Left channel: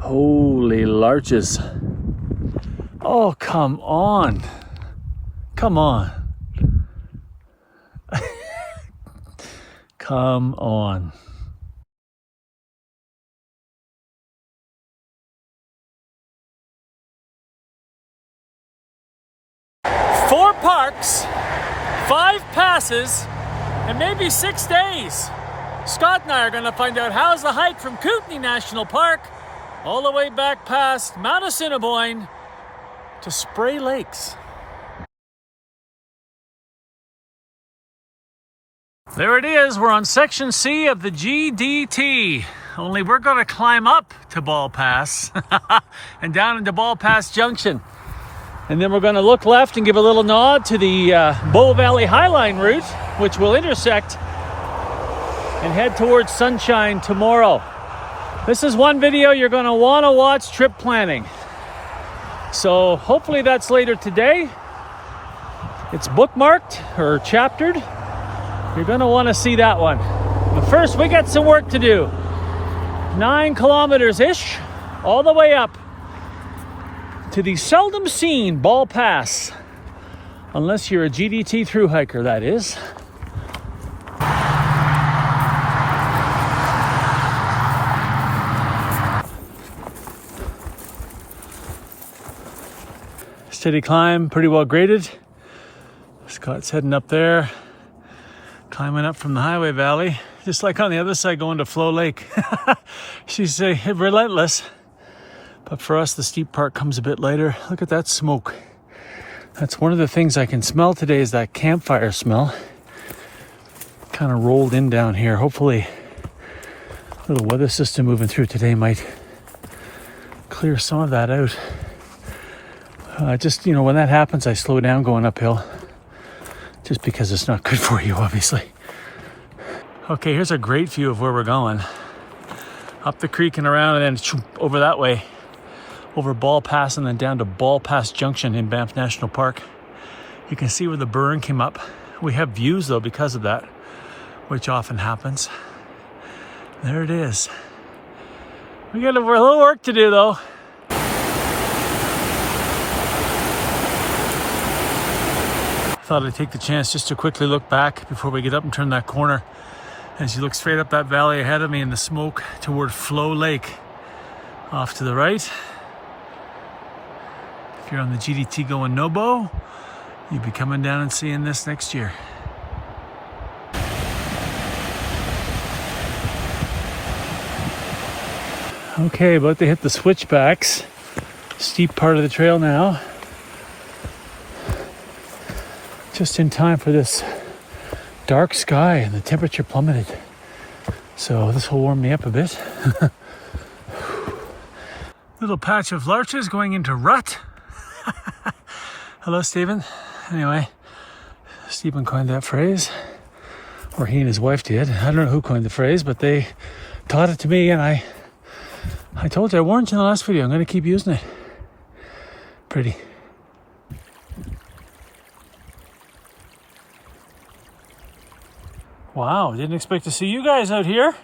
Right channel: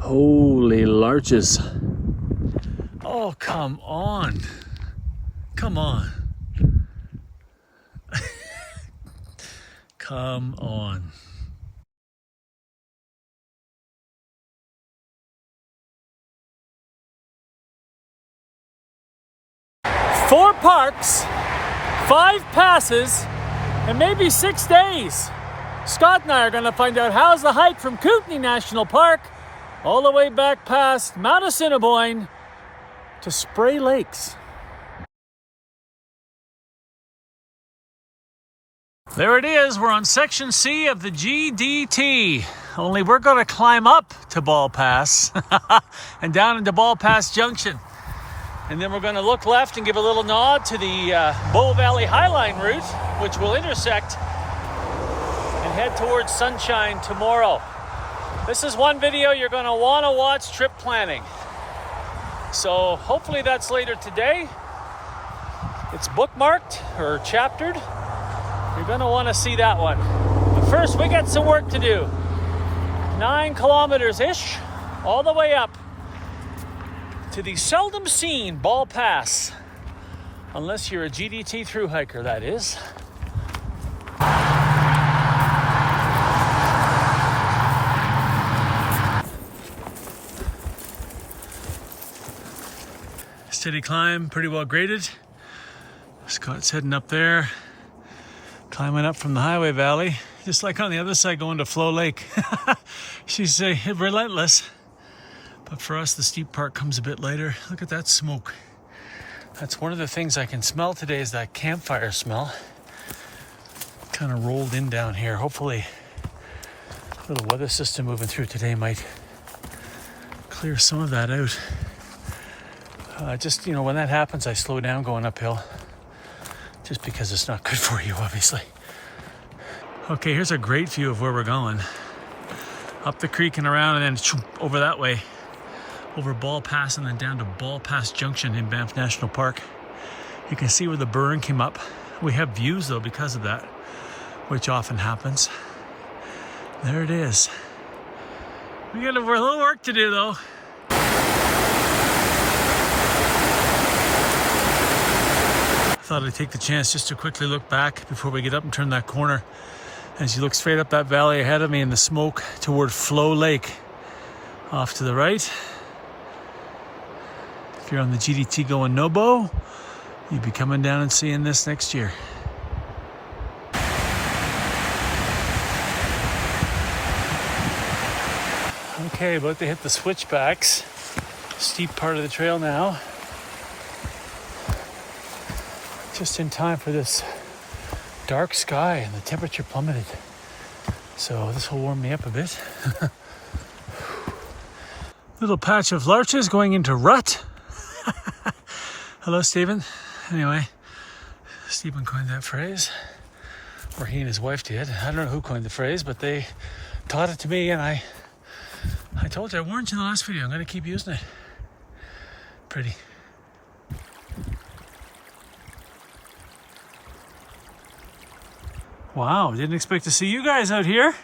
Holy larches. Oh, come on. Come on. Come on. Four parks, 5 passes, and maybe 6 days. Scott and I are going to find out how's the hike from Kootenay National Park all the way back past Mount Assiniboine to Spray Lakes. There it is, we're on section C of the GDT. Only we're going to climb up to Ball Pass and down into Ball Pass Junction. And then we're going to look left and give a little nod to the Bow Valley Highline route, which will intersect and head towards Sunshine tomorrow. This is one video you're going to want to watch trip planning. So hopefully that's later today. It's bookmarked or chaptered. You're going to want to see that one. But first, we got some work to do. 9 kilometers-ish, all the way up to the seldom seen Ball Pass. Unless you're a GDT thru hiker, that is. Steady climb, pretty well graded. Scott's heading up there. Climbing up from the highway valley, just like on the other side going to Flow Lake. She's relentless. But for us, the steep part comes a bit later. Look at that smoke. That's one of the things I can smell today is that campfire smell. Kind of rolled in down here. Hopefully, a little weather system moving through today might clear some of that out. Just, when that happens, I slow down going uphill. Just because it's not good for you, obviously. Okay, here's a great view of where we're going. Up the creek and around and then over that way. Over Ball Pass and then down to Ball Pass Junction in Banff National Park. You can see where the burn came up. We have views though because of that, which often happens. There it is. We got a little work to do though. Thought I'd take the chance just to quickly look back before we get up and turn that corner. As you look straight up that valley ahead of me in the smoke toward Flow Lake. Off to the right. If you're on the GDT going Nobo, you'll be coming down and seeing this next year. Okay, about to hit the switchbacks. Steep part of the trail now. Just in time for this dark sky and the temperature plummeted. So this will warm me up a bit. Little patch of larches going into rut. Hello, Stephen. Anyway, Stephen coined that phrase, or he and his wife did. I don't know who coined the phrase, but they taught it to me, and I told you, I warned you in the last video, I'm going to keep using it. Pretty. Wow, didn't expect to see you guys out here.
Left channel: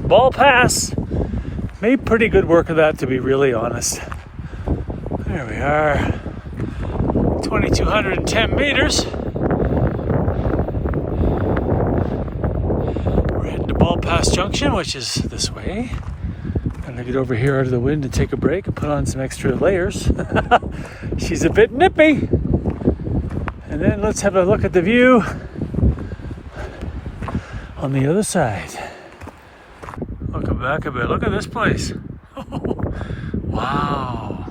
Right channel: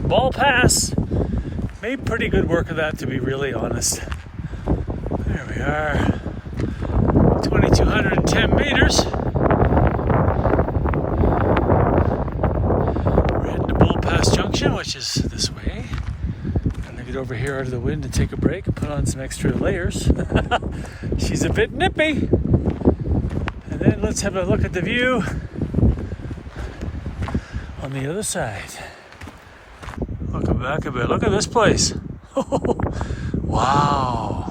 Ball Pass. Made pretty good work of that, to be really honest. There we are. 2,210 meters. Junction, which is this way. Gonna get over here out of the wind and take a break and put on some extra layers. She's a bit nippy. And then let's have a look at the view on the other side. Looking back a bit, look at this place. Wow.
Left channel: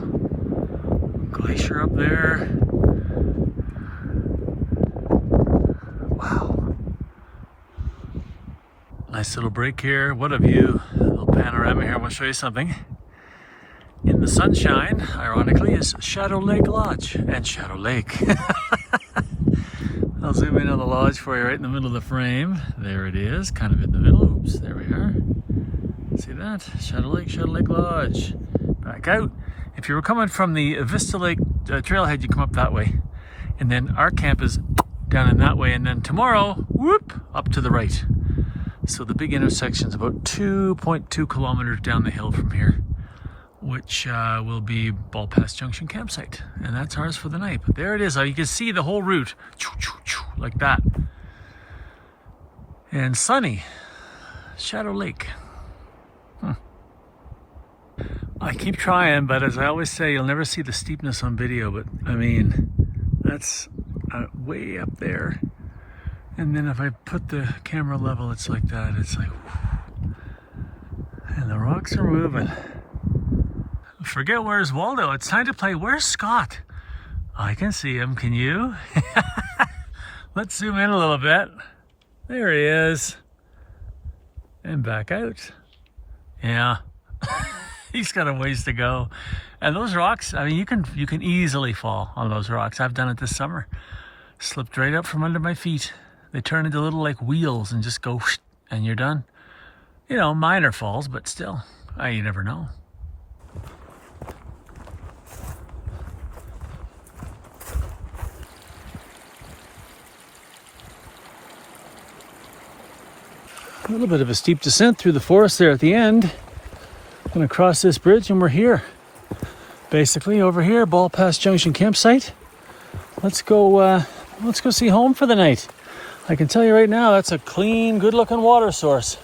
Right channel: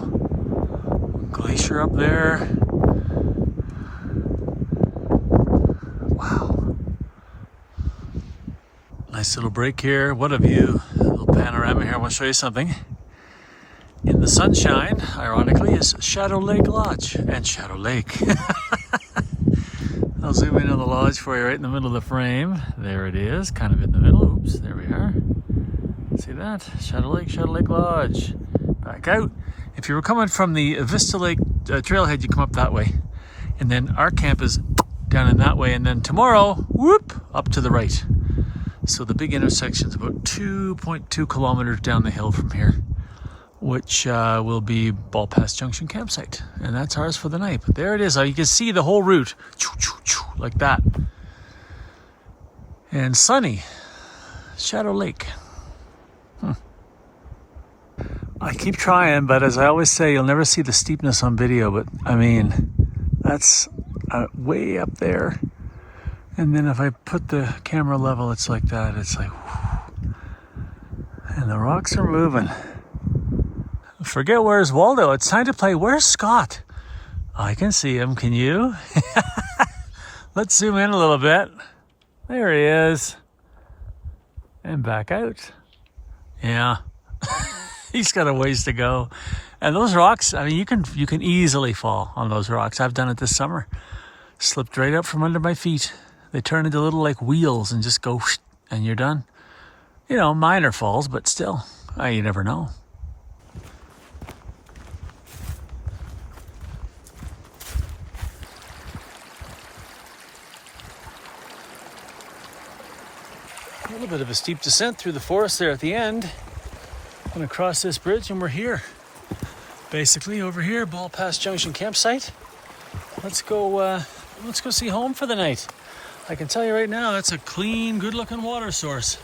Glacier up there. Nice little break here. What a view. A little panorama here. I want to show you something. In the sunshine, ironically, is Shadow Lake Lodge and Shadow Lake. I'll zoom in on the lodge for you right in the middle of the frame. There it is, kind of in the middle. Oops, there we are. See that? Shadow Lake Lodge. Back out If you were coming from the Vista Lake trailhead, you come up that way. And then our camp is down in that way. And then tomorrow, whoop, up to the right. So the big intersection is about 2.2 kilometers down the hill from here, which will be Ball Pass Junction campsite. And that's ours for the night. But there it is. You can see the whole route, like that. And sunny, Shadow Lake. I keep trying, but as I always say, you'll never see the steepness on video. But I mean, that's way up there. And then if I put the camera level, it's like that. It's like, whew. And the rocks are moving. Forget where's Waldo. It's time to play Where's Scott? I can see him. Can you? Let's zoom in a little bit. There he is. And back out. Yeah. He's got a ways to go. And those rocks, I mean, you can easily fall on those rocks. I've done it this summer. Slipped right up from under my feet. They turn into little like wheels and just go, and you're done. You know, minor falls, but still, you never know. A little bit of a steep descent through the forest there at the end. Gonna cross this bridge and we're here. Basically over here, Ball Pass Junction campsite. Let's go see home for the night. I can tell you right now, that's a clean, good-looking water source.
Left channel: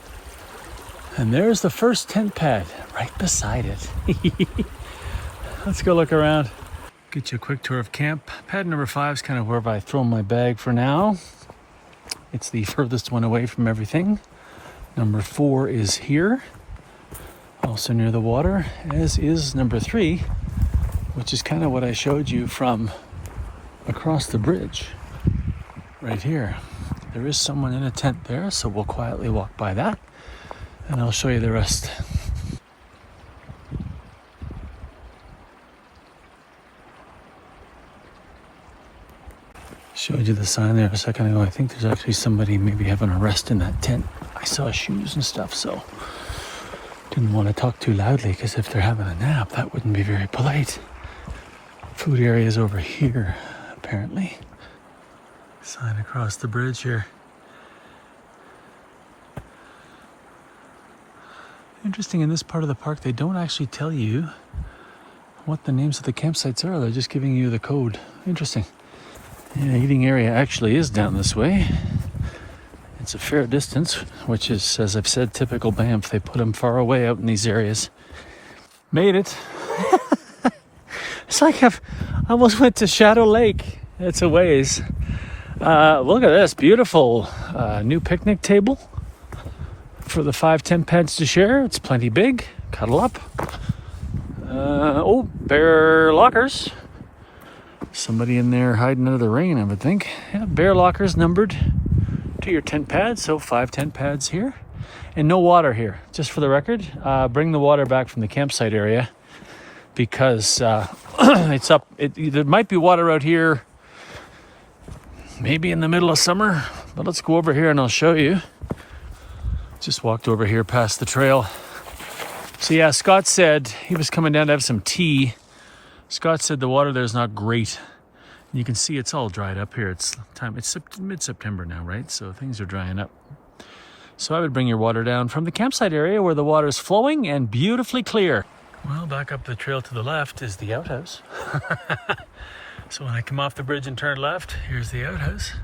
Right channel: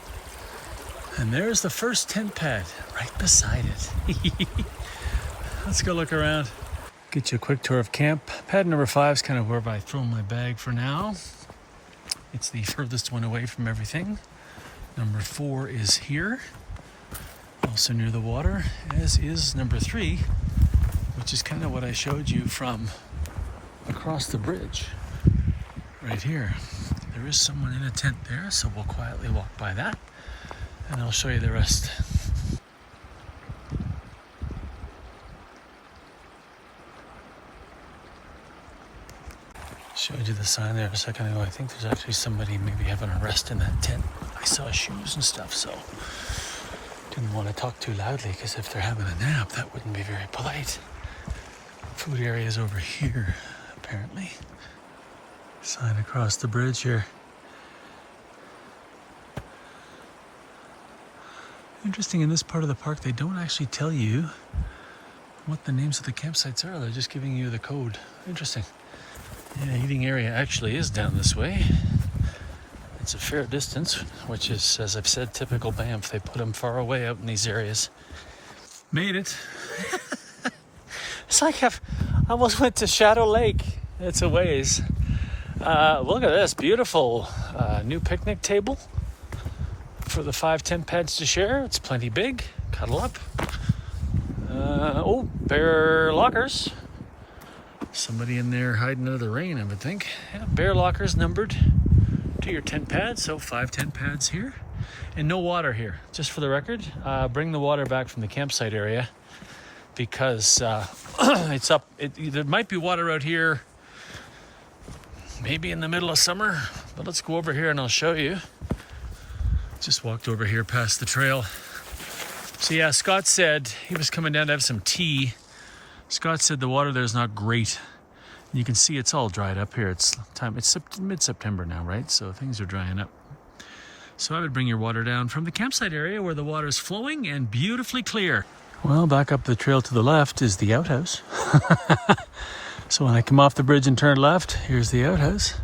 And there's the first tent pad right beside it. Let's go look around. Get you a quick tour of camp. Pad number 5 is kind of where I throw my bag for now. It's the furthest one away from everything. Number 4 is here, also near the water, as is number 3, which is kind of what I showed you from across the bridge. Right here. There is someone in a tent there, so we'll quietly walk by that, and I'll show you the rest. Showed you the sign there a second ago. I think there's actually somebody maybe having a rest in that tent. I saw shoes and stuff, so didn't want to talk too loudly, because if they're having a nap, that wouldn't be very polite. Food area is over here, apparently. Sign across the bridge here. Interesting, in this part of the park, they don't actually tell you what the names of the campsites are. They're just giving you the code. Interesting. The eating area actually is down this way. It's a fair distance, which is, as I've said, typical Banff. They put them far away out in these areas. Made it. It's like I almost went to Shadow Lake. It's a ways. Look at this beautiful new picnic table for the 5 tent pads to share. It's plenty big. Cuddle up. Bear lockers. Somebody in there hiding under the rain, I would think. Yeah, bear lockers numbered to your tent pads. So 5 tent pads here. And no water here, just for the record. Bring the water back from the campsite area, because it's up. There might be water out here maybe in the middle of summer, but let's go over here and I'll show you. Just walked over here past the trail. So yeah, Scott said he was coming down to have some tea. Scott said the water there is not great. You can see it's all dried up here. It's mid-September now, right? So things are drying up. So I would bring your water down from the campsite area where the water is flowing and beautifully clear. Well, back up the trail to the left is the outhouse. So when I come off the bridge and turn left, here's the outhouse.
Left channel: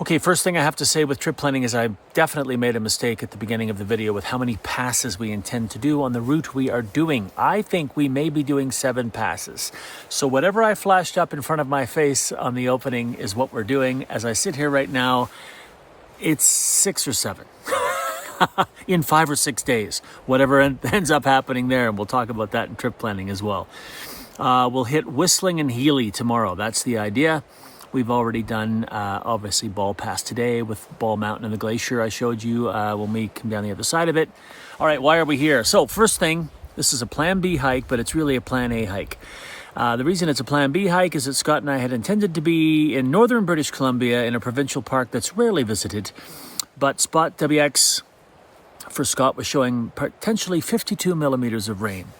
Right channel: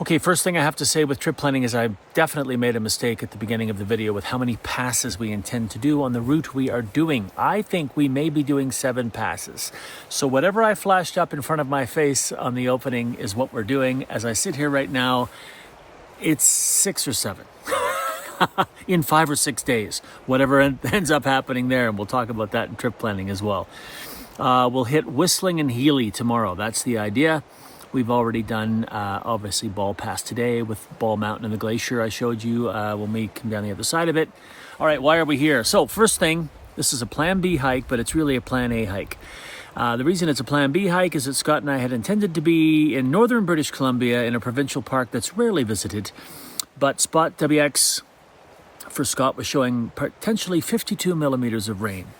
Okay, first thing I have to say with trip planning is I definitely made a mistake at the beginning of the video with how many passes we intend to do on the route we are doing. I think we may be doing 7 passes. So whatever I flashed up in front of my face on the opening is what we're doing. As I sit here right now, it's 6 or 7 in 5 or 6 days, whatever ends up happening there. And we'll talk about that in trip planning as well. We'll hit Whistling and Healy tomorrow. That's the idea. We've already done, obviously, Ball Pass today with Ball Mountain and the glacier I showed you when we come down the other side of it. All right, why are we here? So first thing, this is a Plan B hike, but it's really a Plan A hike. The reason it's a Plan B hike is that Scott and I had intended to be in northern British Columbia in a provincial park that's rarely visited. But Spot WX for Scott was showing potentially 52 millimeters of rain.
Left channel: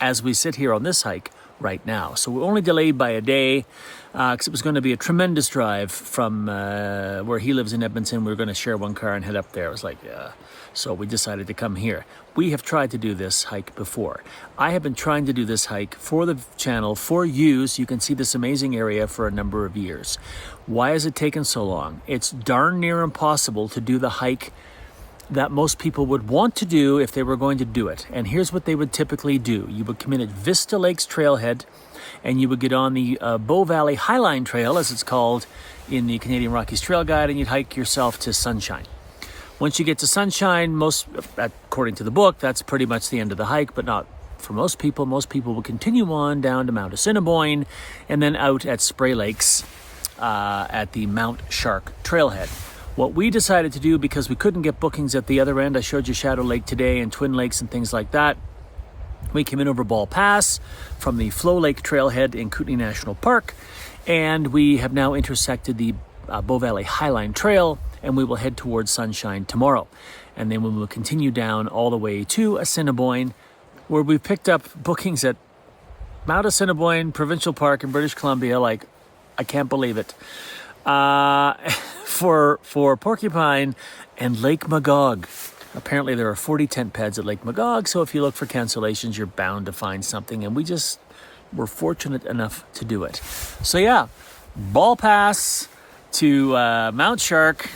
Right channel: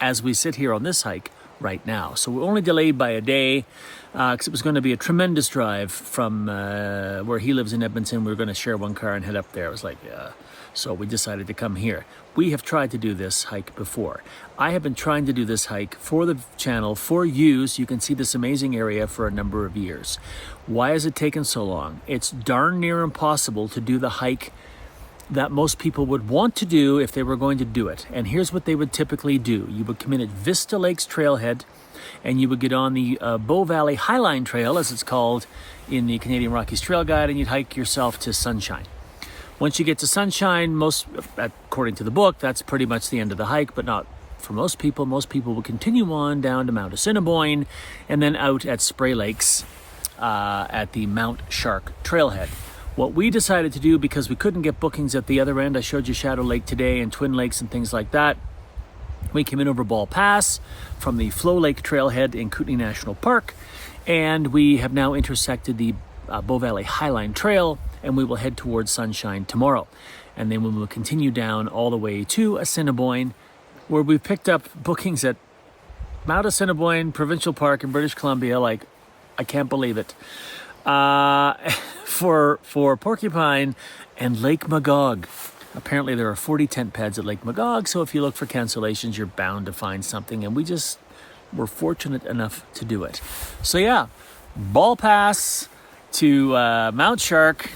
as we sit here on this hike right now. So we're only delayed by a day because it was going to be a tremendous drive from where he lives in Edmonton. We were going to share one car and head up there. I was like, yeah. So we decided to come here. We have tried to do this hike before. I have been trying to do this hike for the channel, for you, so you can see this amazing area for a number of years. Why has it taken so long? It's darn near impossible to do the hike that most people would want to do if they were going to do it. And here's what they would typically do. You would come in at Vista Lakes Trailhead, and you would get on the Bow Valley Highline Trail, as it's called in the Canadian Rockies Trail Guide, and you'd hike yourself to Sunshine. Once you get to Sunshine, according to the book, that's pretty much the end of the hike, but not for most people. Most people will continue on down to Mount Assiniboine and then out at Spray Lakes at the Mount Shark Trailhead. What we decided to do, because we couldn't get bookings at the other end, I showed you Shadow Lake today and Twin Lakes and things like that. We came in over Ball Pass from the Flow Lake Trailhead in Kootenay National Park, and we have now intersected the Bow Valley Highline Trail, and we will head towards Sunshine tomorrow. And then we will continue down all the way to Assiniboine, where we picked up bookings at Mount Assiniboine Provincial Park in British Columbia. Like, I can't believe it. For Porcupine and Lake Magog. Apparently there are 40 tent pads at Lake Magog, so if you look for cancellations, you're bound to find something, and we just were fortunate enough to do it. So yeah, Ball Pass to Mount Shark.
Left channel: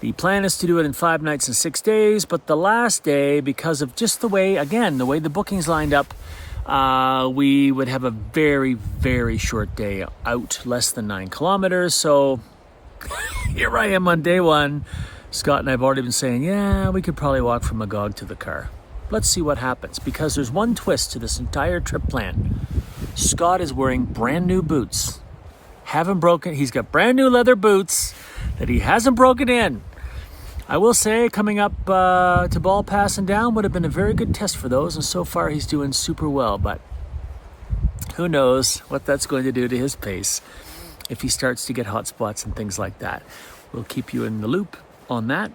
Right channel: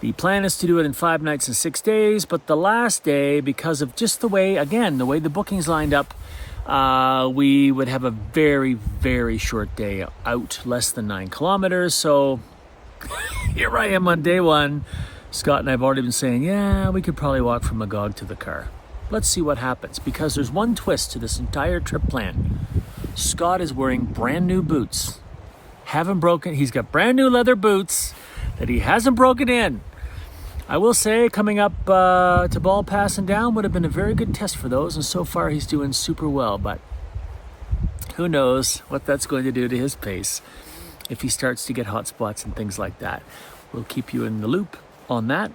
The plan is to do it in 5 nights and 6 days, but the last day, because of just the way the bookings lined up, we would have a very, very short day out, less than 9 kilometers. So here I am on day one. Scott and I have already been saying, yeah, we could probably walk from Magog to the car. Let's see what happens, because there's one twist to this entire trip plan. Scott is wearing brand new boots. He's got brand new leather boots that he hasn't broken in. I will say, coming up to Ball Pass and down would have been a very good test for those, and so far he's doing super well, but who knows what that's going to do to his pace if he starts to get hot spots and things like that. We'll keep you in the loop on that,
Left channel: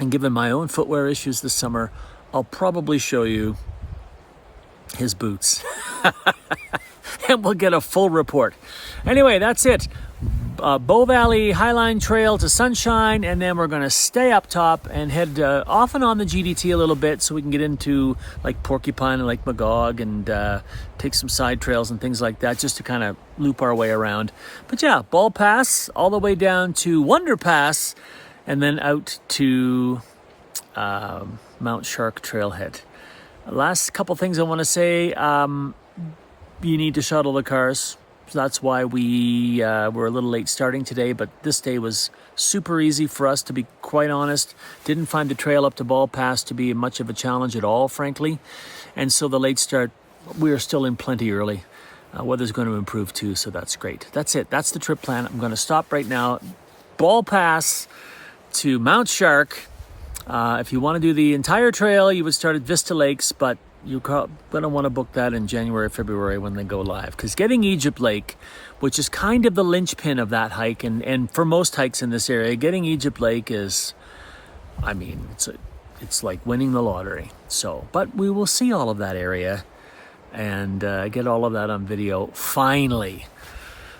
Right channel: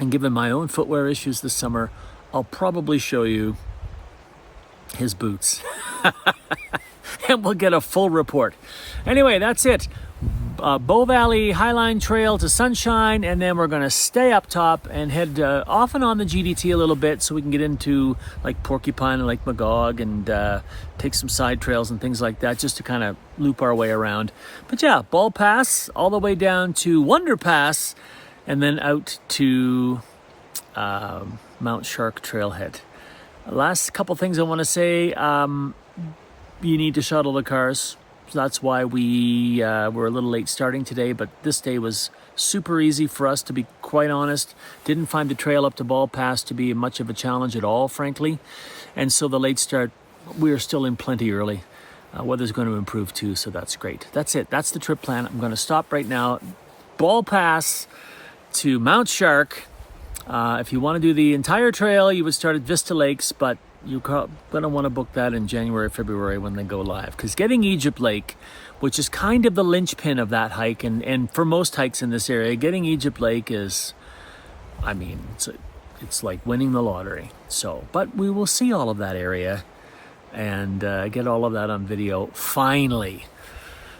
and given my own footwear issues this summer, I'll probably show you his boots and we'll get a full report. Anyway, that's it. Bow Valley Highline Trail to Sunshine, and then we're going to stay up top and head off and on the GDT a little bit so we can get into like Porcupine and Lake Magog and take some side trails and things like that, just to kind of loop our way around. But yeah, Ball Pass all the way down to Wonder Pass, and then out to Mount Shark Trailhead. Last couple things I want to say. You need to shuttle the cars. So that's why we were a little late starting today, but this day was super easy for us, to be quite honest. Didn't find the trail up to Ball Pass to be much of a challenge at all, frankly. And so the late start, we are still in plenty early. Weather's going to improve too, so that's great. That's it. That's the trip plan. I'm going to stop right now. Ball Pass to Mount Shark. If you want to do the entire trail, you would start at Vista Lakes, but you're going to want to book that in January, February when they go live. Because getting Egypt Lake, which is kind of the linchpin of that hike, and for most hikes in this area, getting Egypt Lake is, I mean, it's like winning the lottery. So, but we will see all of that area and get all of that on video finally.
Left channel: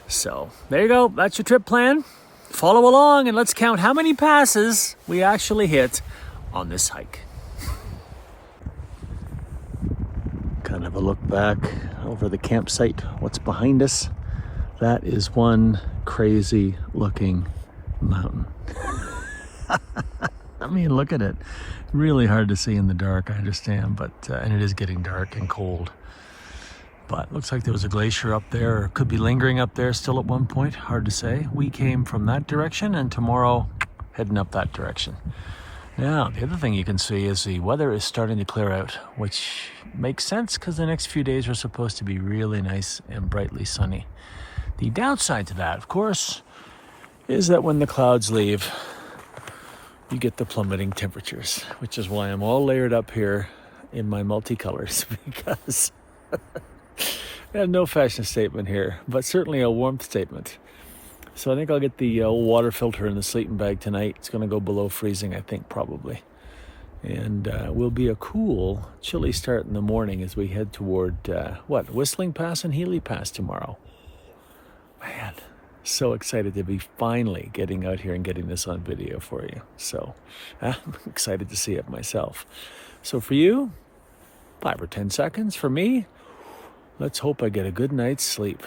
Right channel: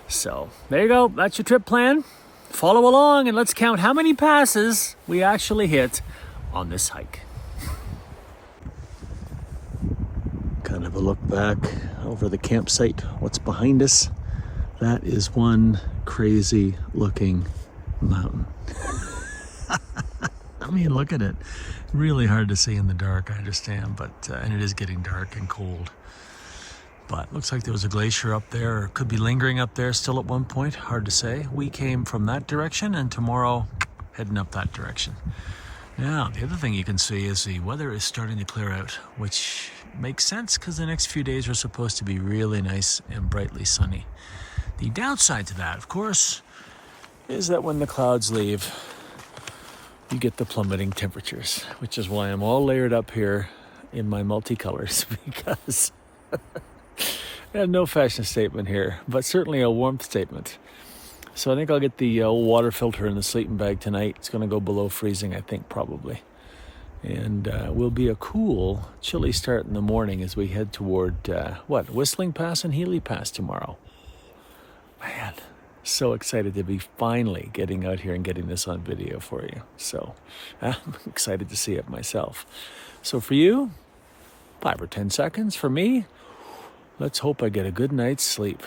So there you go. That's your trip plan. Follow along and let's count how many passes we actually hit on this hike. Kind of a look back over the campsite, what's behind us. That is one crazy looking mountain. I mean, look at it. Really hard to see in the dark, I understand, but and it is getting dark and cold. But looks like there was a glacier up there, or could be lingering up there still at one point. Hard to say. We came from that direction, and tomorrow heading up that direction. Now, the other thing you can see is the weather is starting to clear out, which makes sense because the next few days are supposed to be really nice and brightly sunny. The downside to that, of course, is that when the clouds leave, you get the plummeting temperatures, which is why I'm all layered up here in my multicolors, because I have no fashion statement here, but certainly a warmth statement. So I think I'll get the water filter in the sleeping bag tonight. It's going to go below freezing, I think, probably. And will be a cool, chilly start in the morning as we head toward, Whistling Pass and Healy Pass tomorrow. Man, so excited to be finally getting out here and getting this on video for you. So I'm excited to see it myself. So for you, 5 or 10 seconds. For me, let's hope I get a good night's sleep.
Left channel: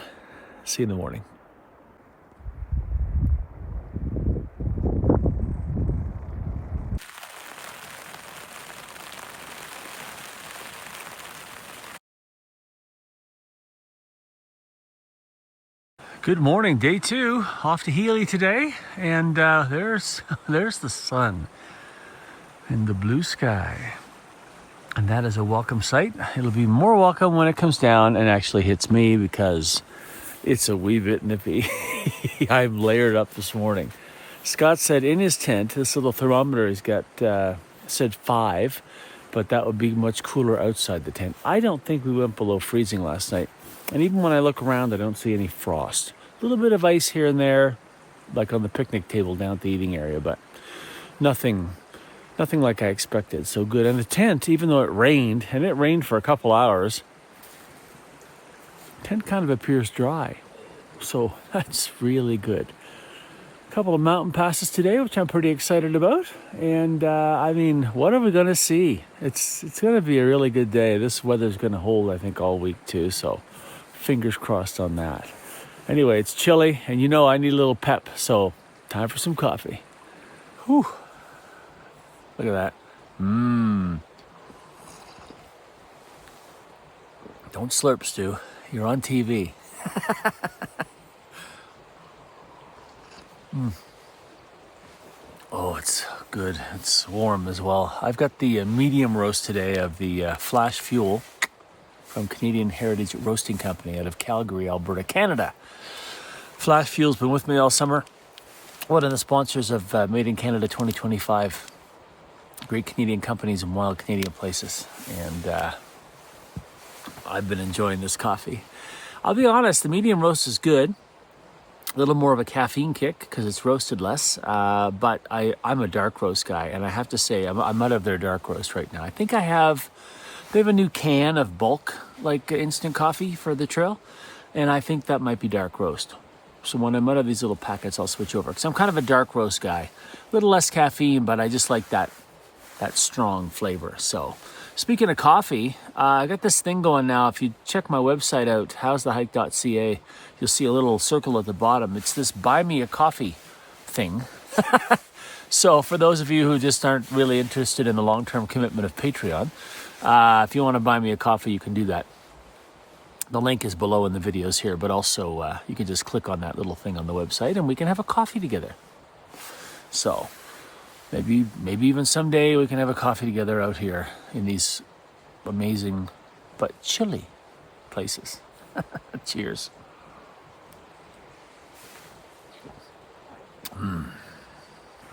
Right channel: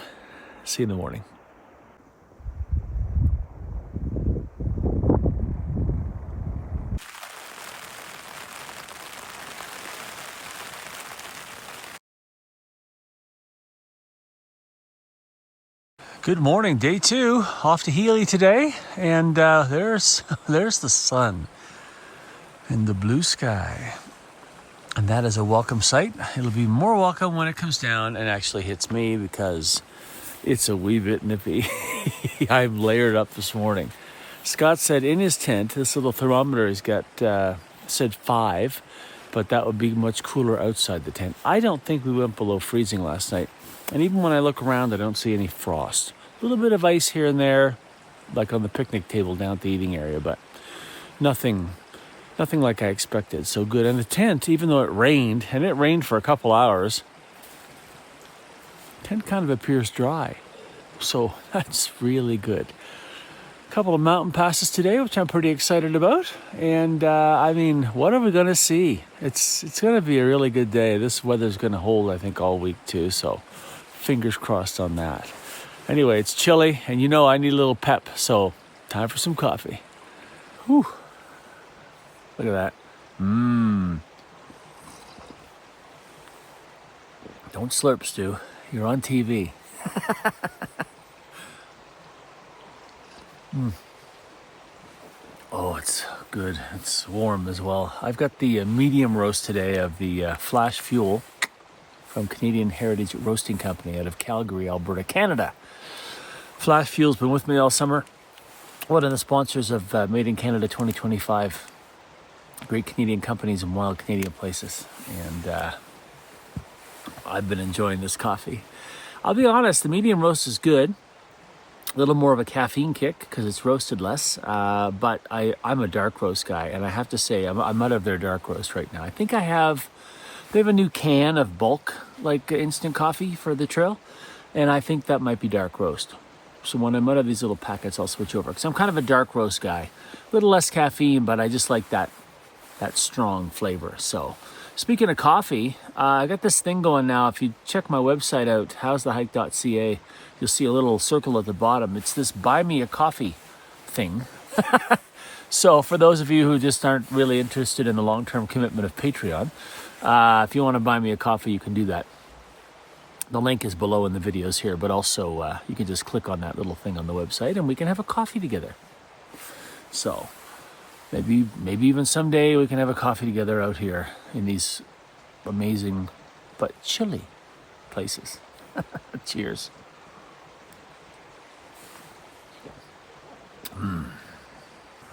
See you in the morning. Good morning, day 2, off to Healy today, and there's the sun and the blue sky, and that is a welcome sight. It'll be more welcome when it comes down and actually hits me because it's a wee bit nippy. I'm layered up this morning. Scott said in his tent, this little thermometer he's got said 5, but that would be much cooler outside the tent. I don't think we went below freezing last night. And even when I look around, I don't see any frost. A little bit of ice here and there, like on the picnic table down at the eating area, but nothing like I expected. So good. And the tent, even though it rained, and it rained for a couple hours, the tent kind of appears dry. So that's really good. A couple of mountain passes today, which I'm pretty excited about. And what are we going to see? It's going to be a really good day. This weather's going to hold, I think, all week too. So fingers crossed on that. Anyway, it's chilly, and I need a little pep, so time for some coffee. Whew. Look at that. Don't slurp, Stu. You're on TV. Oh, it's good. It's warm as well. I've got the medium roast today of the Flash Fuel from Canadian Heritage Roasting Company out of Calgary, Alberta, Canada. Flash Fuel's been with me all summer. One of the sponsors of Made in Canada 2025. Great Canadian companies in wild Canadian places. And I've been enjoying this coffee. I'll be honest, the medium roast is good. A little more of a caffeine kick because it's roasted less. But I'm a dark roast guy. And I have to say, I'm out of their dark roast right now. I think they have a new can of bulk, like instant coffee for the trail. And I think that might be dark roast. So when I'm out of these little packets, I'll switch over. Because I'm kind of a dark roast guy. A little less caffeine, but I just like that strong flavor. So speaking of coffee, I got this thing going now. If you check my website out, howsthehike.ca, you'll see a little circle at the bottom. It's this buy me a coffee thing. So for those of you who just aren't really interested in the long-term commitment of Patreon, if you want to buy me a coffee, you can do that. The link is below in the videos here, but also you can just click on that little thing on the website and we can have a coffee together. So maybe even someday we can have a coffee together out here in these amazing but chilly places. Cheers.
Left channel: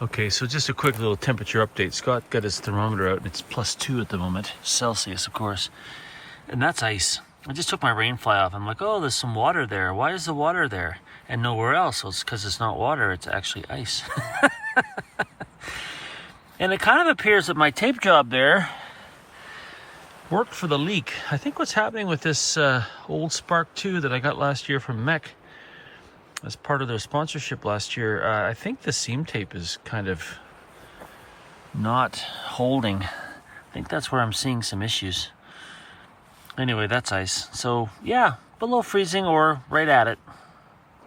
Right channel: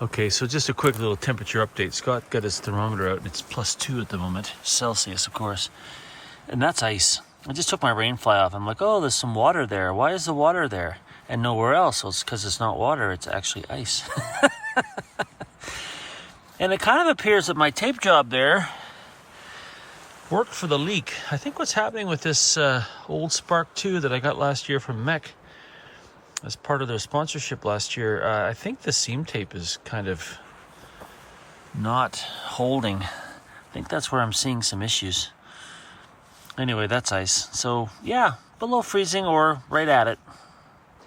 Okay, so just a quick little temperature update. Scott got his thermometer out. It's +2 at the moment, Celsius, of course. And that's ice. I just took my rain fly off. I'm like, oh, there's some water there. Why is the water there? And nowhere else. Well, it's because it's not water. It's actually ice. And it kind of appears that my tape job there worked for the leak. I think what's happening with this old Spark 2 that I got last year from Mech as part of their sponsorship last year, I think the seam tape is kind of not holding. I think that's where I'm seeing some issues. Anyway, that's ice. So yeah, below freezing or right at it.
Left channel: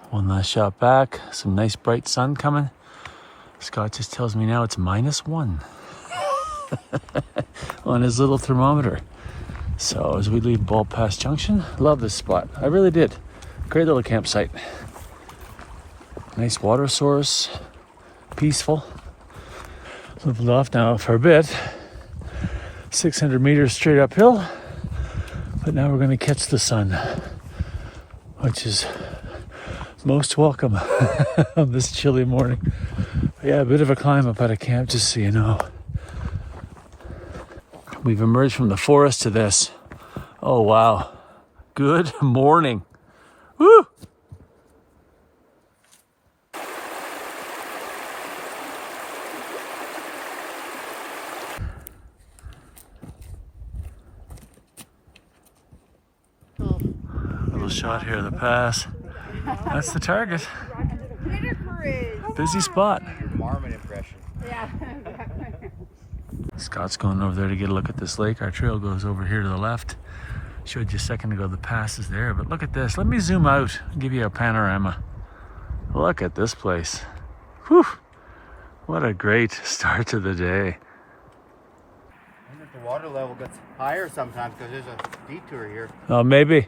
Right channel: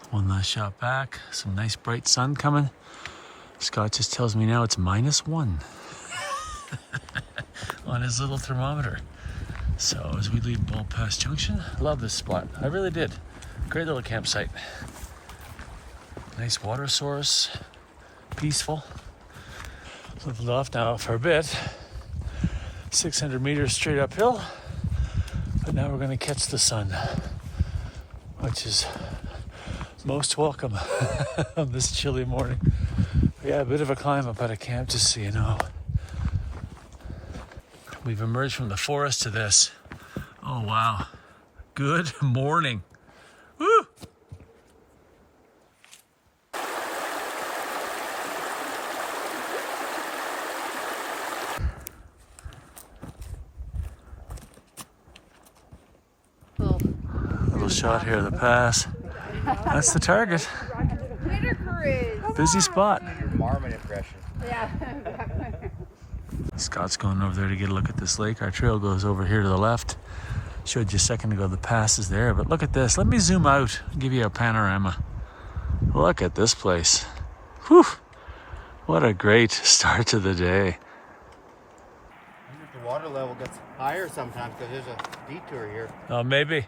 One last shot back. Some nice bright sun coming. Scott just tells me now it's -1 on his little thermometer. So as we leave Ball Pass Junction, love this spot. I really did. Great little campsite. Nice water source. Peaceful. Lived off now for a bit. 600 meters straight uphill. But now we're going to catch the sun, which is most welcome on this chilly morning. Yeah, a bit of a climb up out of camp, just so you know. We've emerged from the forest to this. Oh, wow. Good morning. Woo! shot here of the pass. That's the target. Busy spot. Scott's going over there to get a look at this lake. Our trail goes over here to the left. Showed you a second ago the pass is there, but look at this. Let me zoom out and give you a panorama. Look at this place. Whew! What a great start to the day. I wonder if the water level gets higher sometimes because there's a detour here. Oh, maybe.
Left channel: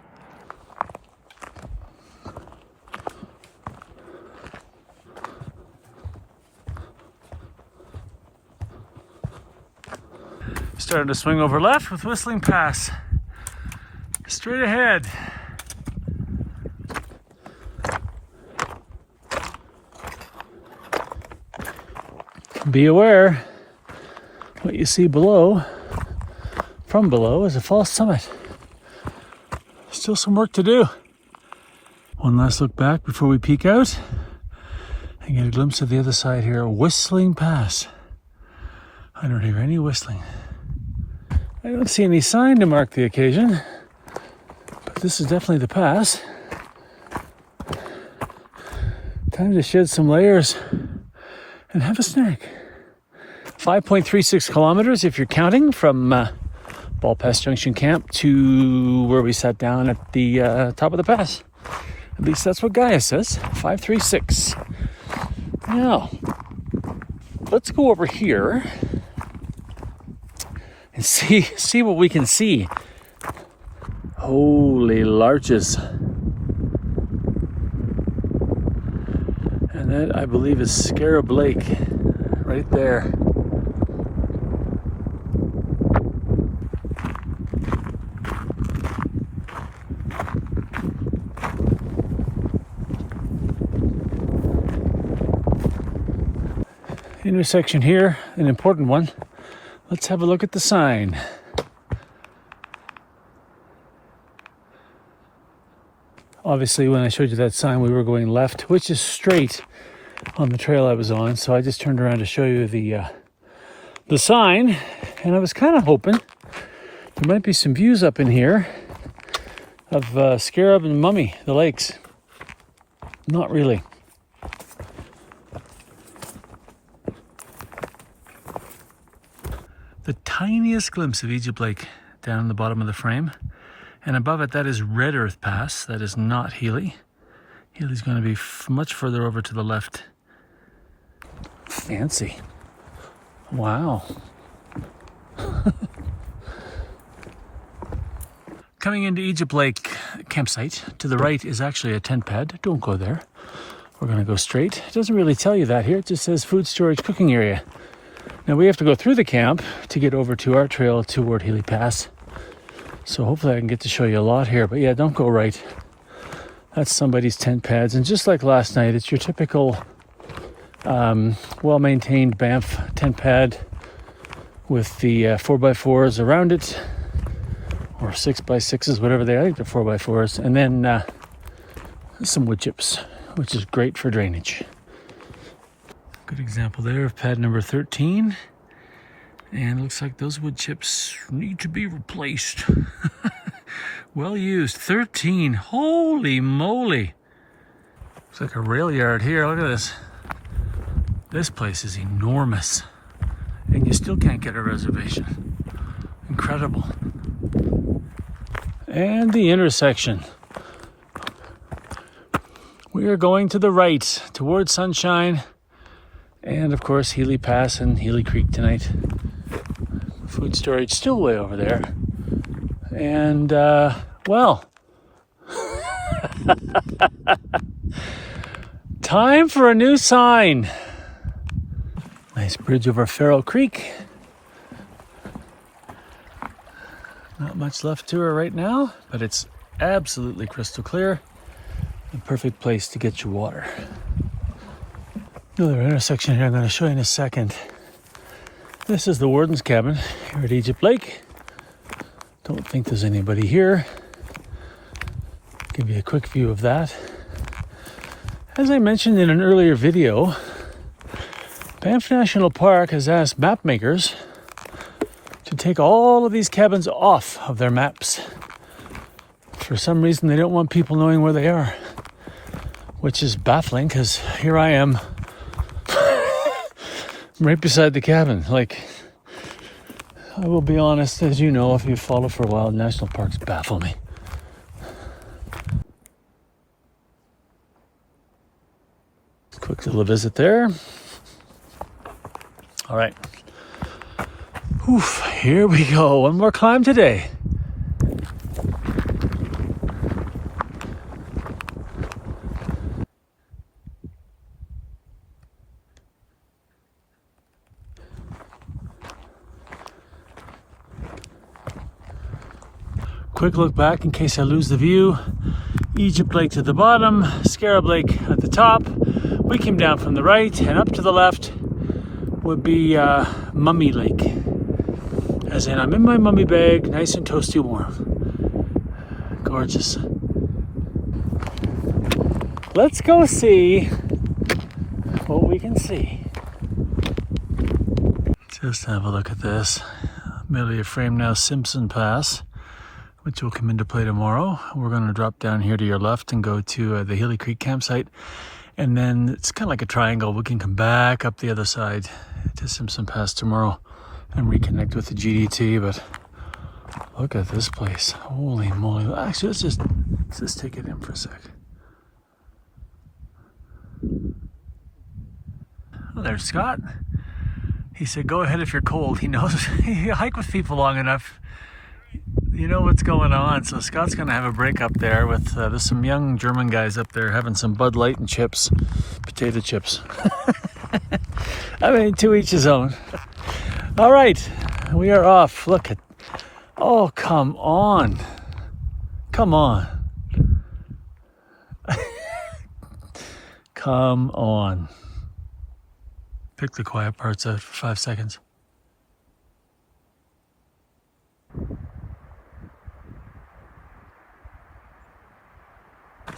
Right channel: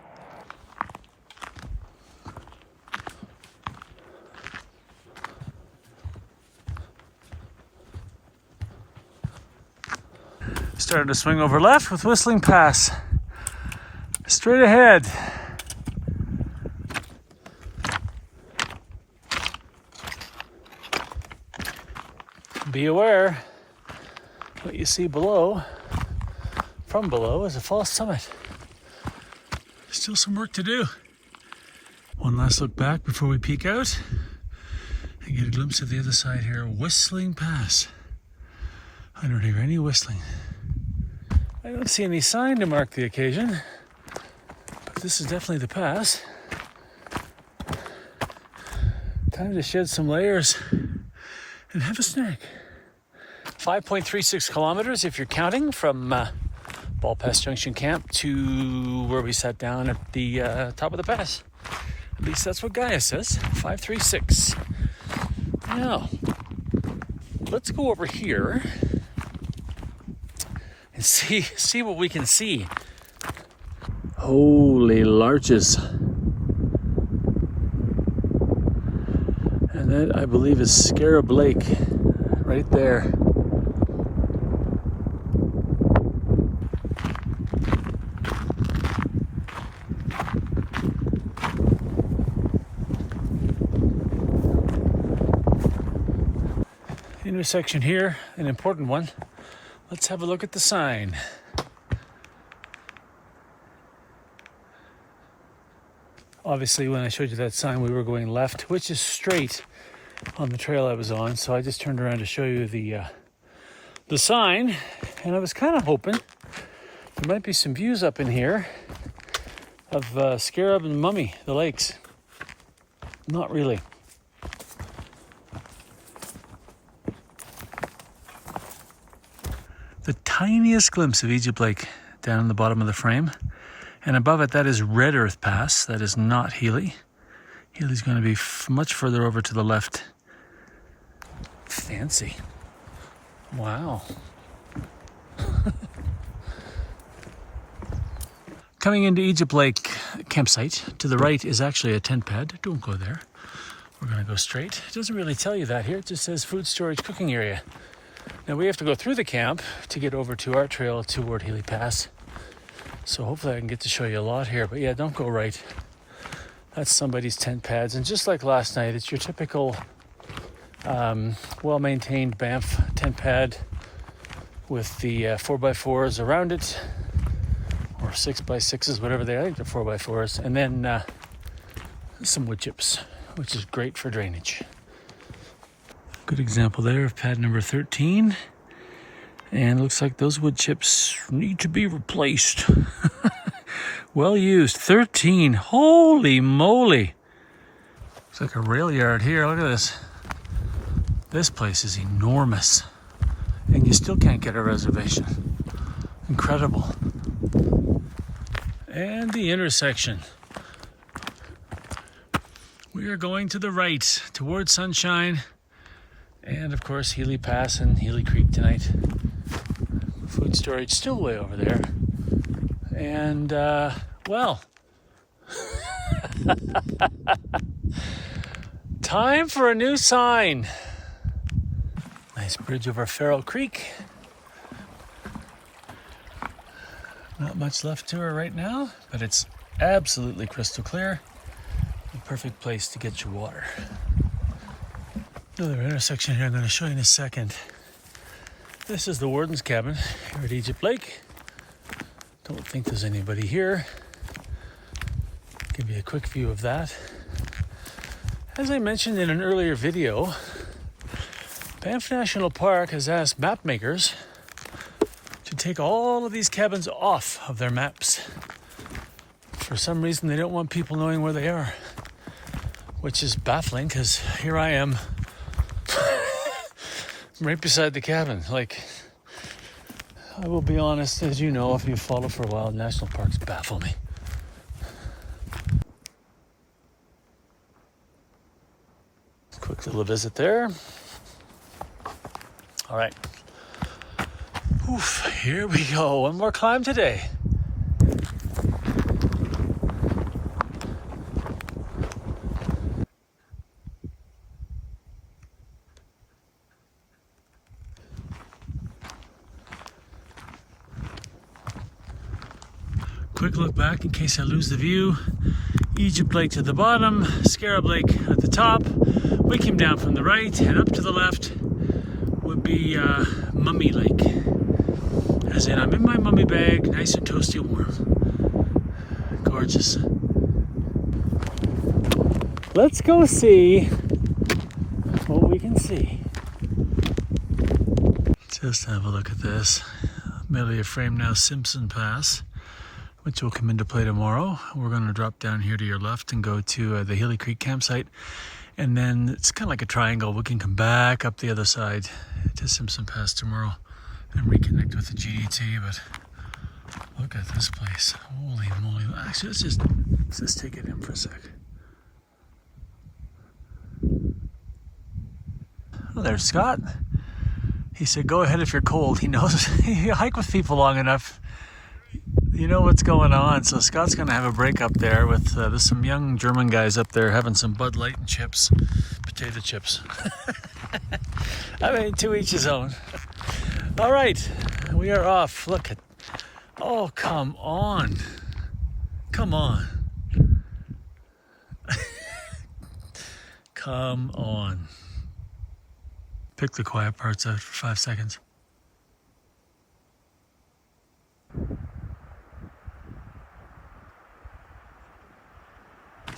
Starting to swing over left with Whistling Pass. Straight ahead. Be aware, what you see below, from below, is a false summit. Still some work to do. One last look back before we peek out and get a glimpse of the other side here. Whistling Pass. I don't hear any whistling. I don't see any sign to mark the occasion, but this is definitely the pass. Time to shed some layers and have a snack. 5.36 kilometers if you're counting from Ball Pass Junction camp to where we sat down at the top of the pass. At least that's what Gaia says, 536. Now, let's go over here and see what we can see. Holy larches. And that, I believe, is Scarab Lake right there. Intersection here, an important one. Let's have a look at the sign. Obviously, when I showed you that sign, we were going left, which is straight on the trail I was on. So I just turned around to show you the sign, and I was kind of hoping there might be some views up in here of Scarab and Mummy, the lakes. Not really. The tiniest glimpse of Egypt Lake down in the bottom of the frame. And above it, that is Red Earth Pass. That is not Healy. Healy's going to be much further over to the left. Fancy. Wow. Coming into Egypt Lake campsite, to the right is actually a tent pad. Don't go there. We're going to go straight. It doesn't really tell you that here. It just says food storage cooking area. Now we have to go through the camp to get over to our trail toward Healy Pass. So hopefully I can get to show you a lot here. But yeah, don't go right. That's somebody's tent pads. And just like last night, it's your typical well-maintained Banff tent pad with the 4x4s around it. Or 6x6s, whatever they are. I think they're 4x4s. And then some wood chips, which is great for drainage. Good example there of pad number 13. And it looks like those wood chips need to be replaced. Well used. 13. Holy moly. Looks like a rail yard here. Look at this. This place is enormous. And you still can't get a reservation. Incredible. And the intersection. We are going to the right towards Sunshine. And of course, Healy Pass and Healy Creek tonight. Food storage still way over there. And, well, time for a new sign. Nice bridge over Farrell Creek. Not much left to her right now, but it's absolutely crystal clear. A perfect place to get your water. Another intersection here I'm going to show you in a second. This is the warden's cabin here at Egypt Lake. Don't think there's anybody here. Give you a quick view of that. As I mentioned in an earlier video, Banff National Park has asked map makers to take all of these cabins off of their maps For some reason, they don't want people knowing where they are, which is baffling because here I am right beside the cabin. Like, I will be honest, as you know, if you follow for a while, national parks baffle me. Quick little visit there. All right. Oof, here we go. One more climb today. Quick look back in case I lose the view. Egypt Lake to the bottom, Scarab Lake at the top. We came down from the right, and up to the left would be Mummy Lake. As in, I'm in my mummy bag, nice and toasty warm. Gorgeous. Let's go see what we can see. Just have a look at this. Merely a frame now, Simpson Pass, which will come into play tomorrow. We're going to drop down here to your left and go to the Healy Creek campsite. And then it's kind of like a triangle. We can come back up the other side to Simpson Pass tomorrow and reconnect with the GDT. But look at this place. Holy moly. Actually, let's just take it in for a sec. Oh, there's Scott. He said, go ahead if you're cold. He knows. You hike with people long enough, you know what's going on. So Scott's going to have a break up there with, there's some young German guys up there having some Bud Light and chips, potato chips. I mean, to each his own. All right, we are off. Look at, oh, come on. Come on. Come on. Pick the quiet parts out for 5 seconds.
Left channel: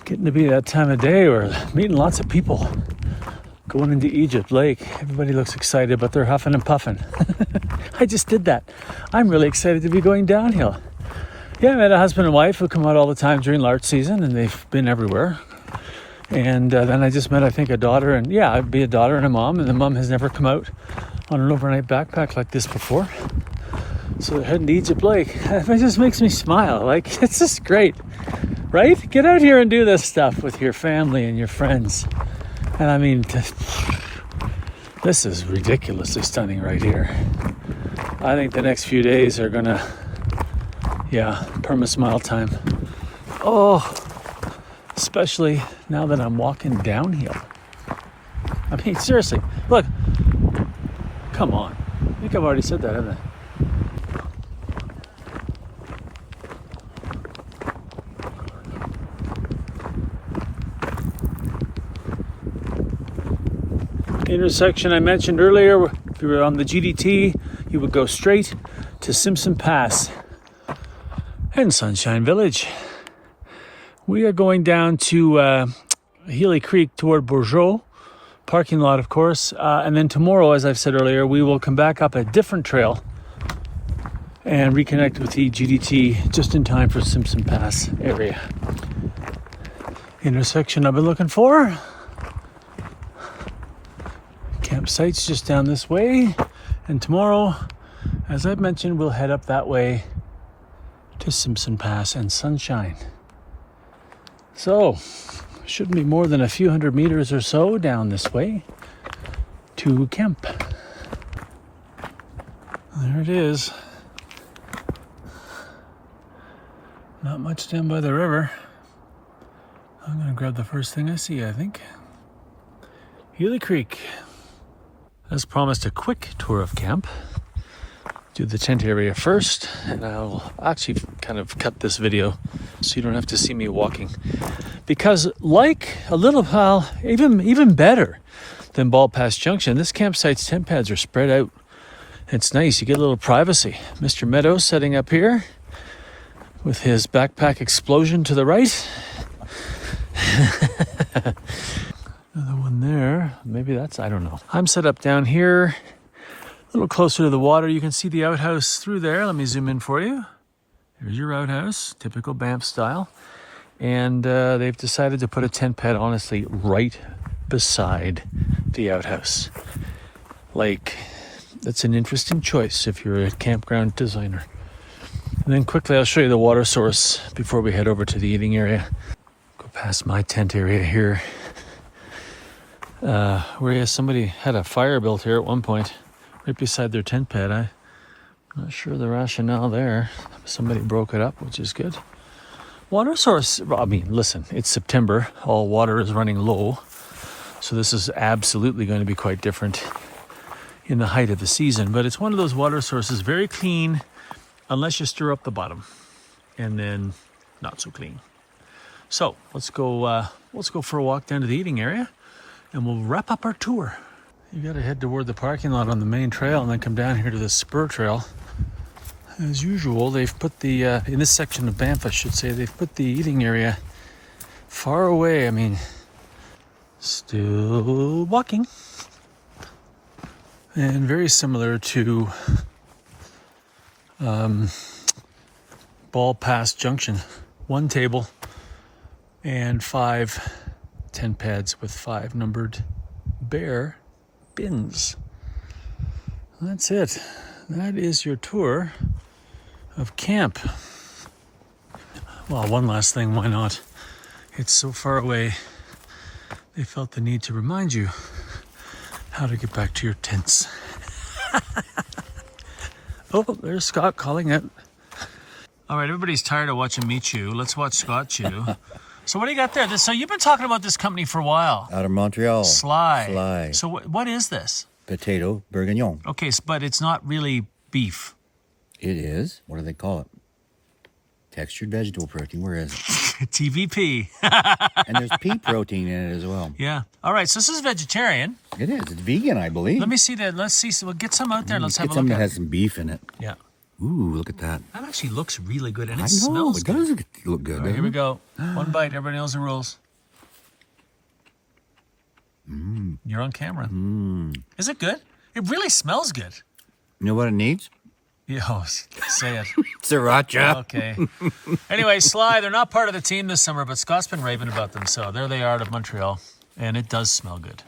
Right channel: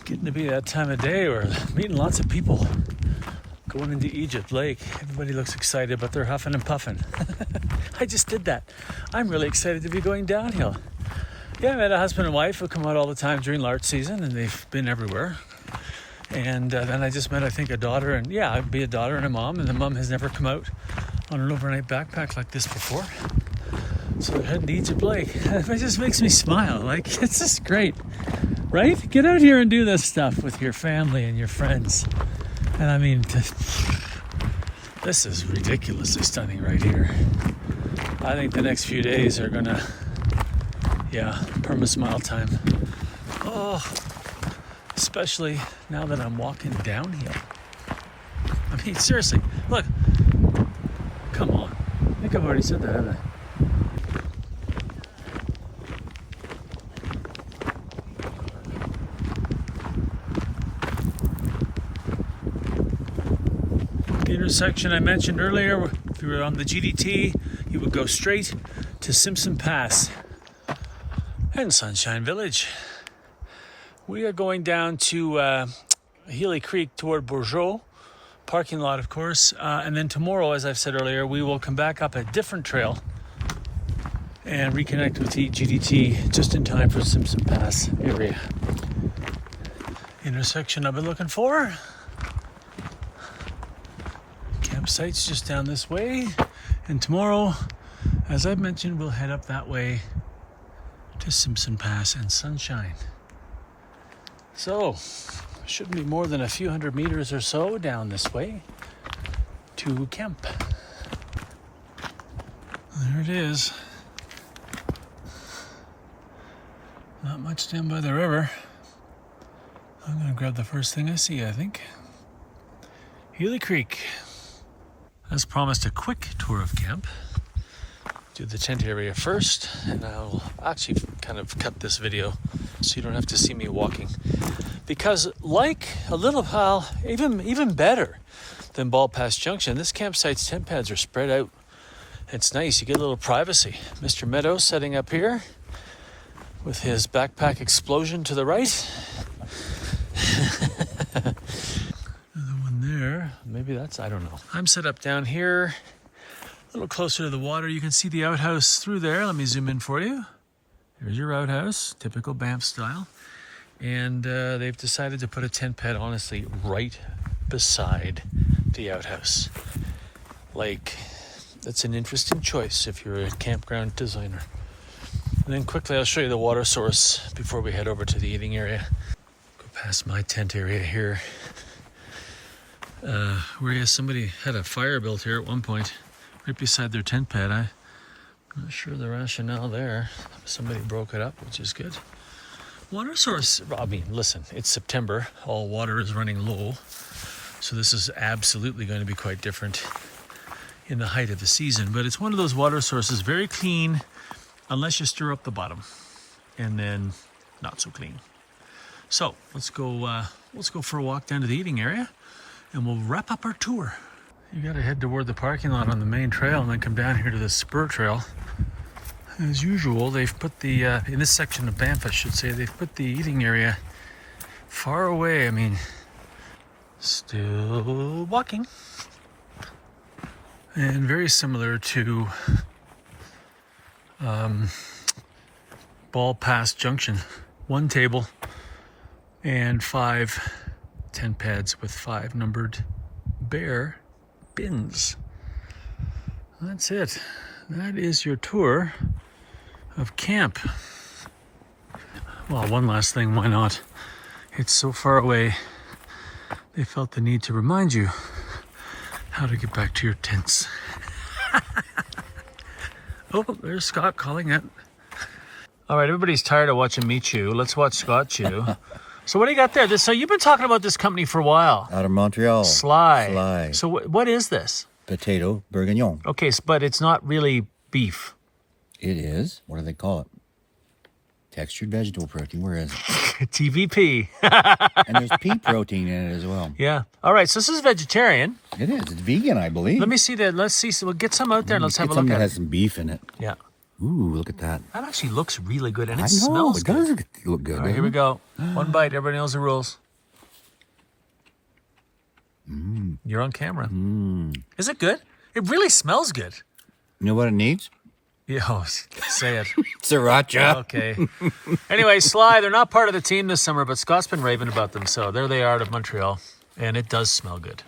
Getting to be that time of day where meeting lots of people going into Egypt Lake. Everybody looks excited, but they're huffing and puffing. I just did that. I'm really excited to be going downhill. Yeah, I met a husband and wife who come out all the time during larch season, and they've been everywhere. And then I just met, I think, a daughter, and yeah, I'd be a daughter and a mom, and the mom has never come out on an overnight backpack like this before. So they're heading to Egypt Lake. It just makes me smile. Like, it's just great. Right? Get out here and do this stuff with your family and your friends. And I mean, this is ridiculously stunning right here. I think the next few days are gonna, yeah, perma-smile time. Oh, especially now that I'm walking downhill. I mean, seriously, look. Come on. I think I've already said that, haven't I? Intersection I mentioned earlier, if you were on the GDT, you would go straight to Simpson Pass and Sunshine Village. We are going down to Healy Creek toward Bourgeois, parking lot, of course. And then tomorrow, as I've said earlier, we will come back up a different trail and reconnect with the GDT just in time for Simpson Pass area. Intersection I've been looking for. Campsite's just down this way. And tomorrow, as I've mentioned, we'll head up that way to Simpson Pass and Sunshine. So, shouldn't be more than a few hundred meters or so down this way to camp. There it is. Not much down by the river. I'm going to grab the first thing I see, I think. Healy Creek. As promised, a quick tour of camp. Do the tent area first, and I'll actually kind of cut this video so you don't have to see me walking. Because like a little pal, even better than Ball Pass Junction, this campsite's tent pads are spread out. It's nice, you get a little privacy. Mr. Meadows setting up here with his backpack explosion to the right. Another one there. Maybe that's, I don't know. I'm set up down here, a little closer to the water. You can see the outhouse through there. Let me zoom in for you. There's your outhouse, typical Banff style. And they've decided to put a tent pad, honestly, right beside the outhouse. Like, that's an interesting choice if you're a campground designer. And then quickly I'll show you the water source before we head over to the eating area. Go past my tent area here. Where somebody had a fire built here at one point, right beside their tent pad. I'm not sure the rationale there. Somebody broke it up, which is good. Water source, well, I mean, listen, it's September. All water is running low. So this is absolutely going to be quite different in the height of the season. But it's one of those water sources, very clean, unless you stir up the bottom. And then not so clean. So let's go for a walk down to the eating area. And we'll wrap up our tour. You got to head toward the parking lot on the main trail and then come down here to the spur trail. As usual, they've put the, in this section of Banff, I should say, they've put the eating area far away. I mean, still walking. And very similar to Ball Pass Junction. One table and 5 tent pads with 5 numbered bare bins. That's it. That is your tour of camp. Well, one last thing, why not? It's so far away, they felt the need to remind you how to get back to your tents. Oh, there's Scott calling it. All right, everybody's tired of watching me chew. Let's watch Scott chew. So what do you got there? So you've been talking about this company for a while. Out of Montreal. Sly. So what is this? Potato bourguignon. Okay, but it's not really beef. It is. What do they call it? Textured vegetable protein. Where is it? TVP. And there's pea protein in it as well. Yeah. All right, so this is vegetarian. It is. It's vegan, I believe. Let me see that. Let's see. So we'll get some out there and let's have a look something at that it. has some beef in it. Yeah. Ooh, look at that. That actually looks really good and it I know, smells it good. does look good. All right, here we go. One bite. Everybody knows the rules. You're on camera. Is it good? It really smells good. You know what it needs? Yeah, say it. Sriracha. Okay. Anyway, Sly, they're not part of the team this summer, but Scott's been raving about them. So there they are out of Montreal. And it does smell good.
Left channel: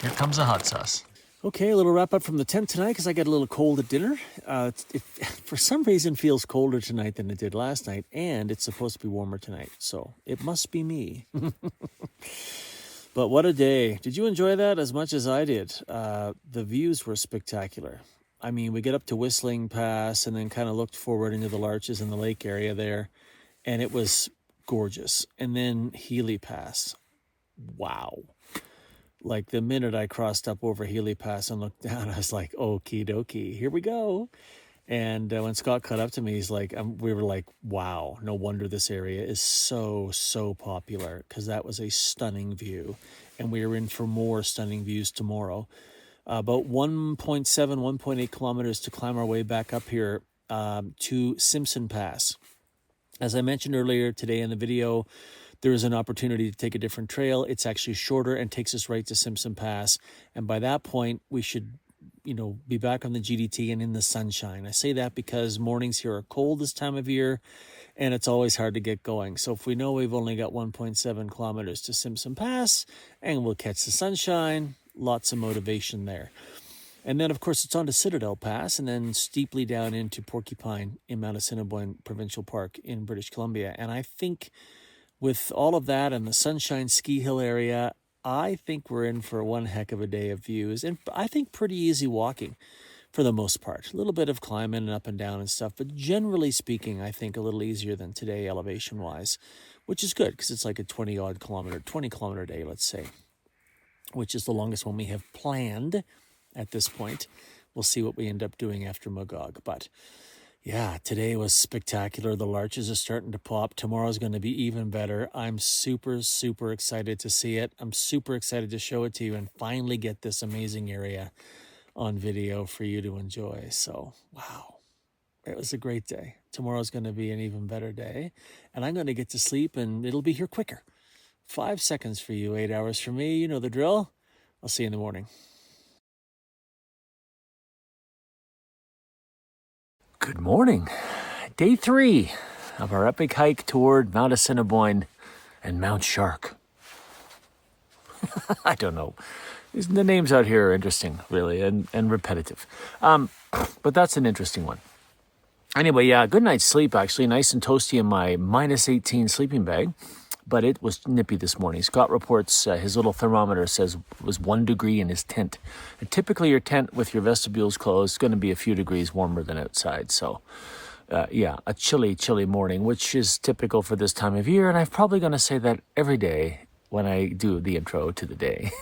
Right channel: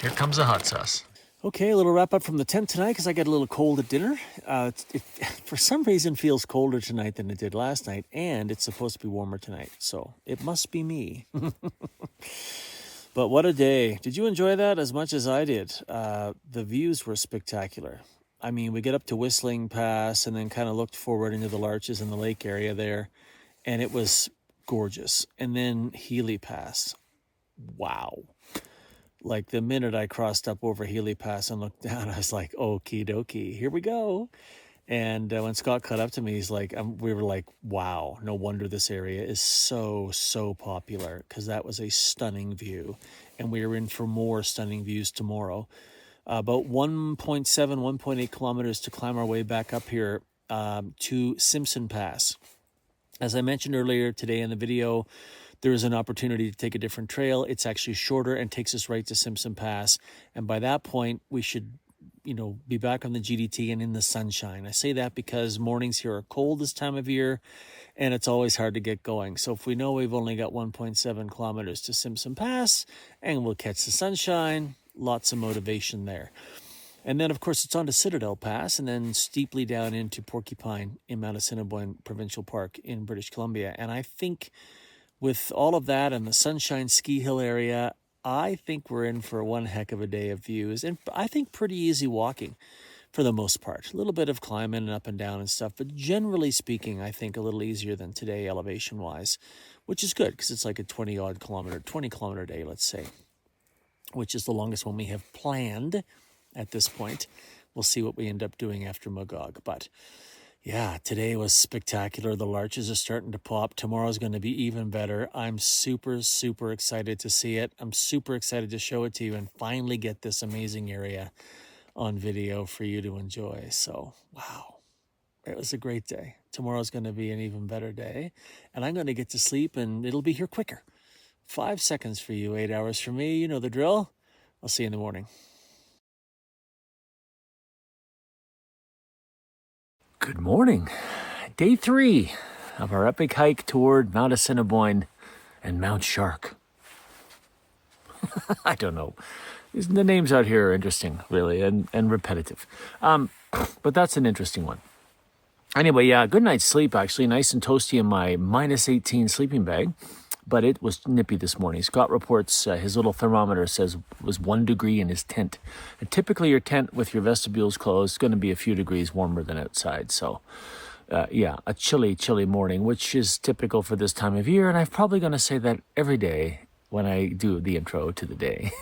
Here comes the hot sauce. Okay, a little wrap up from the tent tonight because I got a little cold at dinner. It for some reason feels colder tonight than it did last night, and it's supposed to be warmer tonight. So it must be me. But what a day. Did you enjoy that as much as I did? The views were spectacular. I mean, we get up to Whistling Pass and then kind of looked forward into the Larches and the lake area there, and it was gorgeous. And then Healy Pass. Wow. Like the minute I crossed up over Healy Pass and looked down, I was like, okie dokie, here we go. And when Scott caught up to me, he's like, we were like, wow, no wonder this area is so popular, because that was a stunning view. And we are in for more stunning views tomorrow. About 1.8 kilometers to climb our way back up here to Simpson Pass. As I mentioned earlier today in the video, there is an opportunity to take a different trail. It's actually shorter and takes us right to Simpson Pass. And by that point, we should, be back on the GDT and in the sunshine. I say that because mornings here are cold this time of year, and it's always hard to get going. So if we know we've only got 1.7 kilometers to Simpson Pass, and we'll catch the sunshine, lots of motivation there. And then, of course, it's on to Citadel Pass and then steeply down into Porcupine in Mount Assiniboine Provincial Park in British Columbia. And I think with all of that and the Sunshine Ski Hill area, I think we're in for one heck of a day of views. And I think pretty easy walking for the most part. A little bit of climbing and up and down and stuff. But generally speaking, I think a little easier than today elevation-wise, which is good because it's like a 20 kilometer day, let's say, which is the longest one we have planned at this point. We'll see what we end up doing after Magog. But yeah, today was spectacular. The larches are starting to pop. Tomorrow's going to be even better. I'm super excited to see it. I'm super excited to show it to you and finally get this amazing area on video for you to enjoy. So, wow. It was a great day. Tomorrow's going to be an even better day. And I'm going to get to sleep and it'll be here quicker. 5 seconds for you, 8 hours for me. You know the drill. I'll see you in the morning. Good morning. Day 3 of our epic hike toward Mount Assiniboine and Mount Shark. I don't know. The names out here are interesting, really, and repetitive. But that's an interesting one. Anyway, yeah, good night's sleep, actually. Nice and toasty in my minus 18 sleeping bag. But it was nippy this morning. Scott reports his little thermometer says it was 1 degree in his tent. And typically your tent with your vestibules closed is going to be a few degrees warmer than outside. So, yeah, a chilly, chilly morning, which is typical for this time of year. And I'm probably going to say that every day when I do the intro to the day.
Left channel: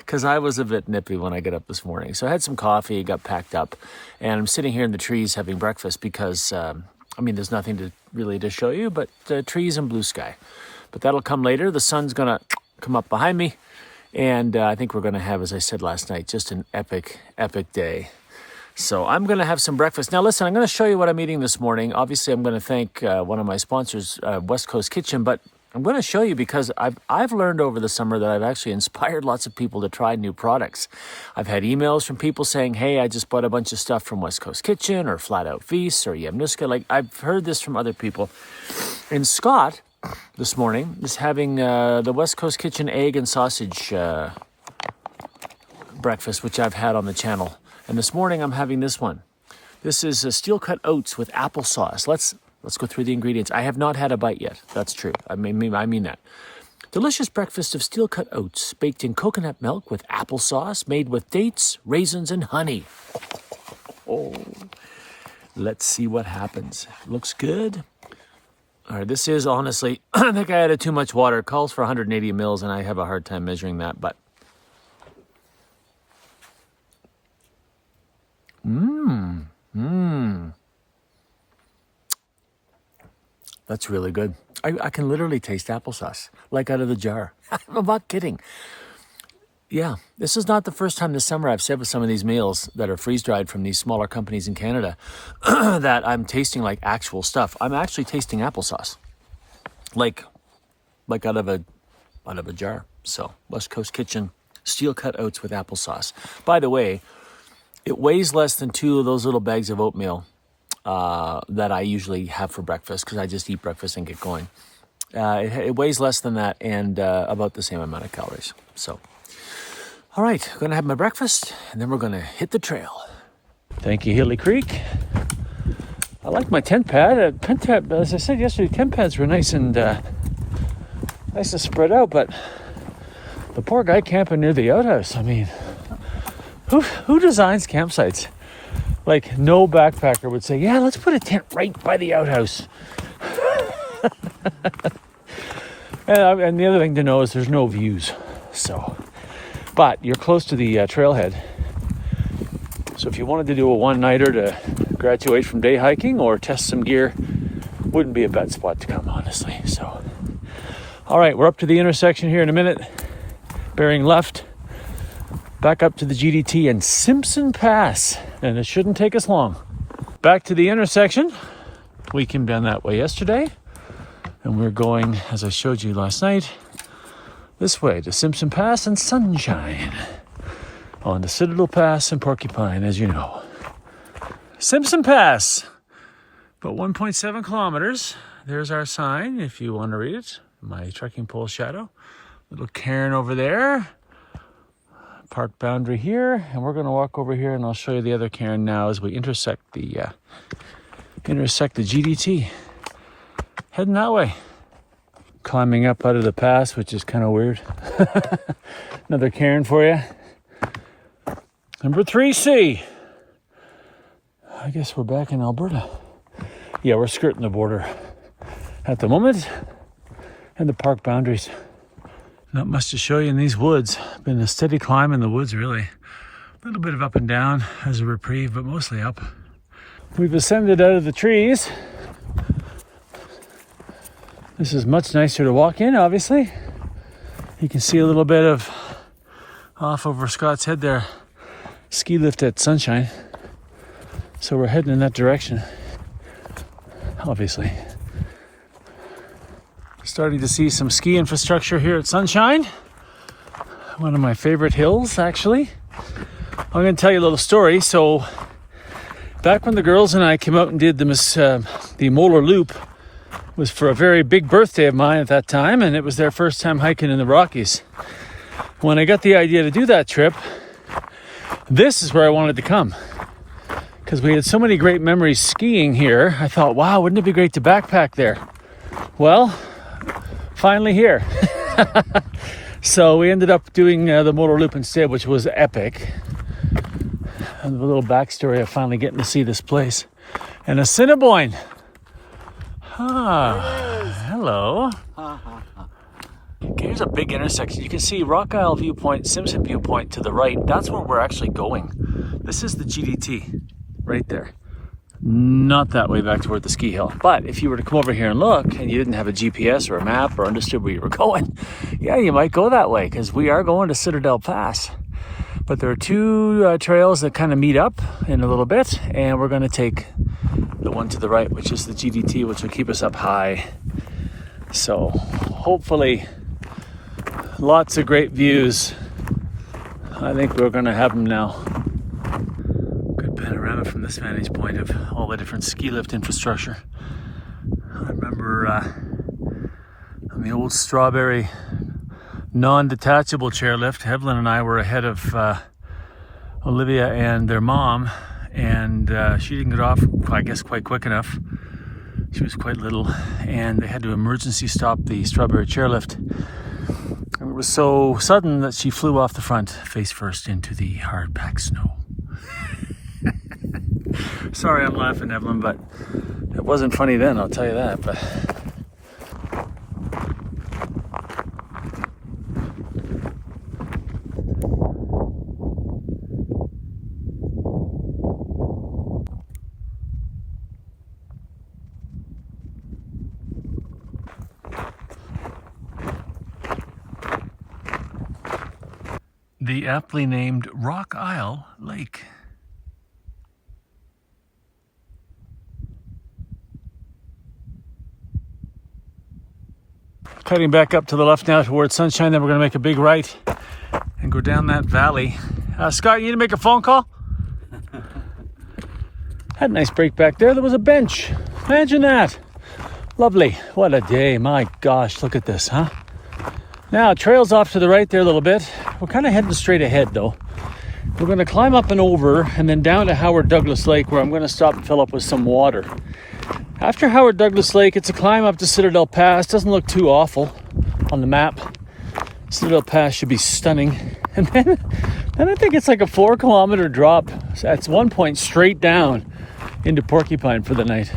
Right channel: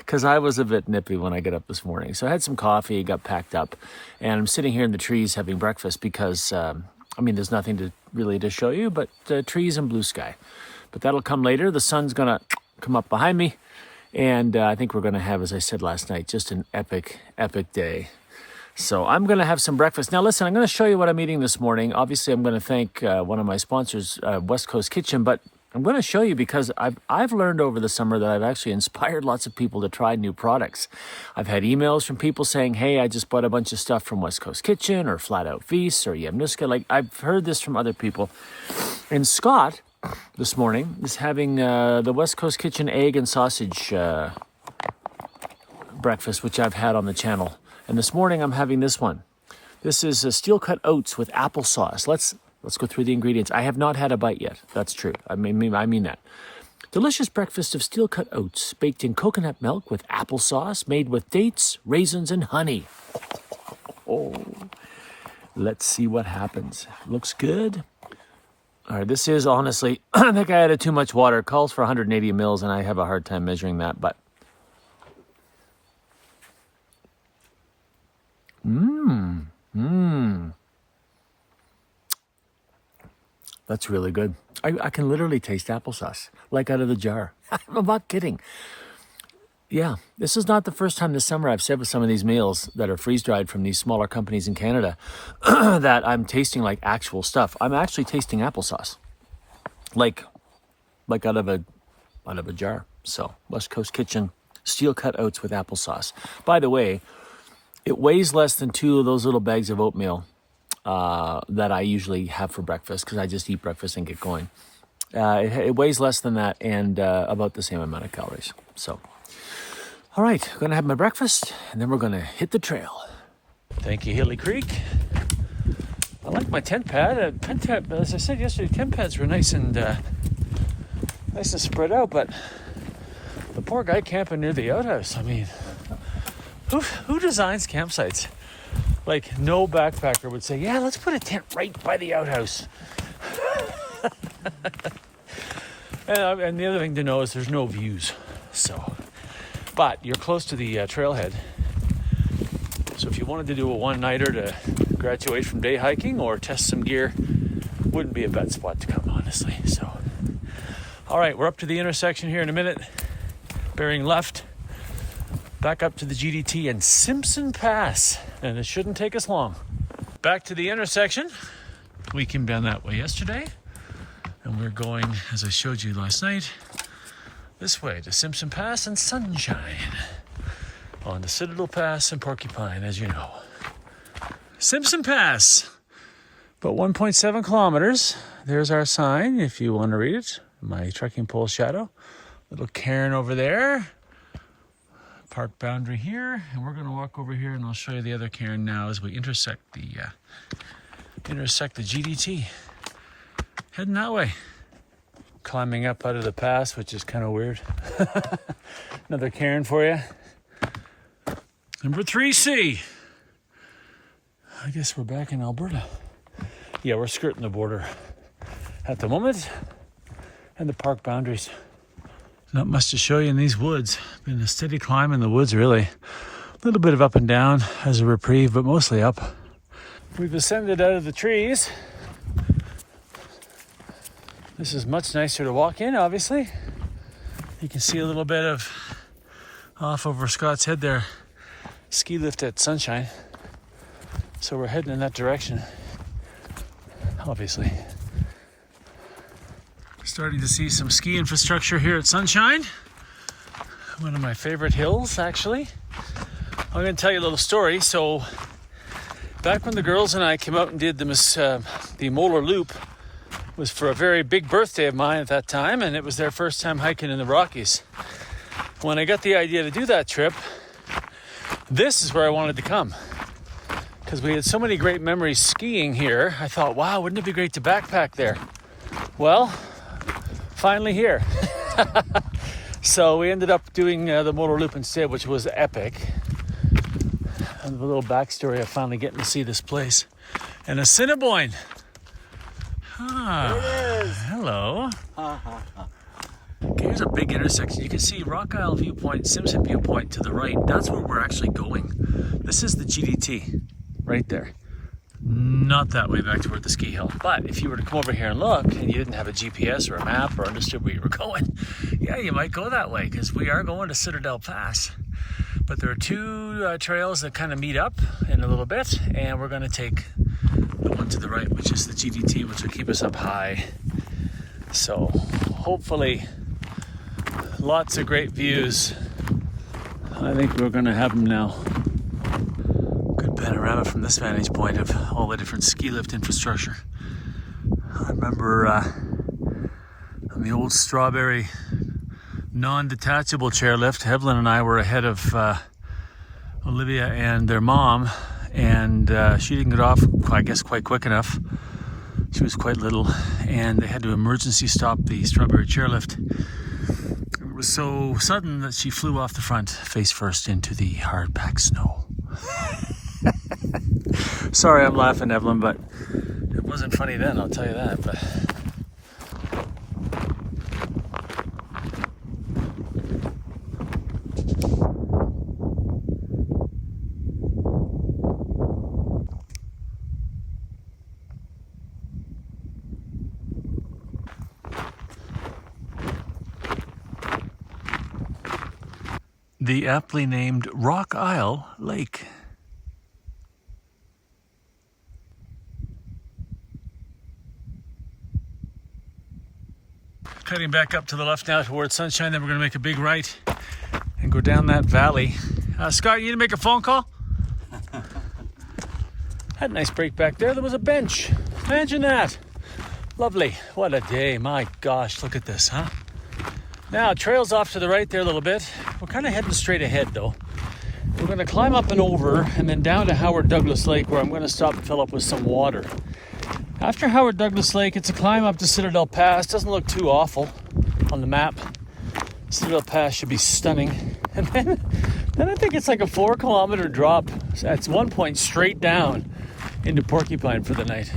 Because I was a bit nippy when I got up this morning. So I had some coffee, got packed up, and I'm sitting here in the trees having breakfast because... there's nothing to show you, but trees and blue sky. But that'll come later. The sun's going to come up behind me. And I think we're going to have, as I said last night, just an epic, epic day. So I'm going to have some breakfast. Now, listen, I'm going to show you what I'm eating this morning. Obviously, I'm going to thank one of my sponsors, West Coast Kitchen. But I'm going to show you because I've learned over the summer that I've actually inspired lots of people to try new products. I've had emails from people saying, hey, I just bought a bunch of stuff from West Coast Kitchen or Flat Out Feast or Yamnuska. Like, I've heard this from other people. And Scott, this morning, is having the West Coast Kitchen egg and sausage breakfast, which I've had on the channel. And this morning, I'm having this one. This is steel-cut oats with applesauce. Let's go through the ingredients. I have not had a bite yet. That's true. I mean that. Delicious breakfast of steel-cut oats baked in coconut milk with applesauce made with dates, raisins, and honey. Oh, let's see what happens. Looks good. All right, this is honestly, I think I added too much water. It calls for 180 mils, and I have a hard time measuring that, but. That's really good. I can literally taste applesauce, like out of the jar. I'm not kidding. Yeah, this is not the first time this summer I've said with some of these meals that are freeze-dried from these smaller companies in Canada that I'm tasting like actual stuff. I'm actually tasting applesauce, like out of a jar. So, West Coast Kitchen, steel-cut oats with applesauce. By the way, it weighs less than 2 of those little bags of oatmeal that I usually have for breakfast because I just eat breakfast and get going. It weighs less than that and about the same amount of calories. So, all right, I'm going to have my breakfast and then we're going to hit the trail. Thank you, Healy Creek. I like my tent pad. As I said yesterday, tent pads were nice and nice to spread out, but the poor guy camping near the outhouse. I mean, who designs campsites? Like, no backpacker would say, yeah, let's put a tent right by the outhouse. and the other thing to know is there's no views. So, but you're close to the trailhead. So if you wanted to do a one-nighter to graduate from day hiking or test some gear, wouldn't be a bad spot to come, honestly. So, all right, we're up to the intersection here in a minute. Bearing left, back up to the GDT and Simpson Pass. And it shouldn't take us long. Back to the intersection. We came down that way yesterday. And we're going, as I showed you last night, this way to Simpson Pass and Sunshine. On the Citadel Pass and Porcupine, as you know. Simpson Pass. About 1.7 kilometers. There's our sign, if you want to read it. My trekking pole shadow. Little cairn over there. Park boundary here, and we're going to walk over here and I'll show you the other cairn now as we intersect the GDT. Heading that way. Climbing up out of the pass, which is kind of weird. Another cairn for you. Number 3C. I guess we're back in Alberta. Yeah, we're skirting the border at the moment and the park boundaries. Not much to show you in these woods. Been a steady climb in the woods, really. A little bit of up and down as a reprieve, but mostly up. We've ascended out of the trees. This is much nicer to walk in, obviously. You can see a little bit of off over Scott's head there. Ski lift at Sunshine. So we're heading in that direction, obviously. Starting to see some ski infrastructure here at Sunshine. One of my favorite hills, actually. I'm going to tell you a little story. So Back when the girls and I came out and did the Molar Loop, was for a very big birthday of mine at that time, and it was their first time hiking in the Rockies. When I got the idea to do that trip, this is where I wanted to come. Because we had so many great memories skiing here, I thought, wow, wouldn't it be great to backpack there? Well, finally here. So we ended up doing the Molar Loop instead, which was epic. And a little backstory of finally getting to see this place. And Assiniboine. Ah, hello. Okay, here's a big intersection. You can see Rock Isle viewpoint, Simpson viewpoint to the right. That's where we're actually going. This is the GDT right there. Not that way back toward the ski hill. But if you were to come over here and look, and you didn't have a GPS or a map or understood where you were going, yeah, you might go that way, because we are going to Citadel Pass. But there are two trails that kind of meet up in a little bit, and we're going to take the one to the right, which is the GDT, which will keep us up high. So hopefully lots of great views. I think we're going to have them now. Good panorama from this vantage point of all the different ski lift infrastructure. I remember on the old Strawberry non-detachable chairlift, Evelyn and I were ahead of Olivia and their mom, and she didn't get off, I guess, quite quick enough. She was quite little, and they had to emergency stop the Strawberry chairlift. And it was so sudden that she flew off the front, face first, into the hard-packed snow. Sorry, I'm laughing, Evelyn, but it wasn't funny then, I'll tell you that. But the aptly named Rock Isle Lake. Cutting back up to the left now towards Sunshine, then we're going to make a big right and go down that valley. Scott, you need to make a phone call? Had a nice break back there. There was a bench. Imagine that. Lovely. What a day. My gosh, look at this, huh? Now, trails off to the right there a little bit. We're kind of heading straight ahead, though. We're going to climb up and over and then down to Howard Douglas Lake, where I'm going to stop and fill up with some water. After Howard Douglas Lake, it's a climb up to Citadel Pass. Doesn't look too awful on the map. Citadel Pass should be stunning. And then I think it's like a 4-kilometer drop. So that's one point straight down into Porcupine for the night.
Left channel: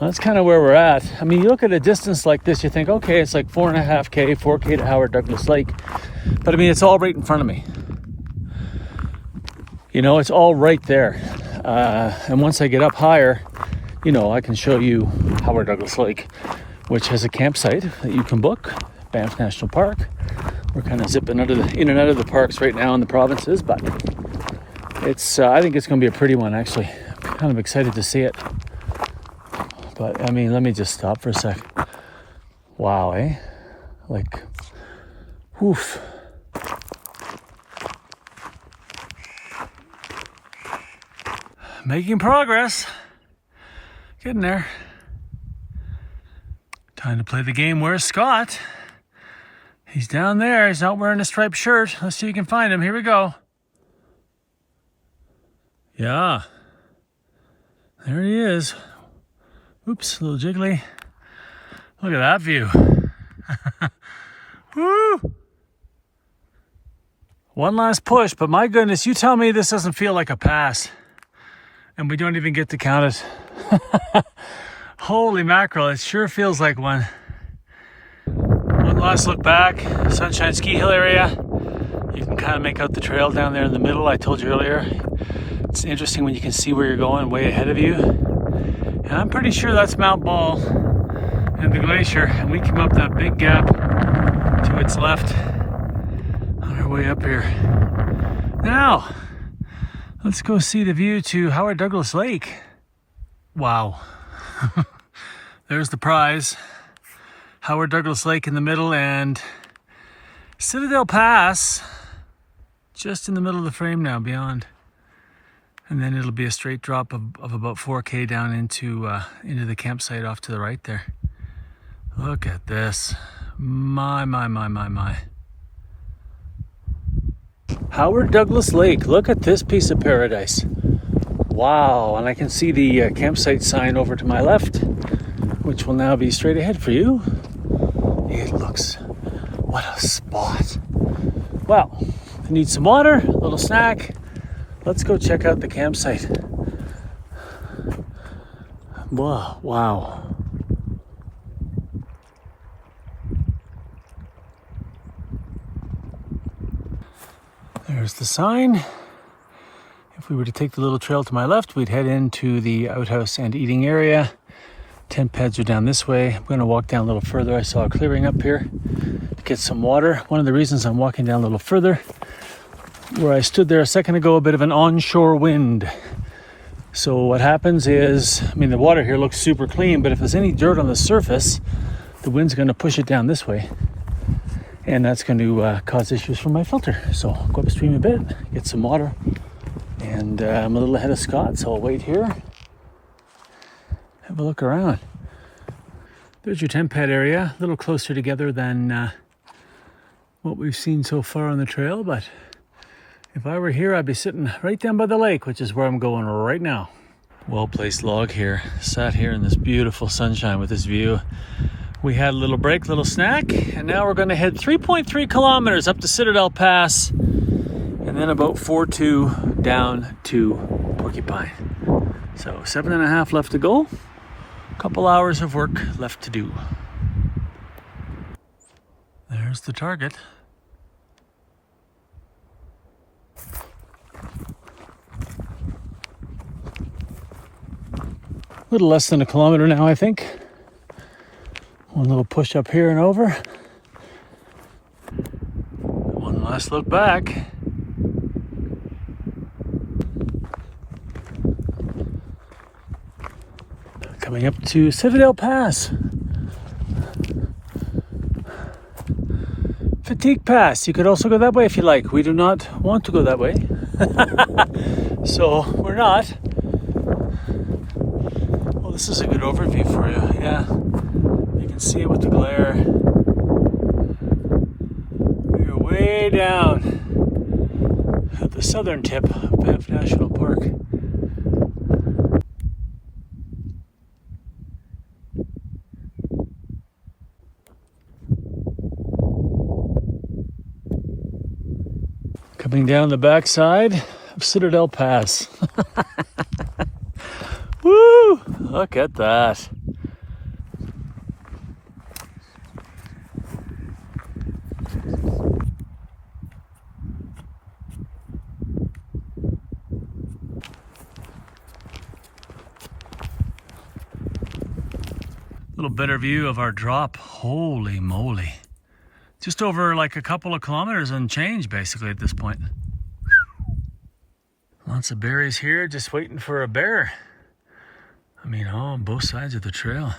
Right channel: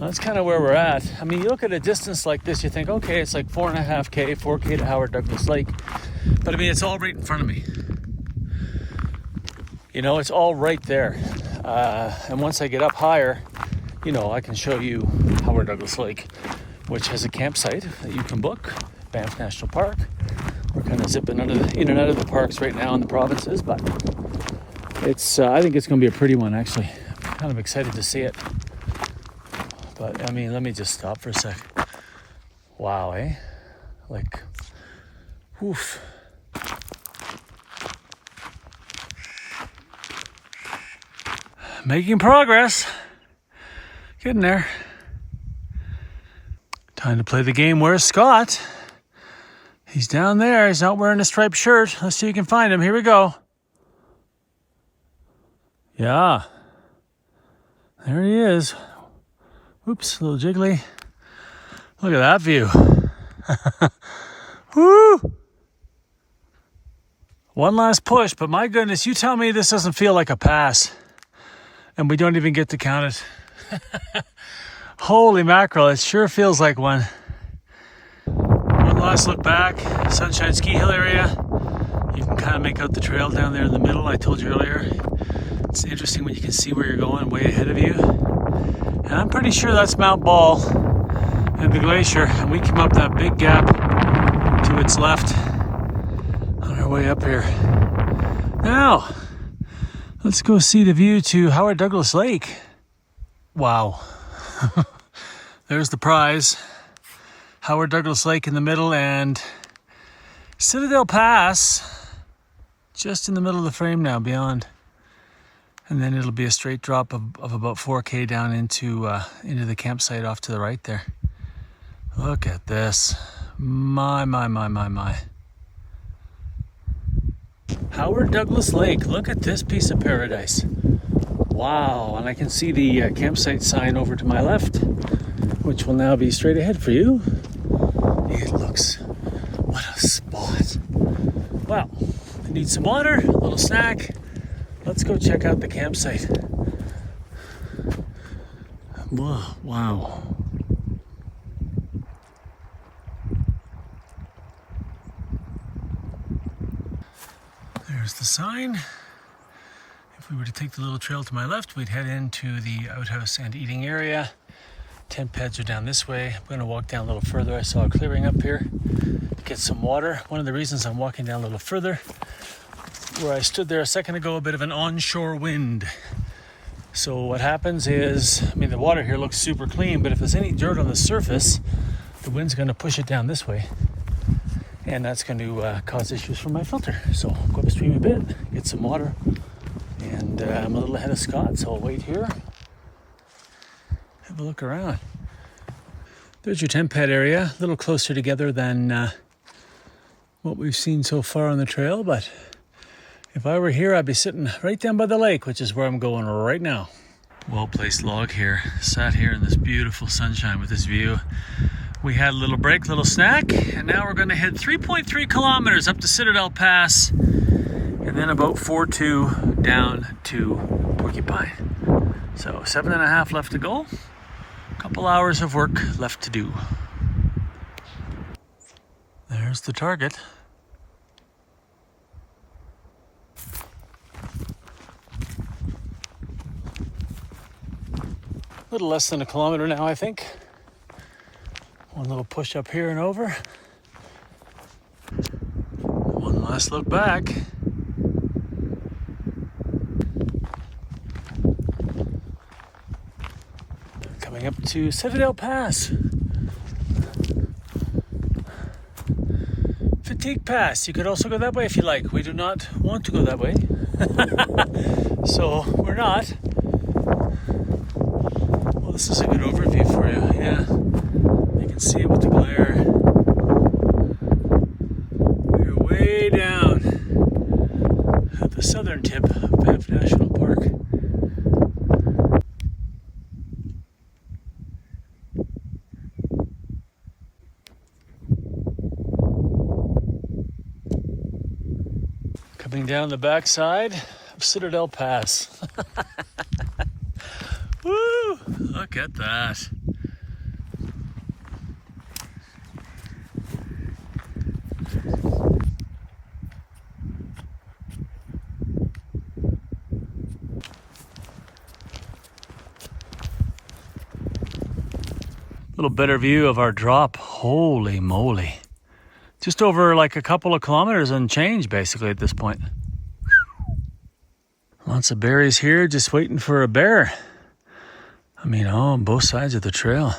That's kind of where we're at. I mean, you look at a distance like this, you think, okay, it's like 4.5K, 4K to Howard Douglas Lake. But I mean, it's all right in front of me. You know, it's all right there. And once I get up higher, you know, I can show you Howard Douglas Lake, which has a campsite that you can book, Banff National Park. We're kind of zipping in and out of the parks right now in the provinces, but it's I think it's going to be a pretty one, actually. I'm kind of excited to see it. But, I mean, let me just stop for a sec. Wow, eh? Like, oof. Making progress. Getting there. Time to play the game. Where's Scott? He's down there. He's not wearing a striped shirt. Let's see if you can find him. Here we go. Yeah. There he is. Oops, a little jiggly. Look at that view. Woo! One last push, but my goodness, you tell me this doesn't feel like a pass. And we don't even get to count it. Holy mackerel, it sure feels like one. One last look back, Sunshine Ski Hill area. You can kind of make out the trail down there in the middle, I told you earlier. It's interesting when you can see where you're going way ahead of you. And I'm pretty sure that's Mount Ball and the glacier. And we came up that big gap to its left on our way up here. Now, let's go see the view to Howard Douglas Lake. Wow. There's the prize. Howard Douglas Lake in the middle and Citadel Pass just in the middle of the frame now beyond. And then it'll be a straight drop of about 4K down into the campsite off to the right there. Look at this. My. Howard Douglas Lake. Look at this piece of paradise. Wow, and I can see the campsite sign over to my left, which will now be straight ahead for you. It looks, what a spot. Well, I need some water, a little snack. Let's go check out the campsite. Wow. There's the sign. If we were to take the little trail to my left, we'd head into the outhouse and eating area. Tent pads are down this way. I'm going to walk down a little further. I saw a clearing up here. Get some water. One of the reasons I'm walking down a little further, where I stood there a second ago, a bit of an onshore wind. So what happens is, I mean, the water here looks super clean, but if there's any dirt on the surface, the wind's going to push it down this way. And that's going to cause issues for my filter. So I'll go upstream a bit, get some water. And I'm a little ahead of Scott, so I'll wait here. Have a look around. There's your tent pad area, a little closer together than what we've seen so far on the trail, but if I were here, I'd be sitting right down by the lake, which is where I'm going right now. Well-placed log here, sat here in this beautiful sunshine with this view. We had a little break, little snack, and now we're going to head 3.3 kilometers up to Citadel Pass, and then about 4.2 down to Porcupine. So 7.5 left to go. Couple hours of work left to do. There's the target. A little less than a kilometer now, I think. One little push up here and over. One last look back. Coming up to Citadel Pass. Fatigue Pass. You could also go that way if you like. We do not want to go that way. So we're not. Well, this is a good overview for you. Yeah. You can see it with the glare. You're way down at the southern tip of Banff National Park. Coming down the backside of Citadel Pass. Woo! Look at that. Little better view of our drop. Holy moly. Just over like a couple of kilometers and change basically at this point. Lots of berries here, just waiting for a bear. I mean, on both sides of the trail.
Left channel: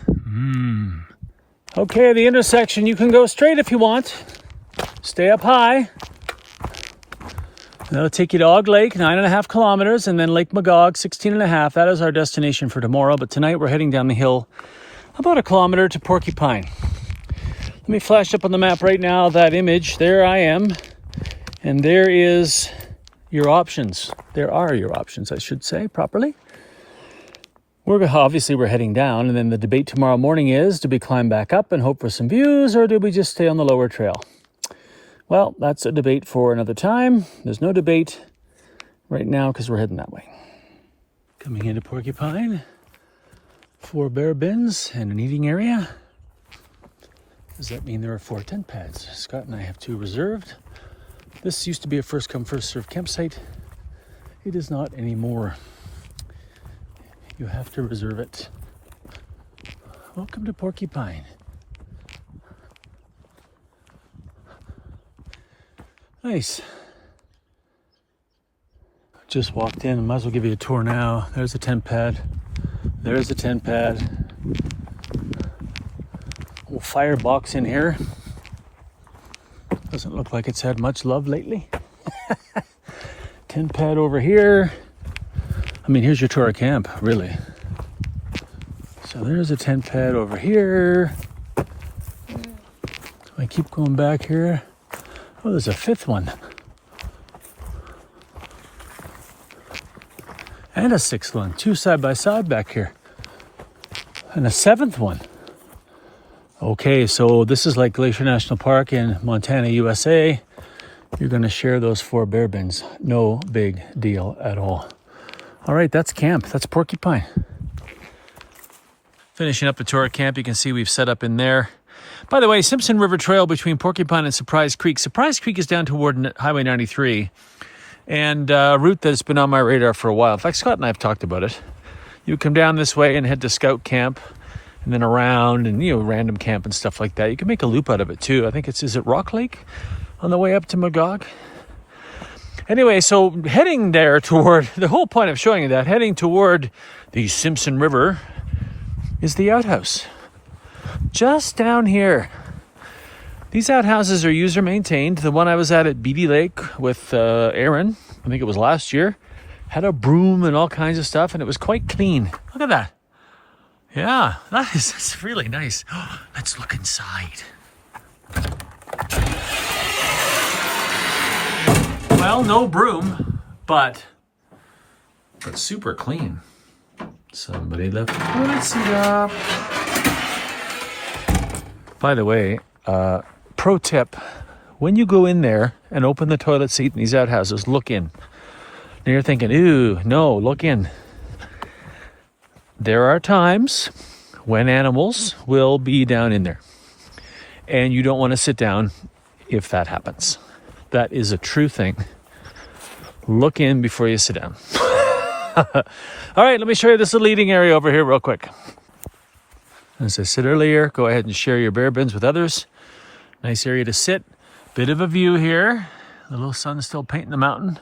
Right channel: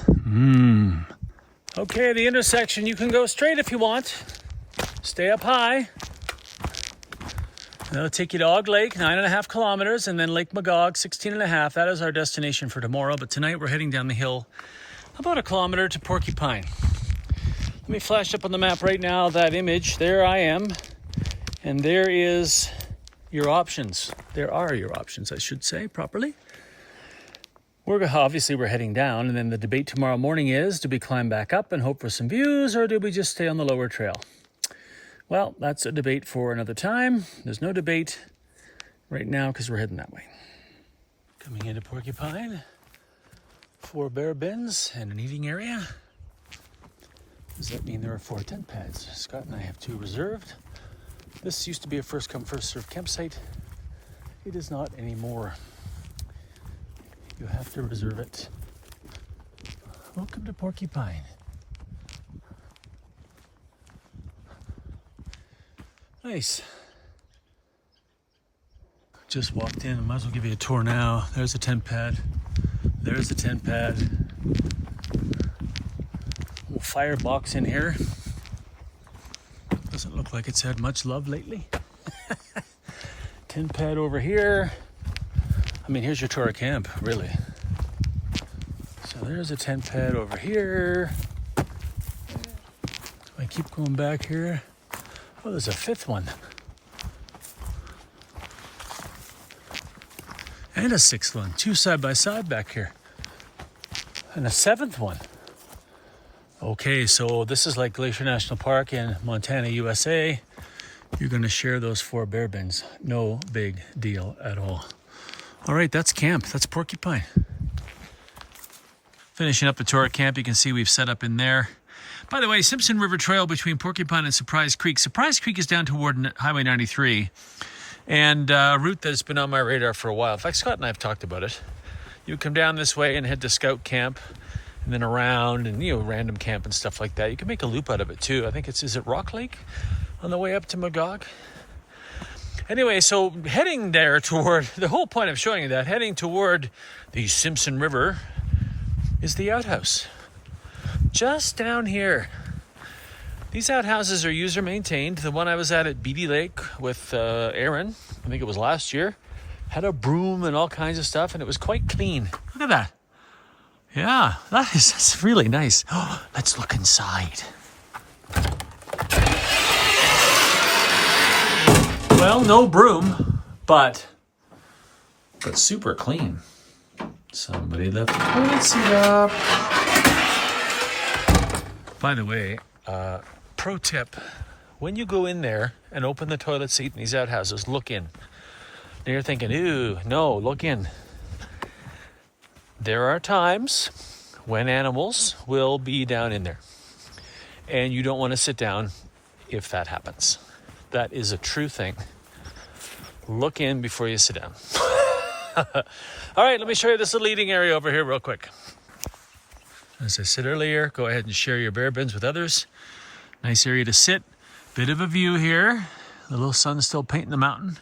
Okay, the intersection, you can go straight if you want. Stay up high. That'll take you to Og Lake, 9.5 kilometers, and then Lake Magog, 16.5. That is our destination for tomorrow, but tonight we're heading down the hill about a kilometer to Porcupine. Let me flash up on the map right now that image. There I am. And there is your options. There are your options, I should say, properly. Obviously we're heading down, and then the debate tomorrow morning is, do we climb back up and hope for some views, or do we just stay on the lower trail? Well, that's a debate for another time. There's no debate right now because we're heading that way. Coming into Porcupine. 4 bear bins and an eating area. Does that mean there are 4 tent pads? Scott and I have 2 reserved. This used to be a first come first served campsite. It is not anymore. You have to reserve it. Welcome to Porcupine. Nice. Just walked in, might as well give you a tour now. There's a tent pad. There's a tent pad. Little firebox in here. Doesn't look like it's had much love lately. Tent pad over here. I mean, here's your tour of camp, really. So there's a tent pad over here. I keep going back here. Oh, there's a fifth one. And a sixth one. Two side by side back here. And a seventh one. Okay, so this is like Glacier National Park in Montana, USA. You're going to share those 4 bear bins. No big deal at all. All right, that's camp. That's Porcupine. Finishing up the tour of camp, you can see we've set up in there. By the way, Simpson River Trail between Porcupine and Surprise Creek. Surprise Creek is down toward Highway 93. And a route that's been on my radar for a while. In fact, Scott and I have talked about it. You come down this way and head to Scout Camp. And then around and, you know, random camp and stuff like that. You can make a loop out of it too. I think is it Rock Lake on the way up to Magog? Anyway, so heading there toward, the whole point of showing you that, heading toward the Simpson River is the outhouse. Just down here. These outhouses are user maintained. The one I was at Beatty Lake with Aaron, I think it was last year, had a broom and all kinds of stuff, and it was quite clean. Look at that. Yeah, that's really nice. Oh, let's look inside. Well, no broom, but super clean. Somebody left the toilet seat up. By the way, pro tip, when you go in there and open the toilet seat in these outhouses, look in. Now you're thinking, ooh, no, look in. There are times when animals will be down in there. And you don't want to sit down if that happens. That is a true thing. Look in before you sit down. All right, let me show you this little eating area over here real quick. As I said earlier, go ahead and share your bear bins with others. Nice area to sit. Bit of a view here. The little sun's still painting the mountain.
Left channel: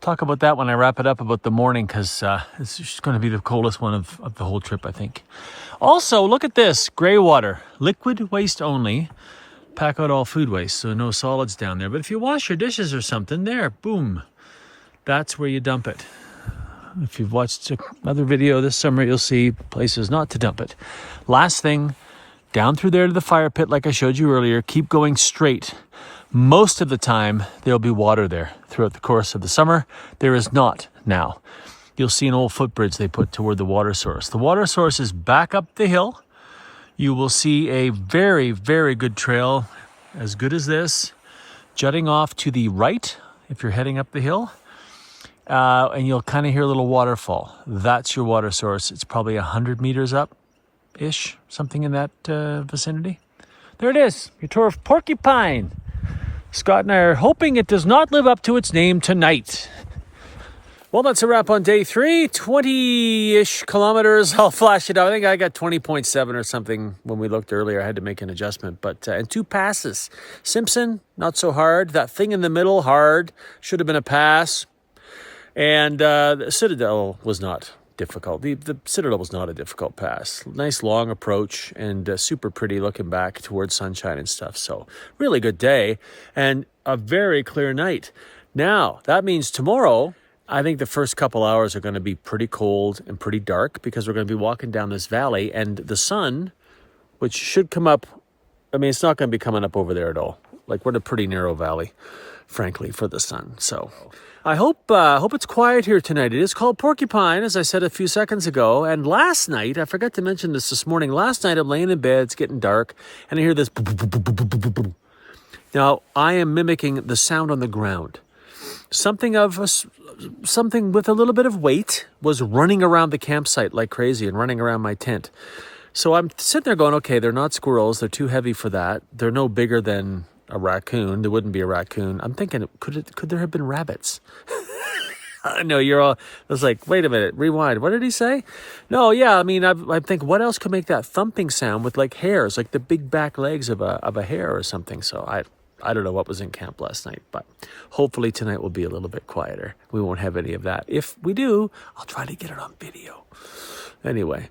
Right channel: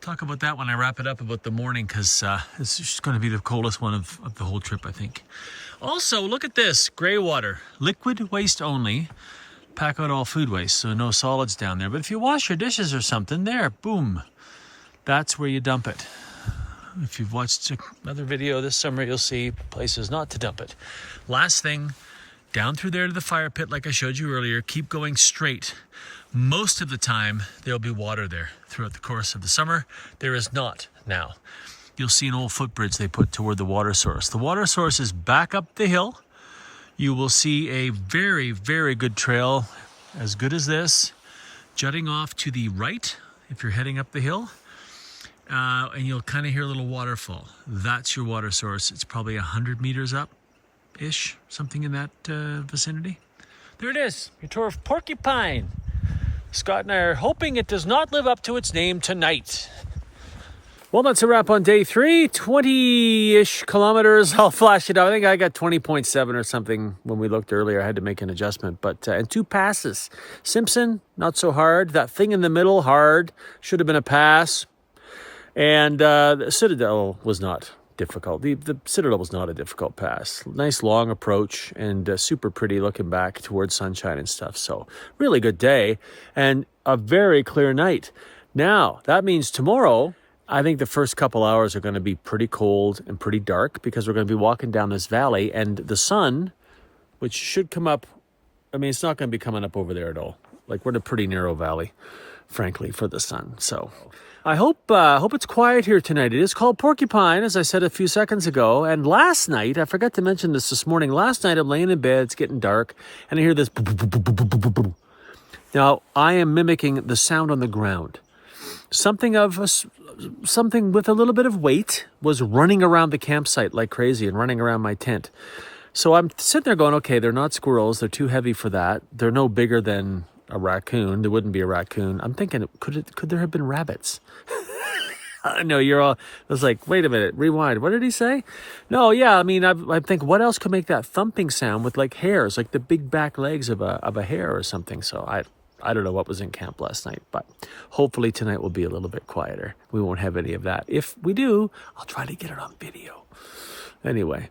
Talk about that when I wrap it up about the morning, because it's just going to be the coldest one of the whole trip, I think. Also, look at this. Gray water. Liquid waste only. Pack out all food waste, so no solids down there. But if you wash your dishes or something, there, boom. That's where you dump it. If you've watched another video this summer, you'll see places not to dump it. Last thing, down through there to the fire pit like I showed you earlier. Keep going straight. Most of the time, there'll be water there throughout the course of the summer. There is not now. You'll see an old footbridge they put toward the water source. The water source is back up the hill. You will see a very, very good trail, as good as this, jutting off to the right if you're heading up the hill. And you'll kind of hear a little waterfall. That's your water source. It's probably 100 meters up-ish, something in that vicinity. There it is, your tour of Porcupine. Scott and I are hoping it does not live up to its name tonight. Well, that's a wrap on day 3. 20-ish kilometers. I'll flash it out. I think I got 20.7 or something when we looked earlier. I had to make an adjustment. But and 2 passes. Simpson, not so hard. That thing in the middle, hard. Should have been a pass. And the Citadel was not difficult. The Citadel was not a difficult pass. Nice long approach and super pretty looking back towards sunshine and stuff. So really good day and a very clear night. Now, that means tomorrow, I think the first couple hours are going to be pretty cold and pretty dark because we're going to be walking down this valley and the sun, which should come up, I mean, it's not going to be coming up over there at all. Like, we're in a pretty narrow valley, frankly, for the sun. So I hope it's quiet here tonight. It is called Porcupine, as I said a few seconds ago. And last night, I forgot to mention this morning, last night I'm laying in bed, it's getting dark, and I hear this. Now, I am mimicking the sound on the ground. Something with a little bit of weight was running around the campsite like crazy and running around my tent. So I'm sitting there going, okay, they're not squirrels. They're too heavy for that. They're no bigger than a raccoon. There wouldn't be a raccoon. I'm thinking, could there have been rabbits? No, I was like, wait a minute, rewind. What did he say? No, yeah, I mean, I think what else could make that thumping sound with like hairs, like the big back legs of a hare or something. So I don't know what was in camp last night, but hopefully tonight will be a little bit quieter. We won't have any of that. If we do, I'll try to get it on video. Anyway,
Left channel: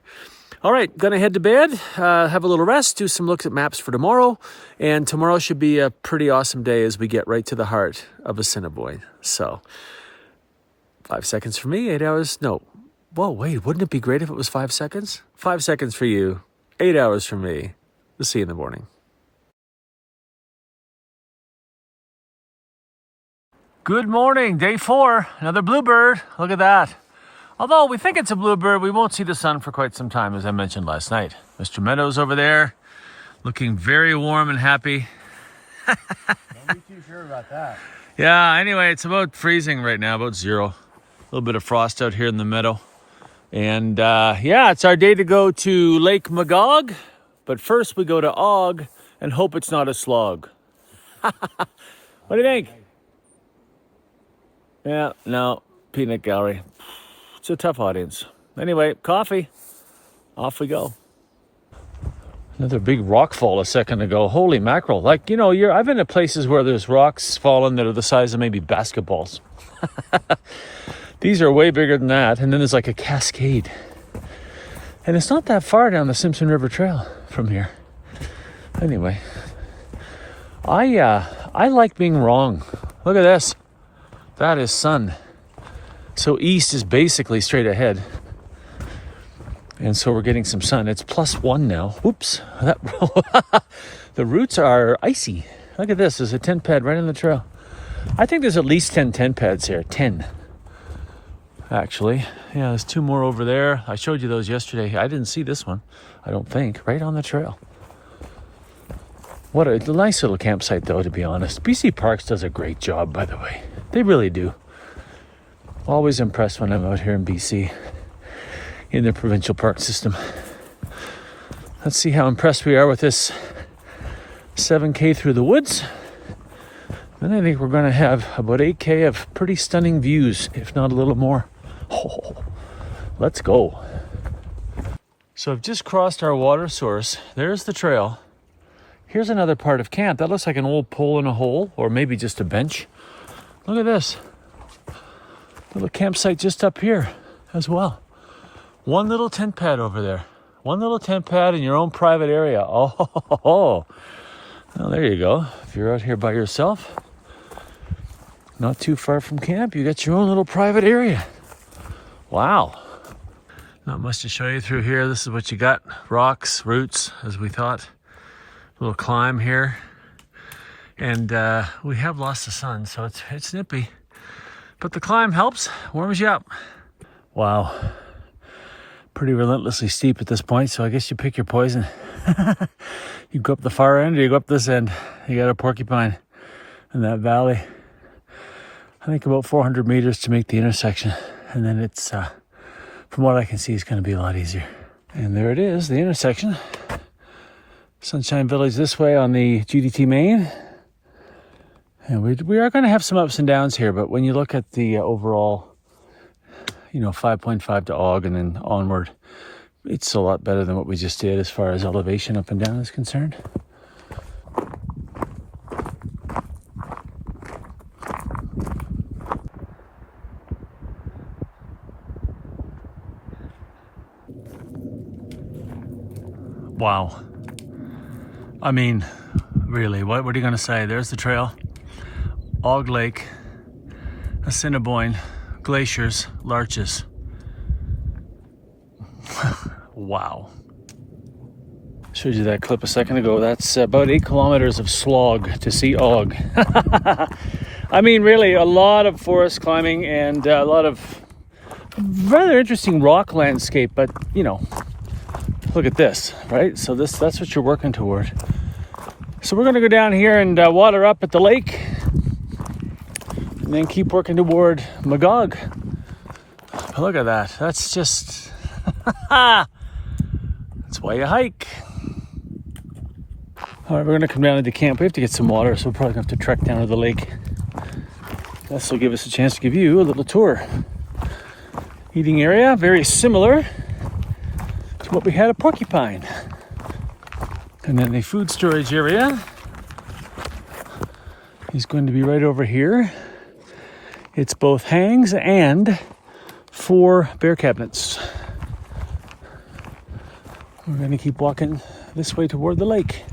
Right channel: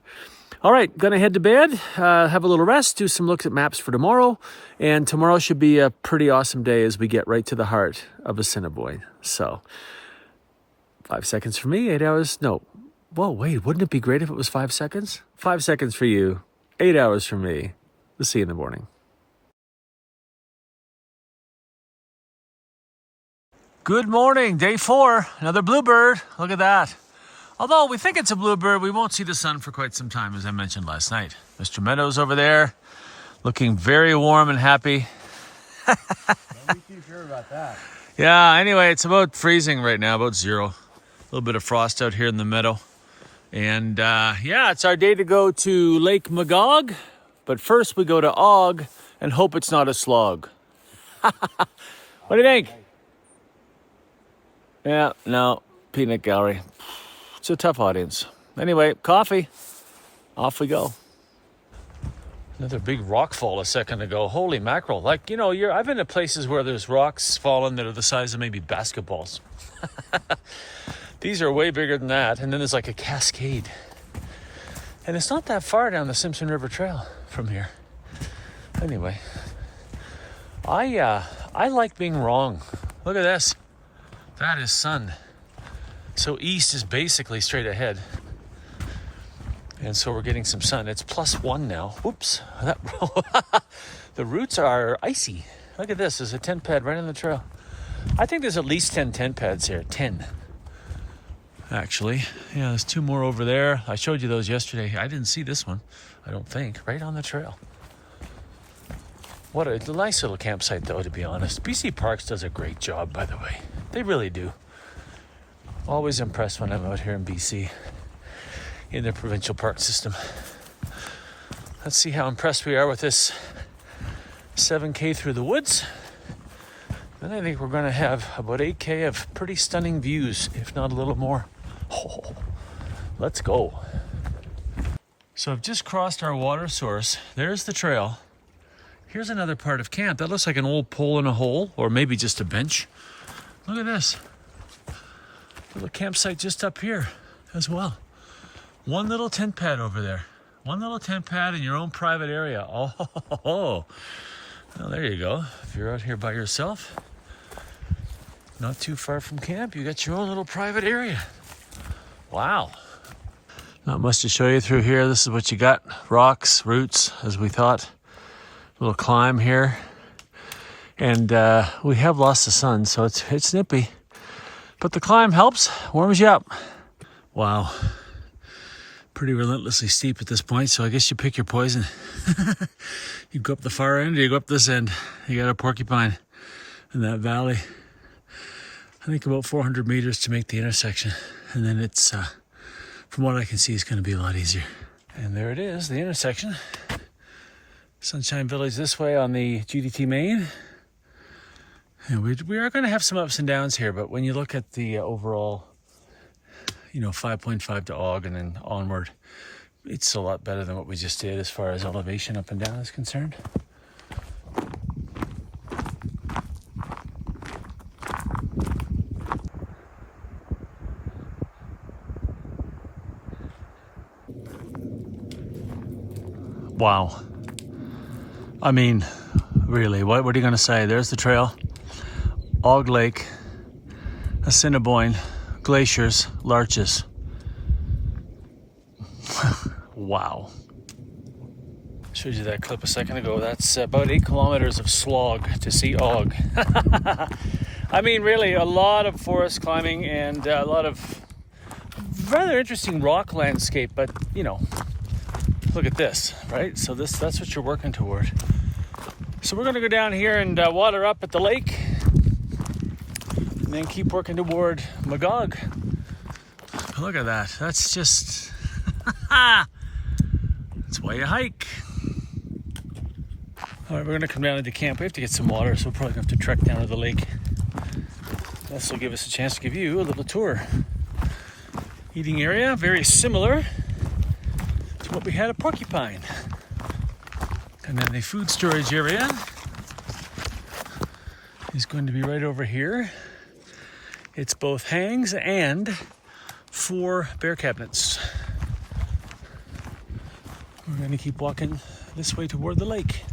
all right, gonna head to bed, have a little rest, do some looks at maps for tomorrow, and tomorrow should be a pretty awesome day as we get right to the heart of Assiniboine. So 5 seconds for me, 8 hours. No. Whoa, wait, wouldn't it be great if it was 5 seconds? 5 seconds for you, 8 hours for me. We'll see you in the morning. Good morning, day 4, another bluebird. Look at that. Although we think it's a bluebird, we won't see the sun for quite some time, as I mentioned last night. Mr. Meadows over there, looking very warm and happy. Don't be too sure about that. Yeah, anyway, it's about freezing right now, about 0. A little bit of frost out here in the meadow. And yeah, it's our day to go to Lake Magog. But first we go to Og and hope it's not a slog. What do you think? Yeah, no, peanut gallery. It's a tough audience. Anyway, coffee. Off we go. Another big rock fall a second ago. Holy mackerel. Like, you know, I've been to places where there's rocks falling that are the size of maybe basketballs. These are way bigger than that. And then there's like a cascade. And it's not that far down the Simpson River Trail from here. Anyway, I like being wrong. Look at this. That is sun. So east is basically straight ahead. And so we're getting some sun. It's +1 now. Oops. The roots are icy. Look at this. There's a tent pad right on the trail. I think there's at least 10 tent pads here. 10. Actually. Yeah, there's 2 more over there. I showed you those yesterday. I didn't see this one, I don't think. Right on the trail. What a nice little campsite, though, to be honest. BC Parks does a great job, by the way. They really do. Always impressed when I'm out here in BC. In the provincial park system. Let's see how impressed we are with this 7K through the woods. Then I think we're going to have about 8K of pretty stunning views, if not a little more. Oh, let's go. So I've just crossed our water source. There's the trail. Here's another part of camp. That looks like an old pole in a hole, or maybe just a bench. Look at this. Little campsite just up here as well. One little tent pad over there. One little tent pad in your own private area. Oh, well, there you go. If you're out here by yourself, not too far from camp, you got your own little private area. Wow. Not much to show you through here. This is what you got. Rocks, roots, as we thought. Little climb here. And we have lost the sun, so it's nippy. But the climb helps, warms you up. Wow. Pretty relentlessly steep at this point, so I guess you pick your poison. You go up the far end or you go up this end. You got a porcupine in that valley. I think about 400 meters to make the intersection. And then it's, from what I can see, it's going to be a lot easier. And there it is, the intersection. Sunshine Village this way on the GDT main. And we are going to have some ups and downs here, but when you look at the overall, 5.5 to Og and then onward, it's a lot better than what we just did as far as elevation up and down is concerned. Wow. I mean, really, what are you going to say? There's the trail. Og Lake, Assiniboine, glaciers, larches. Wow. Showed you that clip a second ago. That's about 8 kilometers of slog to see Og. I mean, really, a lot of forest climbing and a lot of rather interesting rock landscape, but, look at this, right? So that's what you're working toward. So we're going to go down here and water up at the lake and then keep working toward Magog. Look at that. That's just... that's why you hike. All right, we're going to come down into camp. We have to get some water, so we're probably going to have to trek down to the lake. This will give us a chance to give you a little tour. Eating area, very similar to what we had at Porcupine. And then the food storage area is going to be right over here. It's both hangs and 4 bear cabinets. We're going to keep walking this way toward the lake.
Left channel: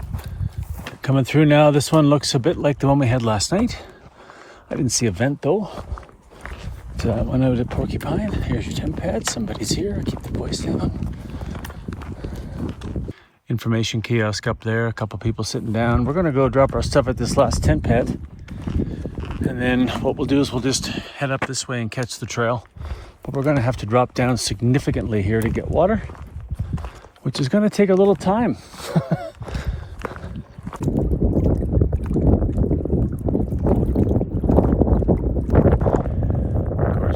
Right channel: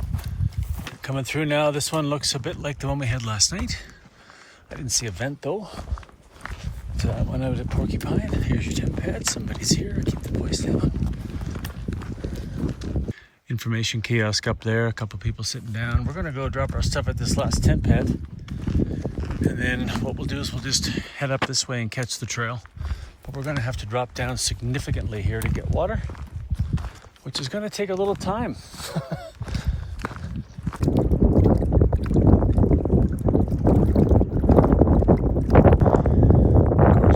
Coming through now, this one looks a bit like the one we had last night. I didn't see a vent though. when out at Porcupine. Here's your tent pad. Somebody's here. Keep the boys down. Information kiosk up there. A couple people sitting down. We're gonna go drop our stuff at this last tent pad, and then what we'll do is we'll just head up this way and catch the trail. But we're gonna have to drop down significantly here to get water, which is gonna take a little time.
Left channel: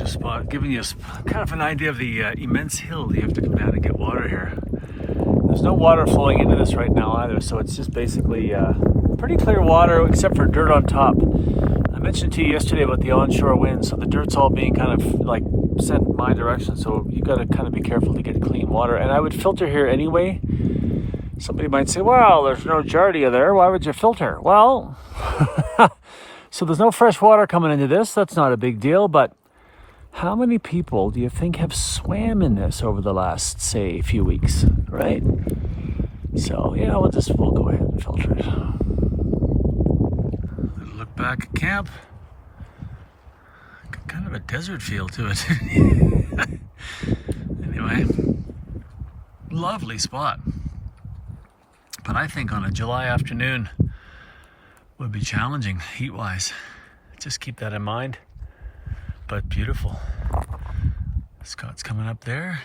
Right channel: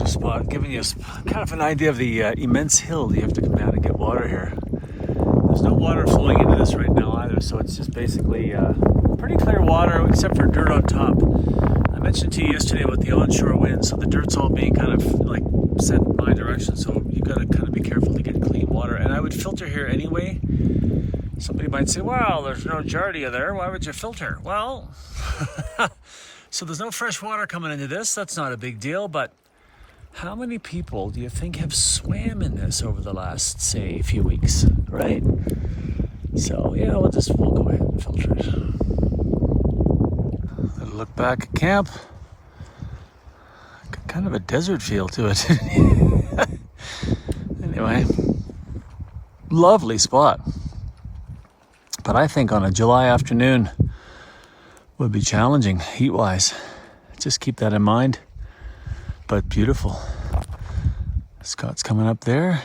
Spot, giving you kind of an idea of the immense hill you have to come down and get water here. There's no water flowing into this right now either, so it's just basically pretty clear water except for dirt on top. I mentioned to you yesterday about the onshore wind, so the dirt's all being kind of like sent my direction, so you got to kind of be careful to get clean water. And I would filter here anyway. Somebody might say, well, there's no giardia there, why would you filter? Well, so there's no fresh water coming into this, that's not a big deal, but how many people do you think have swam in this over the last, say, few weeks, right? So, yeah, we'll go ahead and filter it. Look back at camp. Got kind of a desert feel to it. Anyway, lovely spot. But I think on a July afternoon would be challenging heat-wise. Just keep that in mind. But beautiful. Scott's coming up there.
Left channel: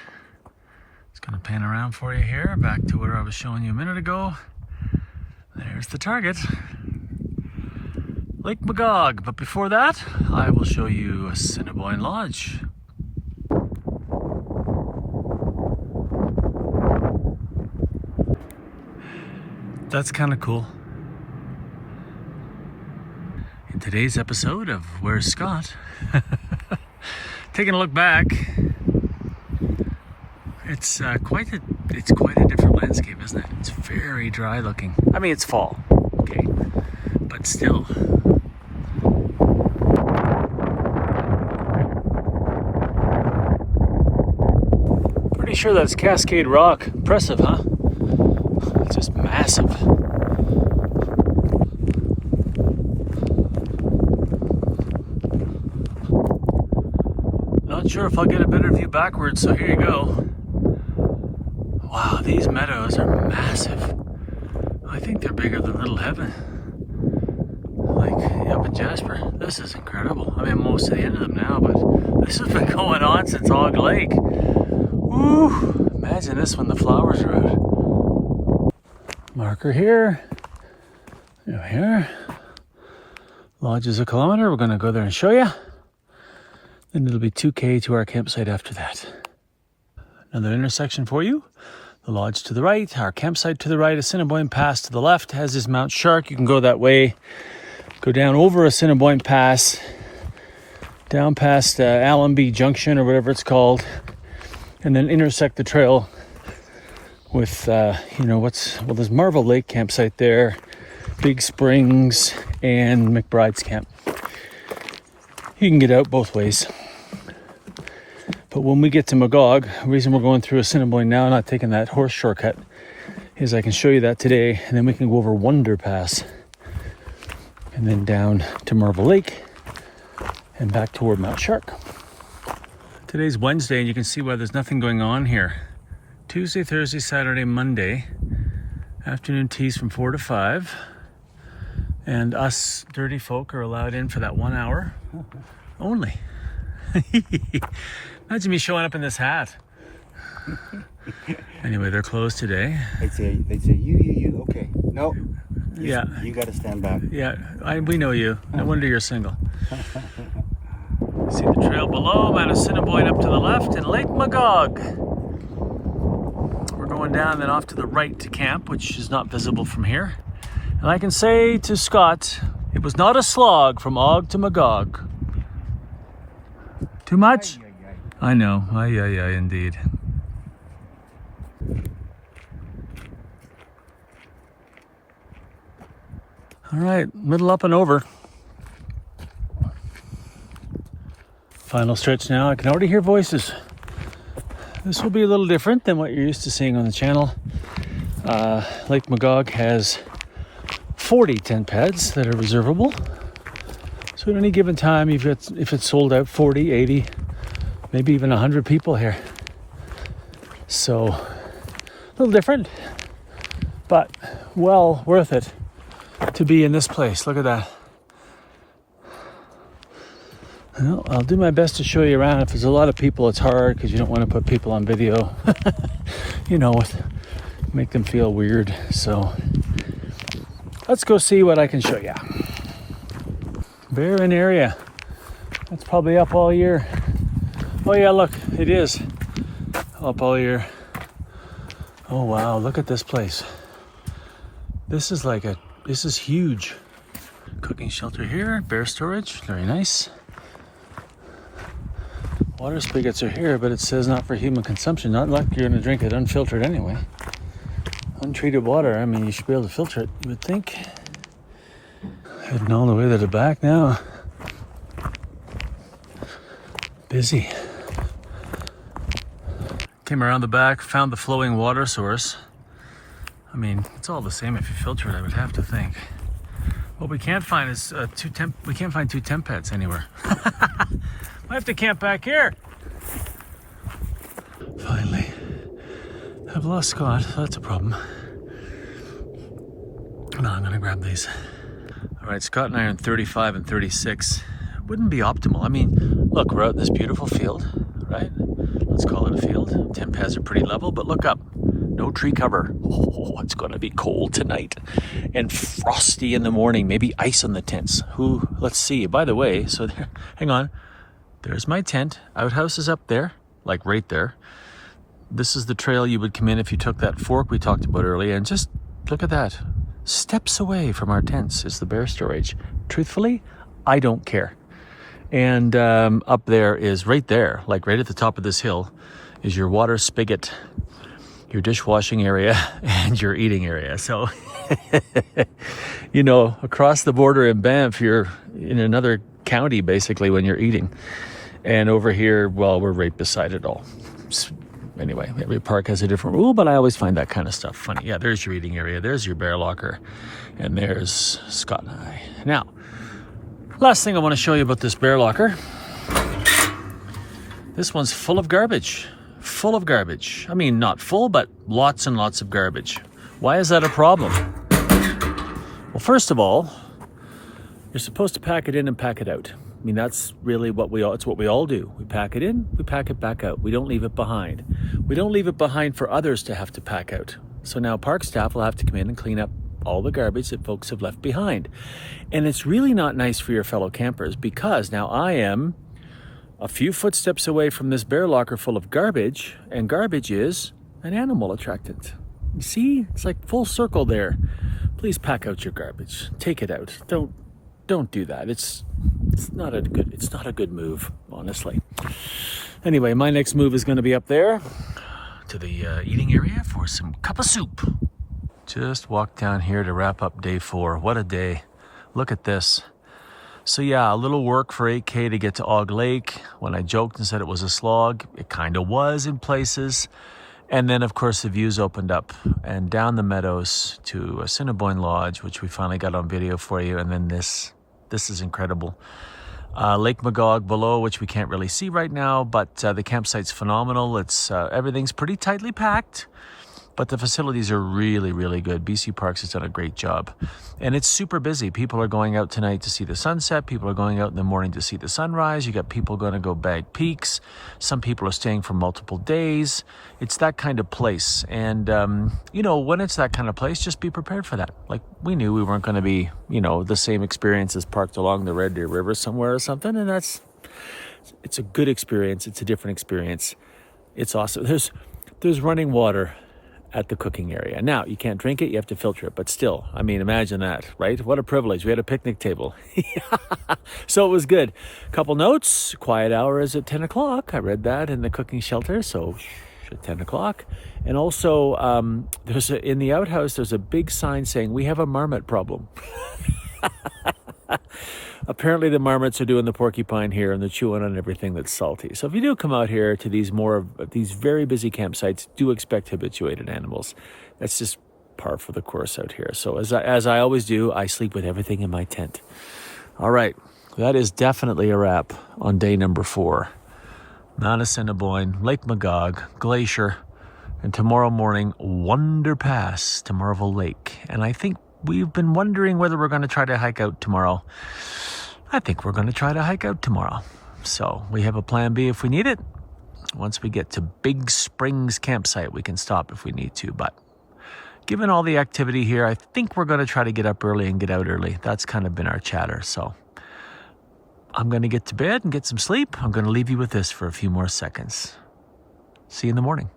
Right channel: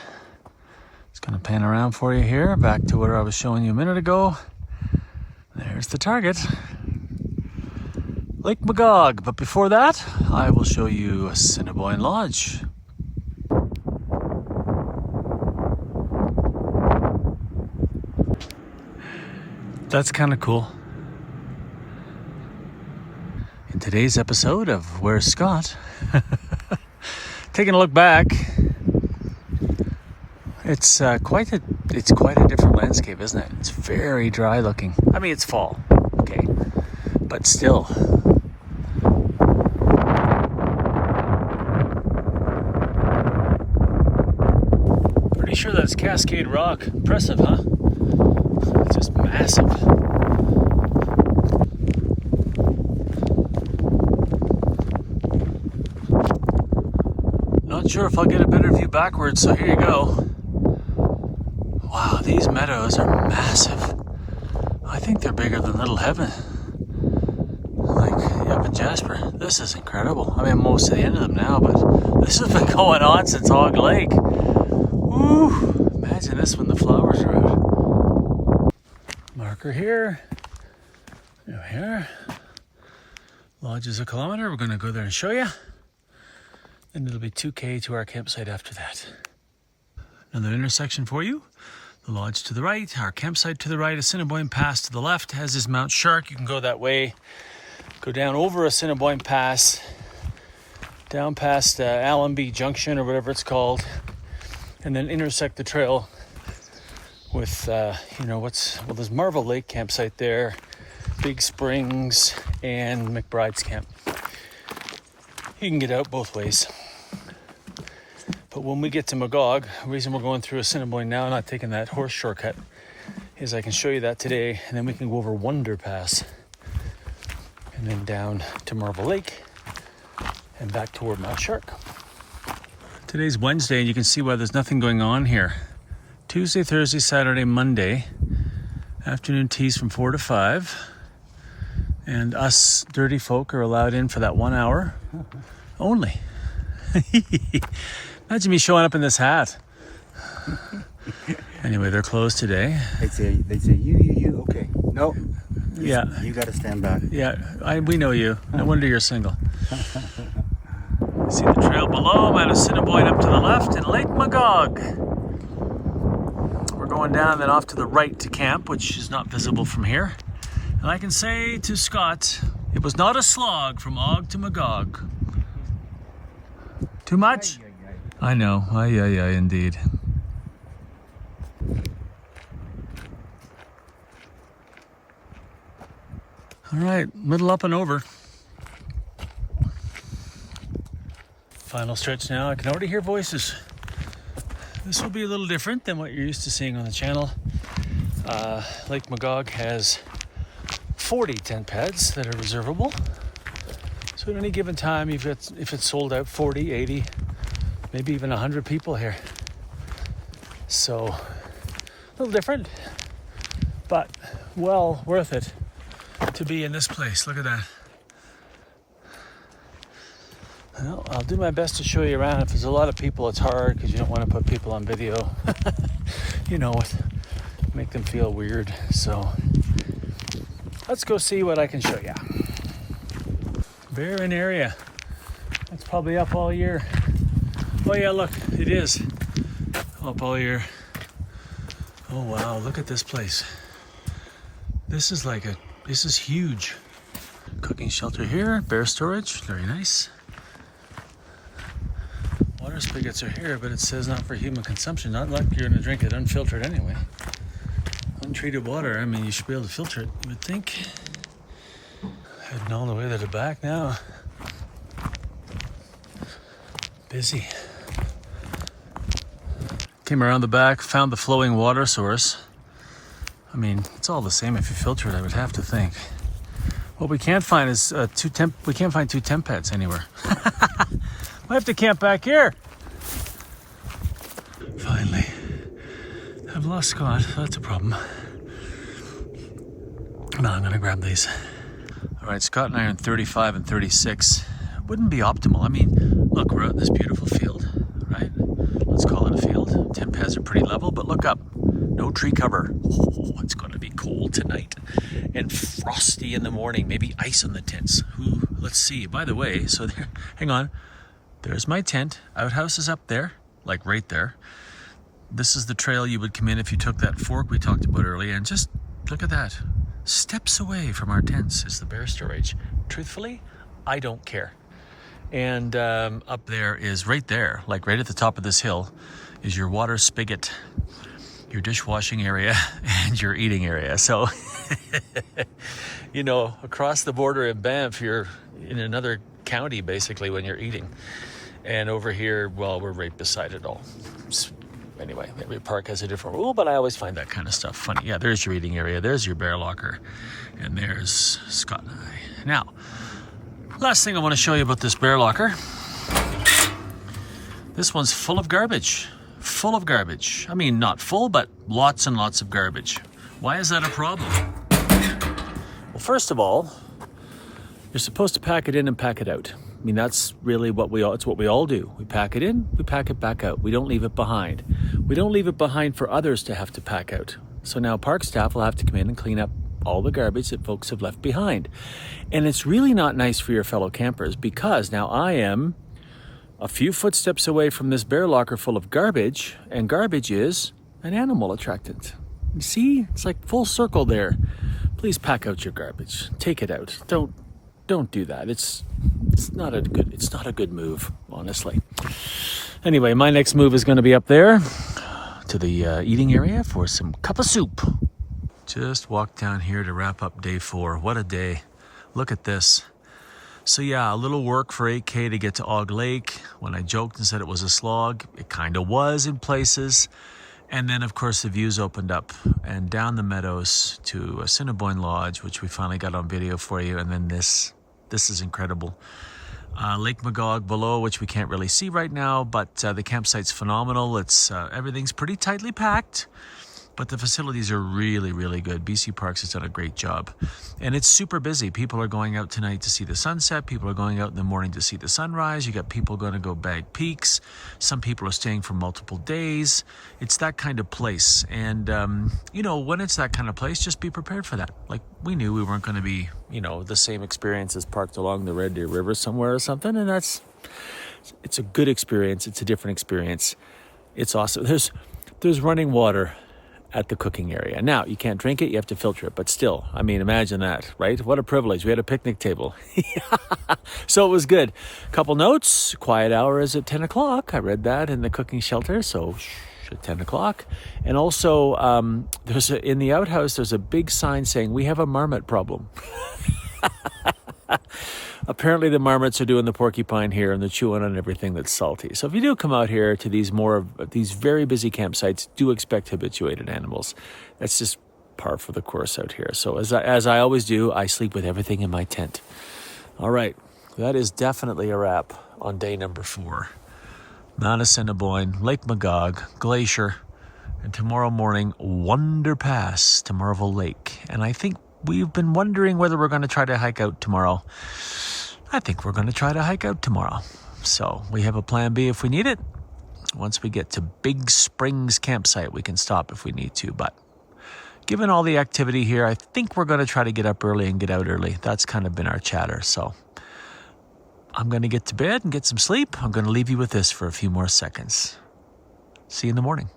It's going to pan around for you here, back to where I was showing you a minute ago. There's the target, Lake Magog. But before that, I will show you Assiniboine Lodge. That's kind of cool. In today's episode of Where's Scott? Taking a look back, it's quite a different landscape, isn't it? It's very dry looking. I mean, it's fall, okay, but still. Pretty sure that's Cascade Rock. Impressive, huh? It's just massive. Not sure if I'll get a better view backwards, so here you go. Wow, these meadows are massive. I think they're bigger than Little Heaven. Like up in Jasper. This is incredible. I mean, I'm almost to the end of them now, but this has been going on since Og Lake. Woo! Imagine this when the flowers are out. Marker here. Over here. Lodge is 1 kilometer. We're going to go there and show you. And it'll be 2K to our campsite after that. Another intersection for you. The lodge to the right, our campsite to the right, Assiniboine Pass to the left has this Mount Shark. You can go that way, go down over Assiniboine Pass, down past Allenby Junction or whatever it's called, and then intersect the trail with, there's Marvel Lake campsite there, Big Springs, and McBride's camp. You can get out both ways. But when we get to Magog, the reason we're going through Assiniboine now, not taking that horse shortcut, is I can show you that today, and then we can go over Wonder Pass, and then down to Marble Lake, and back toward Mount Shark. Today's Wednesday, and you can see why there's nothing going on here. Tuesday, Thursday, Saturday, Monday, afternoon teas from 4 to 5, and us dirty folk are allowed in for that 1 hour only. Imagine me showing up in this hat. Anyway, they're closed today. They'd say, you, okay. No. Yeah. You got to stand back. Yeah, we know you. No wonder you're single. See the trail below. I'm at Assiniboine up to the left and Lake Magog. We're going down then off to the right to camp, which is not visible from here. And I can say to Scott, it was not a slog from Og to Magog. Too much? I know. Aye, indeed. All right, middle up and over. Final stretch now. I can already hear voices. This will be a little different than what you're used to seeing on the channel. Lake Magog has 40 tent pads that are reservable. So So at any given time, if it's sold out, 40, 80, maybe even 100 people here. So a little different, but well worth it to be in this place. Look at that. Well, I'll do my best to show you around. If there's a lot of people, it's hard because you don't want to put people on video. You know, make them feel weird. So let's go see what I can show you. Barren area. It's probably up all year. Oh yeah, look, it is up all year. Oh wow, look at this place. This is huge. Cooking shelter here, bear storage, very nice. Water spigots are here, but it says not for human consumption. Not like you're gonna drink it unfiltered anyway. Untreated water, I mean, you should be able to filter it, you would think. Heading all the way to the back now. Busy. Came around the back, found the flowing water source. I mean, it's all the same if you filter it, I would have to think. What we can't find is we can't find two temp pads anywhere. We have to camp back here. Finally. I've lost Scott, so that's a problem. No, I'm gonna grab these. All right, Scott and I are in 35 and 36. Wouldn't be optimal. I mean, look, we're out in this beautiful field, right? Let's call it a field. Temp pads are pretty level, but look up. No tree cover. Oh, it's gonna be cold tonight. And frosty in the morning, maybe ice on the tents. Let's see. By the way, so there, hang on. There's my tent. Outhouse is up there, like right there. This is the trail you would come in if you took that fork we talked about earlier, and just look at that. Steps away from our tents is the bear storage. Truthfully, I don't care. And up there is right there, like right at the top of this hill, is your water spigot, your dishwashing area, and your eating area. So, you know, across the border in Banff, you're in another county basically when you're eating. And over here, well, we're right beside it all. Anyway, every park has a different rule, but I always find that kind of stuff funny. Yeah, there's your eating area, there's your bear locker, and there's Scott and I. Now, last thing I want to show you about this bear locker. This one's full of garbage. Full of garbage. I mean, not full, but lots and lots of garbage. Why is that a problem? Well, first of all, you're supposed to pack it in and pack it out. I mean, that's really it's what we all do. We pack it in, we pack it back out. We don't leave it behind. We don't leave it behind for others to have to pack out. So now park staff will have to come in and clean up all the garbage that folks have left behind. And it's really not nice for your fellow campers because now I am a few footsteps away from this bear locker full of garbage, and garbage is an animal attractant. You see, it's like full circle there. Please pack out your garbage. Take it out. Don't do that. It's not a good move, honestly. Anyway, my next move is going to be up there to the eating area for some cup of soup. Just walked down here to wrap up day 4. What a day. Look at this. So yeah, a little work for 8K to get to Og Lake. When I joked and said it was a slog, it kind of was in places. And then, of course, the views opened up and down the meadows to Assiniboine Lodge, which we finally got on video for you. And then this is incredible. Lake Magog below, which we can't really see right now, but the campsite's phenomenal. It's everything's pretty tightly packed, but the facilities are really, really good. BC Parks has done a great job. And it's super busy. People are going out tonight to see the sunset. People are going out in the morning to see the sunrise. You got people going to go bag peaks. Some people are staying for multiple days. It's that kind of place. And, you know, when it's that kind of place, just be prepared for that. Like, we knew we weren't going to be, you know, the same experiences parked along the Red Deer River somewhere or something. And it's a good experience. It's a different experience. It's awesome. There's running water at the cooking area. Now, you can't drink it, you have to filter it, but still, I mean, imagine that, right? What a privilege. We had a picnic table. So it was good. Couple notes, quiet hour is at 10 o'clock. I read that in the cooking shelter, so at 10 o'clock. And also, in the outhouse, there's a big sign saying, we have a marmot problem. Apparently the marmots are doing the porcupine here and they're chewing on everything that's salty. So if you do come out here to these very busy campsites, do expect habituated animals. That's just par for the course out here. So as I always do, I sleep with everything in my tent. All right, that is definitely a wrap on day number 4. Mount Assiniboine, Lake Magog, Glacier, and tomorrow morning, Wonder Pass to Marvel Lake. And I think we've been wondering whether we're going to try to hike out tomorrow. I think we're going to try to hike out tomorrow. So we have a plan B if we need it. Once we get to Big Springs campsite, we can stop if we need to. But given all the activity here, I think we're going to try to get up early and get out early. That's kind of been our chatter. So I'm going to get to bed and get some sleep. I'm going to leave you with this for a few more seconds. See you in the morning.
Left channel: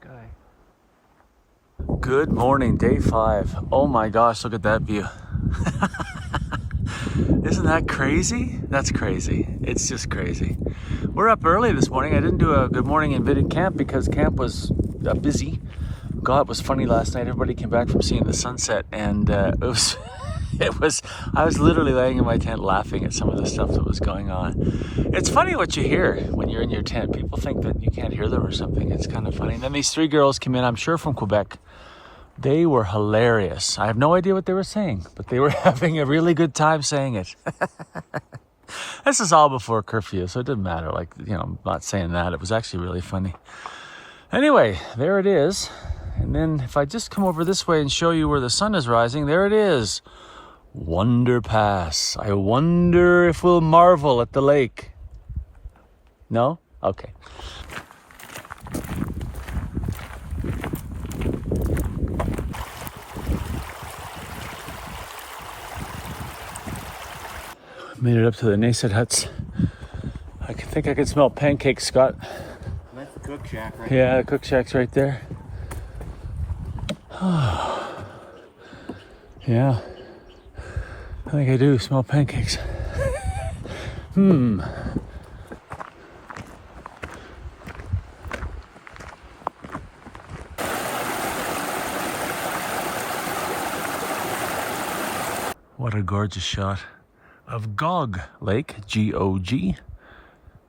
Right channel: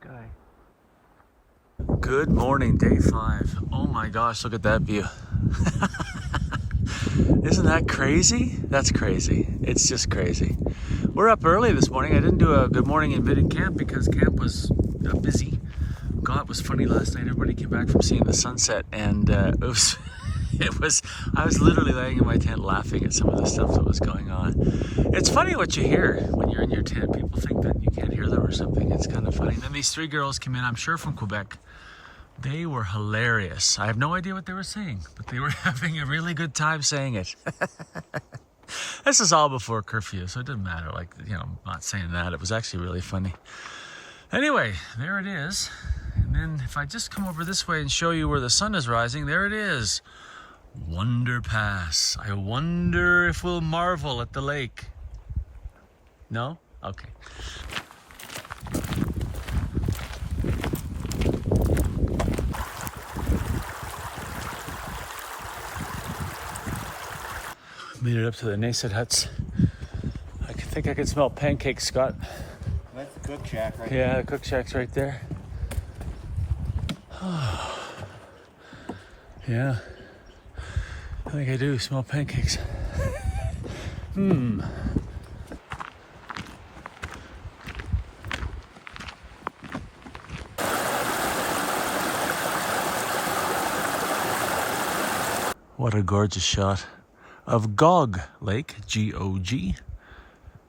Sky. Good morning, day 5. Oh my gosh, look at that view. Isn't that crazy? That's crazy. It's just crazy. We're up early this morning. I didn't do a good morning in Vidit camp because camp was busy. God, it was funny last night. Everybody came back from seeing the sunset, and I was literally laying in my tent laughing at some of the stuff that was going on. It's funny what you hear when you're in your tent. People think that you can't hear them or something. It's kind of funny. And then these 3 girls came in, I'm sure from Quebec. They were hilarious. I have no idea what they were saying, but they were having a really good time saying it. This is all before curfew, so it didn't matter. Like, I'm not saying that. It was actually really funny. Anyway, there it is. And then if I just come over this way and show you where the sun is rising, there it is. Wonder Pass. I wonder if we'll marvel at the lake. No? Okay. Made it up to the Nasset huts. I think I can smell pancakes, Scott. That's the cook shack right there. Yeah, the cook shack's right there. Yeah. I think I do smell pancakes. What a gorgeous shot of Gog Lake, G-O-G.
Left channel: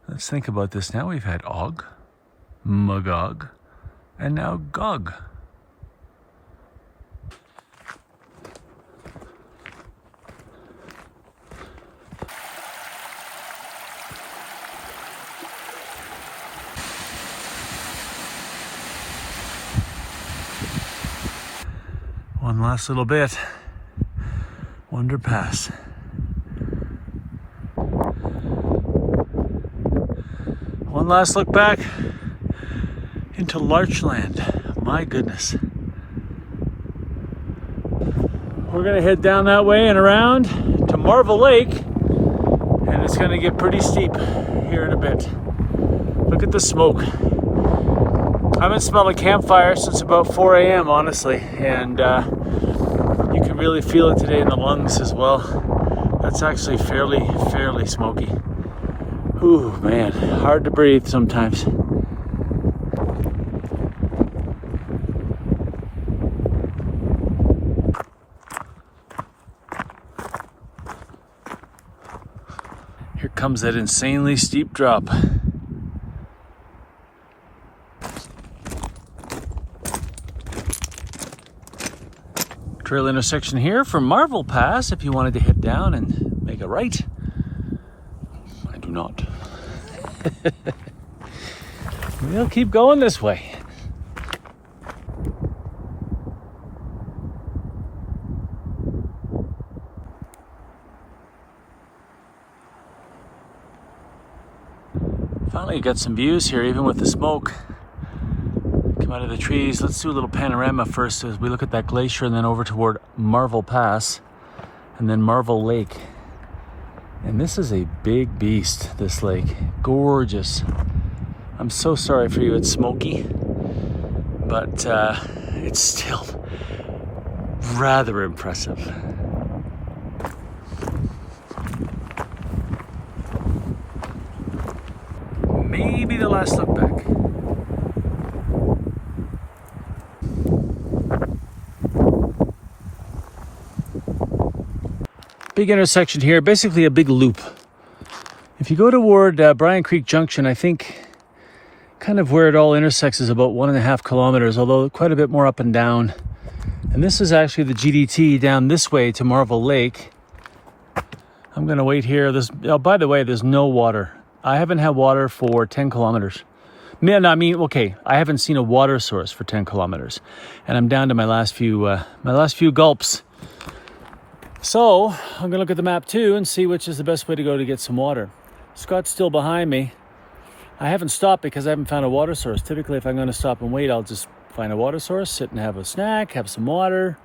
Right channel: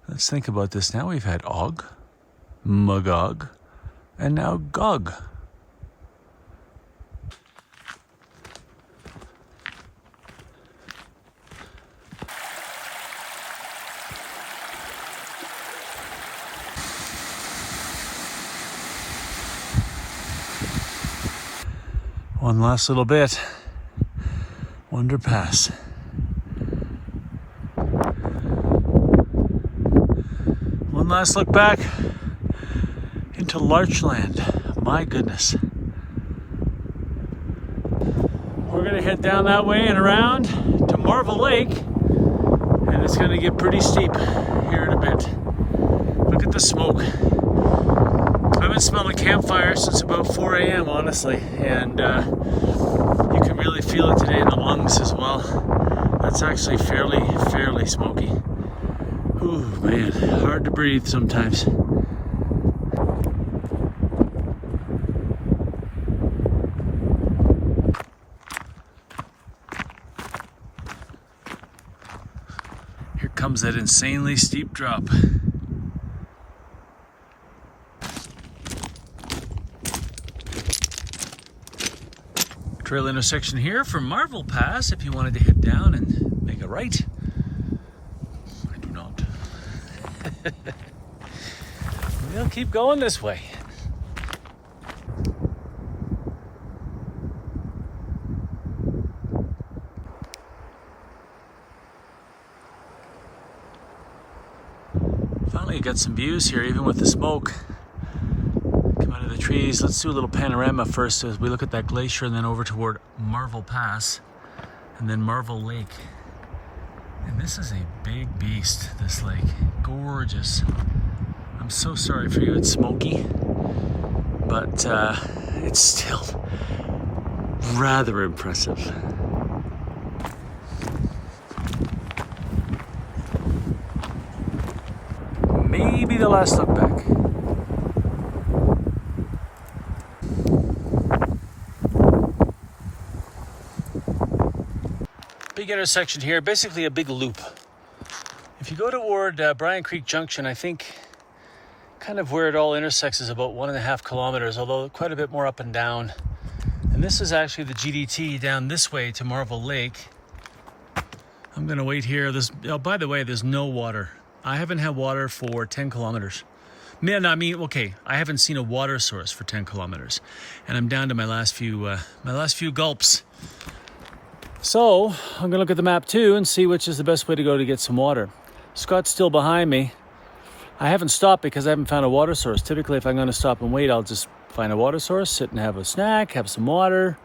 Let's think about this now. We've had Og, Magog, and now Gog. One last little bit. Wonder Pass. One last look back into Larchland. My goodness. We're gonna head down that way and around to Marvel Lake, and it's gonna get pretty steep here in a bit. Look at the smoke. I haven't smelled a campfire since about 4 a.m. honestly, and you can really feel it today in the lungs as well. That's actually fairly smoky. Ooh, man, hard to breathe sometimes. Here comes that insanely steep drop. Trail intersection here for Marvel Pass if you wanted to head down and make a right. I do not. We'll keep going this way. Finally got some views here, even with the smoke. Come out of the trees. Let's do a little panorama first as we look at that glacier and then over toward Marvel Pass and then Marvel Lake. And this is a big beast, this lake. Gorgeous. I'm so sorry for you, it's smoky, but it's still rather impressive. Maybe the last look back. Big intersection here, basically a big loop. If you go toward Bryan Creek Junction, I think kind of where it all intersects is about 1.5 kilometers, although quite a bit more up and down. And this is actually the GDT down this way to Marvel Lake. I'm gonna wait here. Oh, by the way, there's no water. I haven't had water for 10 kilometers. I haven't seen a water source for 10 kilometers. And I'm down to my last few gulps. So I'm gonna look at the map too and see which is the best way to go to get some water. Scott's still behind me. I haven't stopped because I haven't found a water source. Typically, if I'm gonna stop and wait, I'll just find a water source, sit and have a snack, have some water.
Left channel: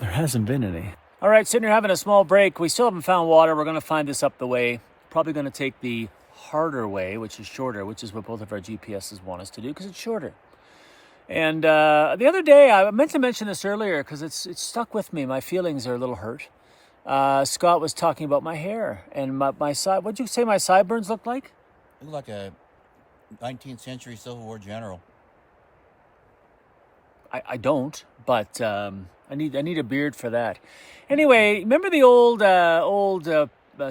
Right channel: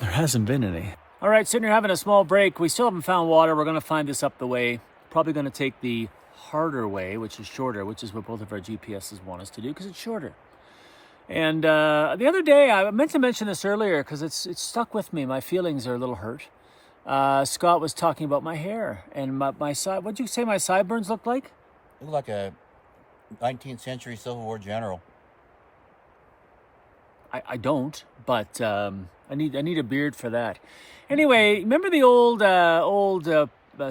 There hasn't been any. All right, sitting here having a small break. We still haven't found water. We're gonna find this up the way. Probably gonna take the harder way, which is shorter, which is what both of our GPSs want us to do because it's shorter. And the other day, I meant to mention this earlier because it's stuck with me. My feelings are a little hurt. Scott was talking about my hair and my side. What'd you say my sideburns look like? You look like a 19th century Civil War general. I don't, but I need a beard for that. Anyway, remember the old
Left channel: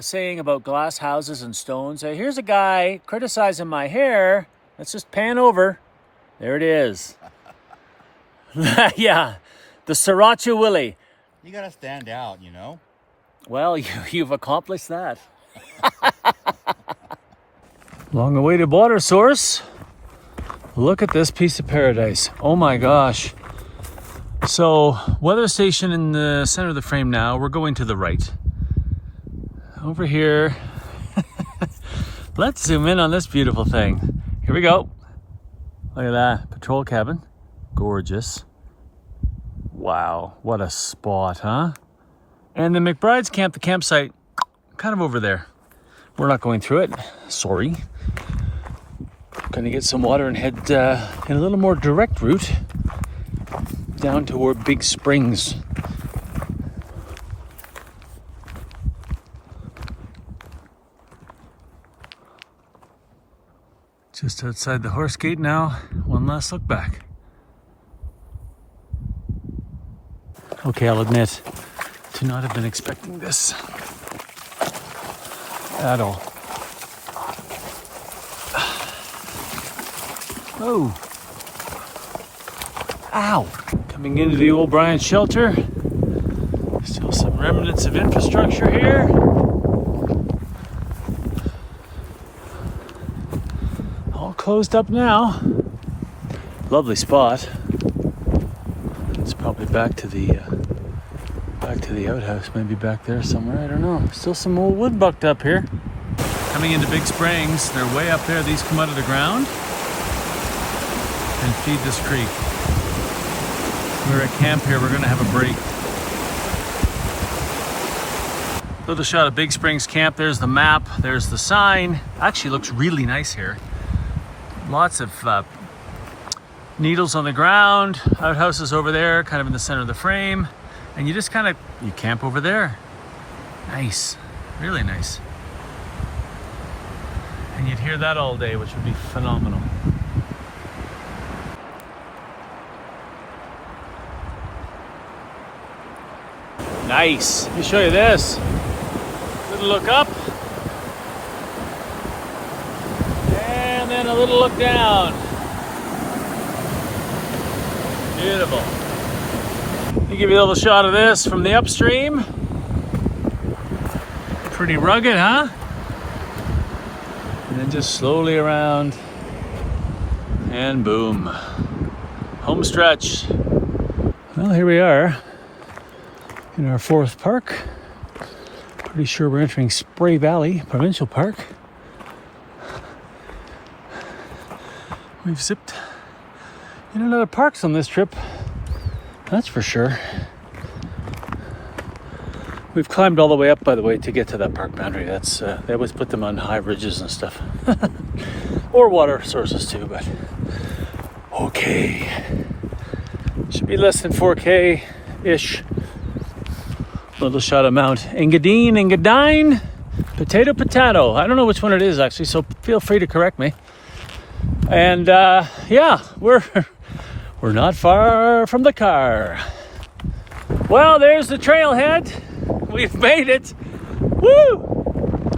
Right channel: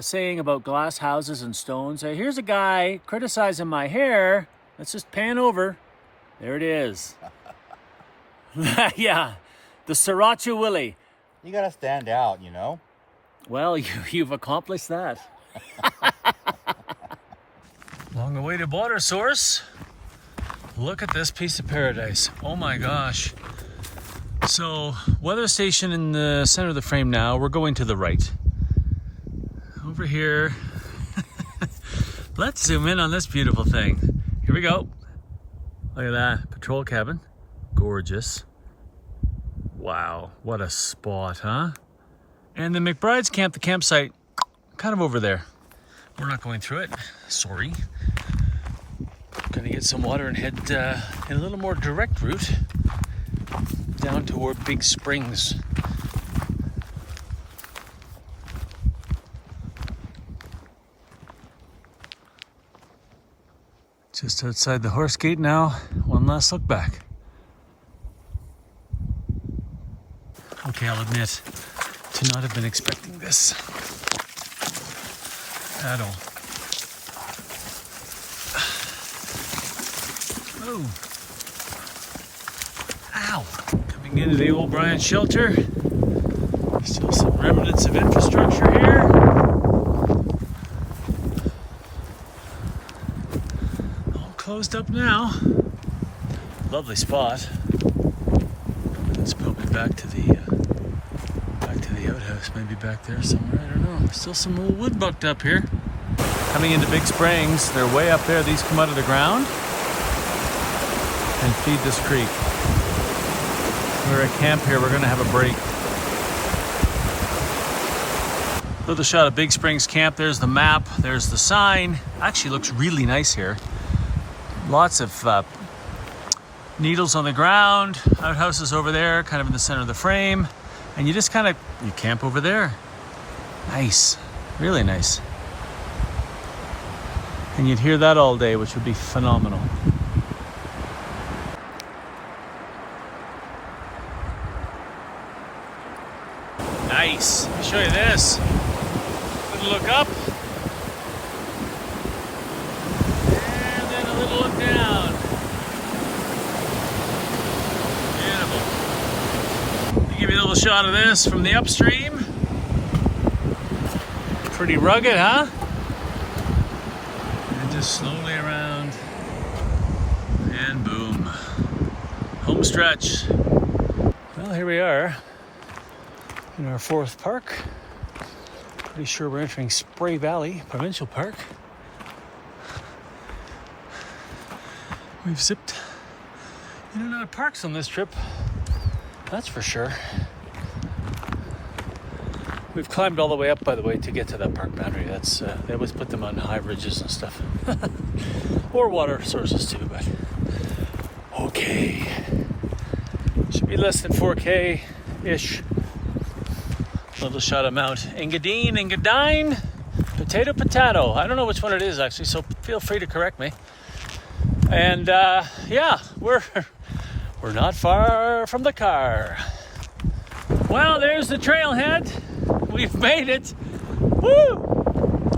saying about glass houses and stones? Here's a guy criticizing my hair. Let's just pan over. There it is. Yeah, the Sriracha Willie. You gotta stand out, you know? Well, you've accomplished that. Long-awaited water source. Look at this piece of paradise. Oh my gosh. So, weather station in the center of the frame now. We're going to the right. Over here. Let's zoom in on this beautiful thing. Here we go. Look at that. Patrol cabin. Gorgeous. Wow, what a spot, huh? And the McBride's camp, the campsite, kind of over there. We're not going through it. Sorry. Gonna get some water and head in a little more direct route down toward Big Springs. Just outside the horse gate now. One last look back. Okay, I'll admit to not have been expecting this at all. Oh. Ow. Coming into the old Bryan shelter. Still some remnants of infrastructure here. All closed up now. Lovely spot. It's probably back to the outhouse, maybe back there somewhere. I don't know. Still some old wood bucked up here. Coming into Big Springs, they're way up there. These come out of the ground and feed this creek. We're at camp here. We're going to have a break. Little shot of Big Springs camp. There's the map. There's the sign. Actually looks really nice here. Lots of needles on the ground. Outhouses over there, kind of in the center of the frame. And you just you camp over there. Nice. Really nice. And you'd hear that all day, which would be phenomenal. Nice. Let me show you this. Little look up. And then a little look down. Beautiful. Let me give you a little shot of this from the upstream. Pretty rugged, huh? And then just slowly around. And boom. Home stretch. Well, here we are. In our fourth park. Pretty sure we're entering Spray Valley Provincial Park. We've zipped in and out of parks on this trip, that's for sure. We've climbed all the way up, by the way, to get to that park boundary. They always put them on high ridges and stuff. Or water sources too, but okay. Should be less than 4K-ish. Little shot of Mount Engadine, potato. I don't know which one it is actually, so feel free to correct me. And yeah, we're not far from the car. Well, there's the trailhead. We've made it. Woo!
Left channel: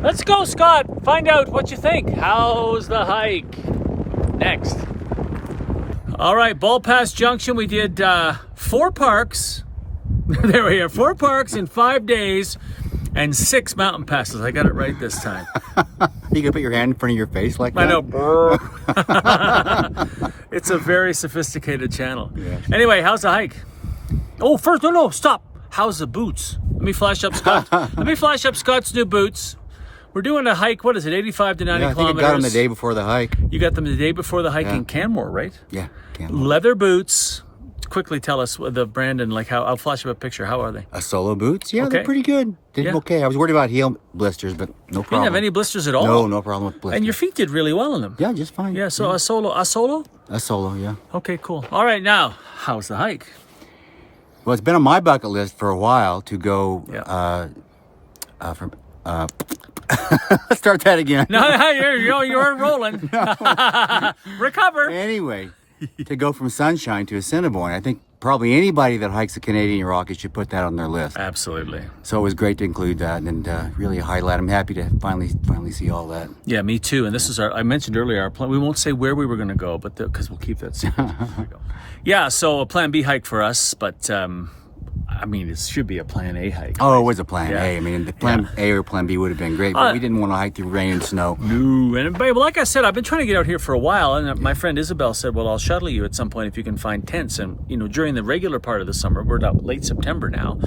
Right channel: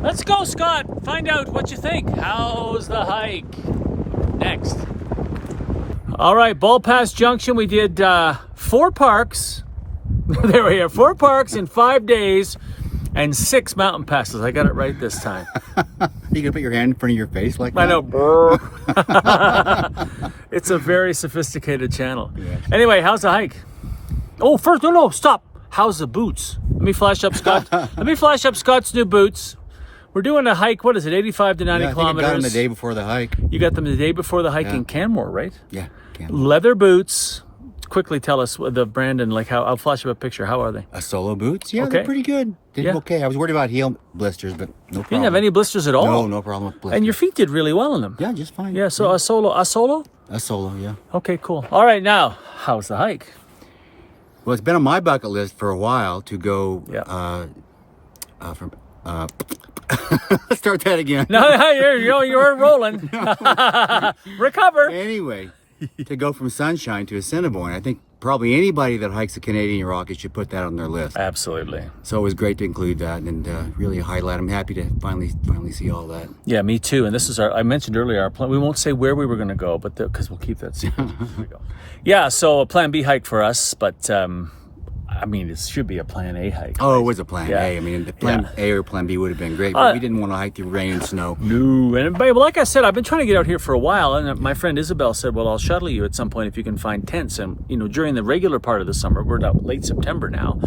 Let's go, Scott. Find out what you think. How's the hike? Next. All right, Ball Pass Junction. We did 4 parks. There we are. 4 parks in 5 days and 6 mountain passes. I got it right this time. You gonna put your hand in front of your face like that? I know. It's a very sophisticated channel. Yes. Anyway, how's the hike? Oh, first, no, stop. How's the boots? Let me flash up Scott. Let me flash up Scott's new boots. We're doing a hike. What is it? 85 to 90 kilometers. I got them the day before the hike. You got them the day before the hike in Canmore, right? Yeah. Leather boots. Quickly tell us the brand and like how. I'll flash up a picture. How are they? Solo boots? Yeah, Okay. they're pretty good. Did okay. I was worried about heel blisters, but no problem. You didn't have any blisters at all? No, no problem with blisters. And your feet did really well in them. Yeah, just fine. Yeah, so a solo? A solo, yeah. Okay, cool. All right, now, how's the hike? Well, it's been on my bucket list for a while to go start that again. No, you're rolling. Recover. Anyway, to go from Sunshine to Assiniboine, I think probably anybody that hikes the Canadian Rockies should put that on their list. Absolutely. So it was great to include that and really highlight. I'm happy to finally see all that. Yeah, me too. And this is I mentioned earlier, our plan. We won't say where we were going to go, but because we'll keep that secret. Here we go. Yeah, so a plan B hike for us, but I mean, it should be a plan A hike. Oh, right? it was a plan A. I mean, the plan A or plan B would have been great, but we didn't want to hike through rain and snow. No, and well, like I said, I've been trying to get out here for a while, and my friend Isabel said, well, I'll shuttle you at some point if you can find tents. And, during the regular part of the summer, we're now late September now,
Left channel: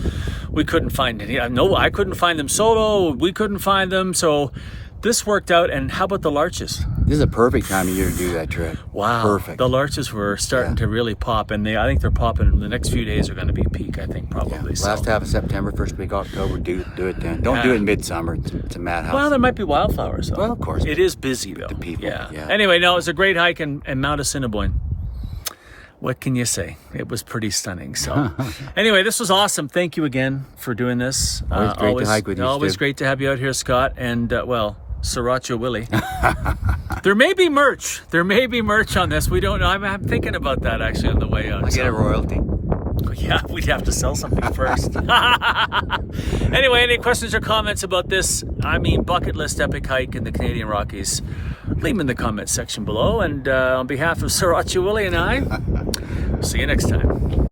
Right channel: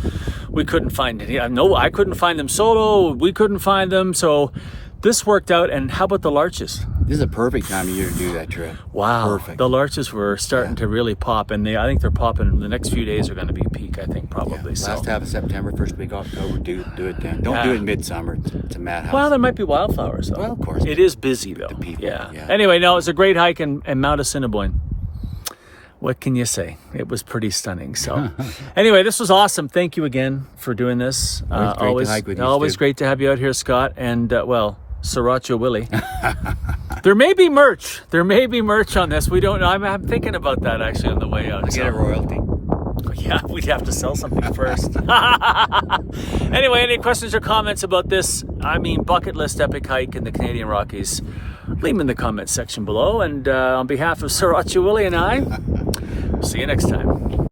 we couldn't find any. No, I couldn't find them solo. We couldn't find them. So this worked out. And how about the larches? This is a perfect time of year to do that trip. Wow. Perfect. The larches were starting to really pop, and I think they're popping. The next few days are going to be peak, I think, probably. Yeah. Last half of September, first week of October, do it then. Don't do it in midsummer. It's a madhouse. Well, there might be wildflowers, though. Well, of course. It is busy, though. The people, yeah. Anyway, no, it was a great hike in Mount Assiniboine. What can you say? It was pretty stunning. So anyway, this was awesome. Thank you again for doing this. Always great to hike with you, always Stu. great to have you out here, Scott. And, Sriracha Willie. There may be merch. There may be merch on this. We don't know. I'm thinking about that actually on the way out. Get a royalty. Yeah, we'd have to sell something first. Anyway, any questions or comments about this, bucket list epic hike in the Canadian Rockies, leave them in the comments section below. And on behalf of Sriracha Willie and I, see you next time.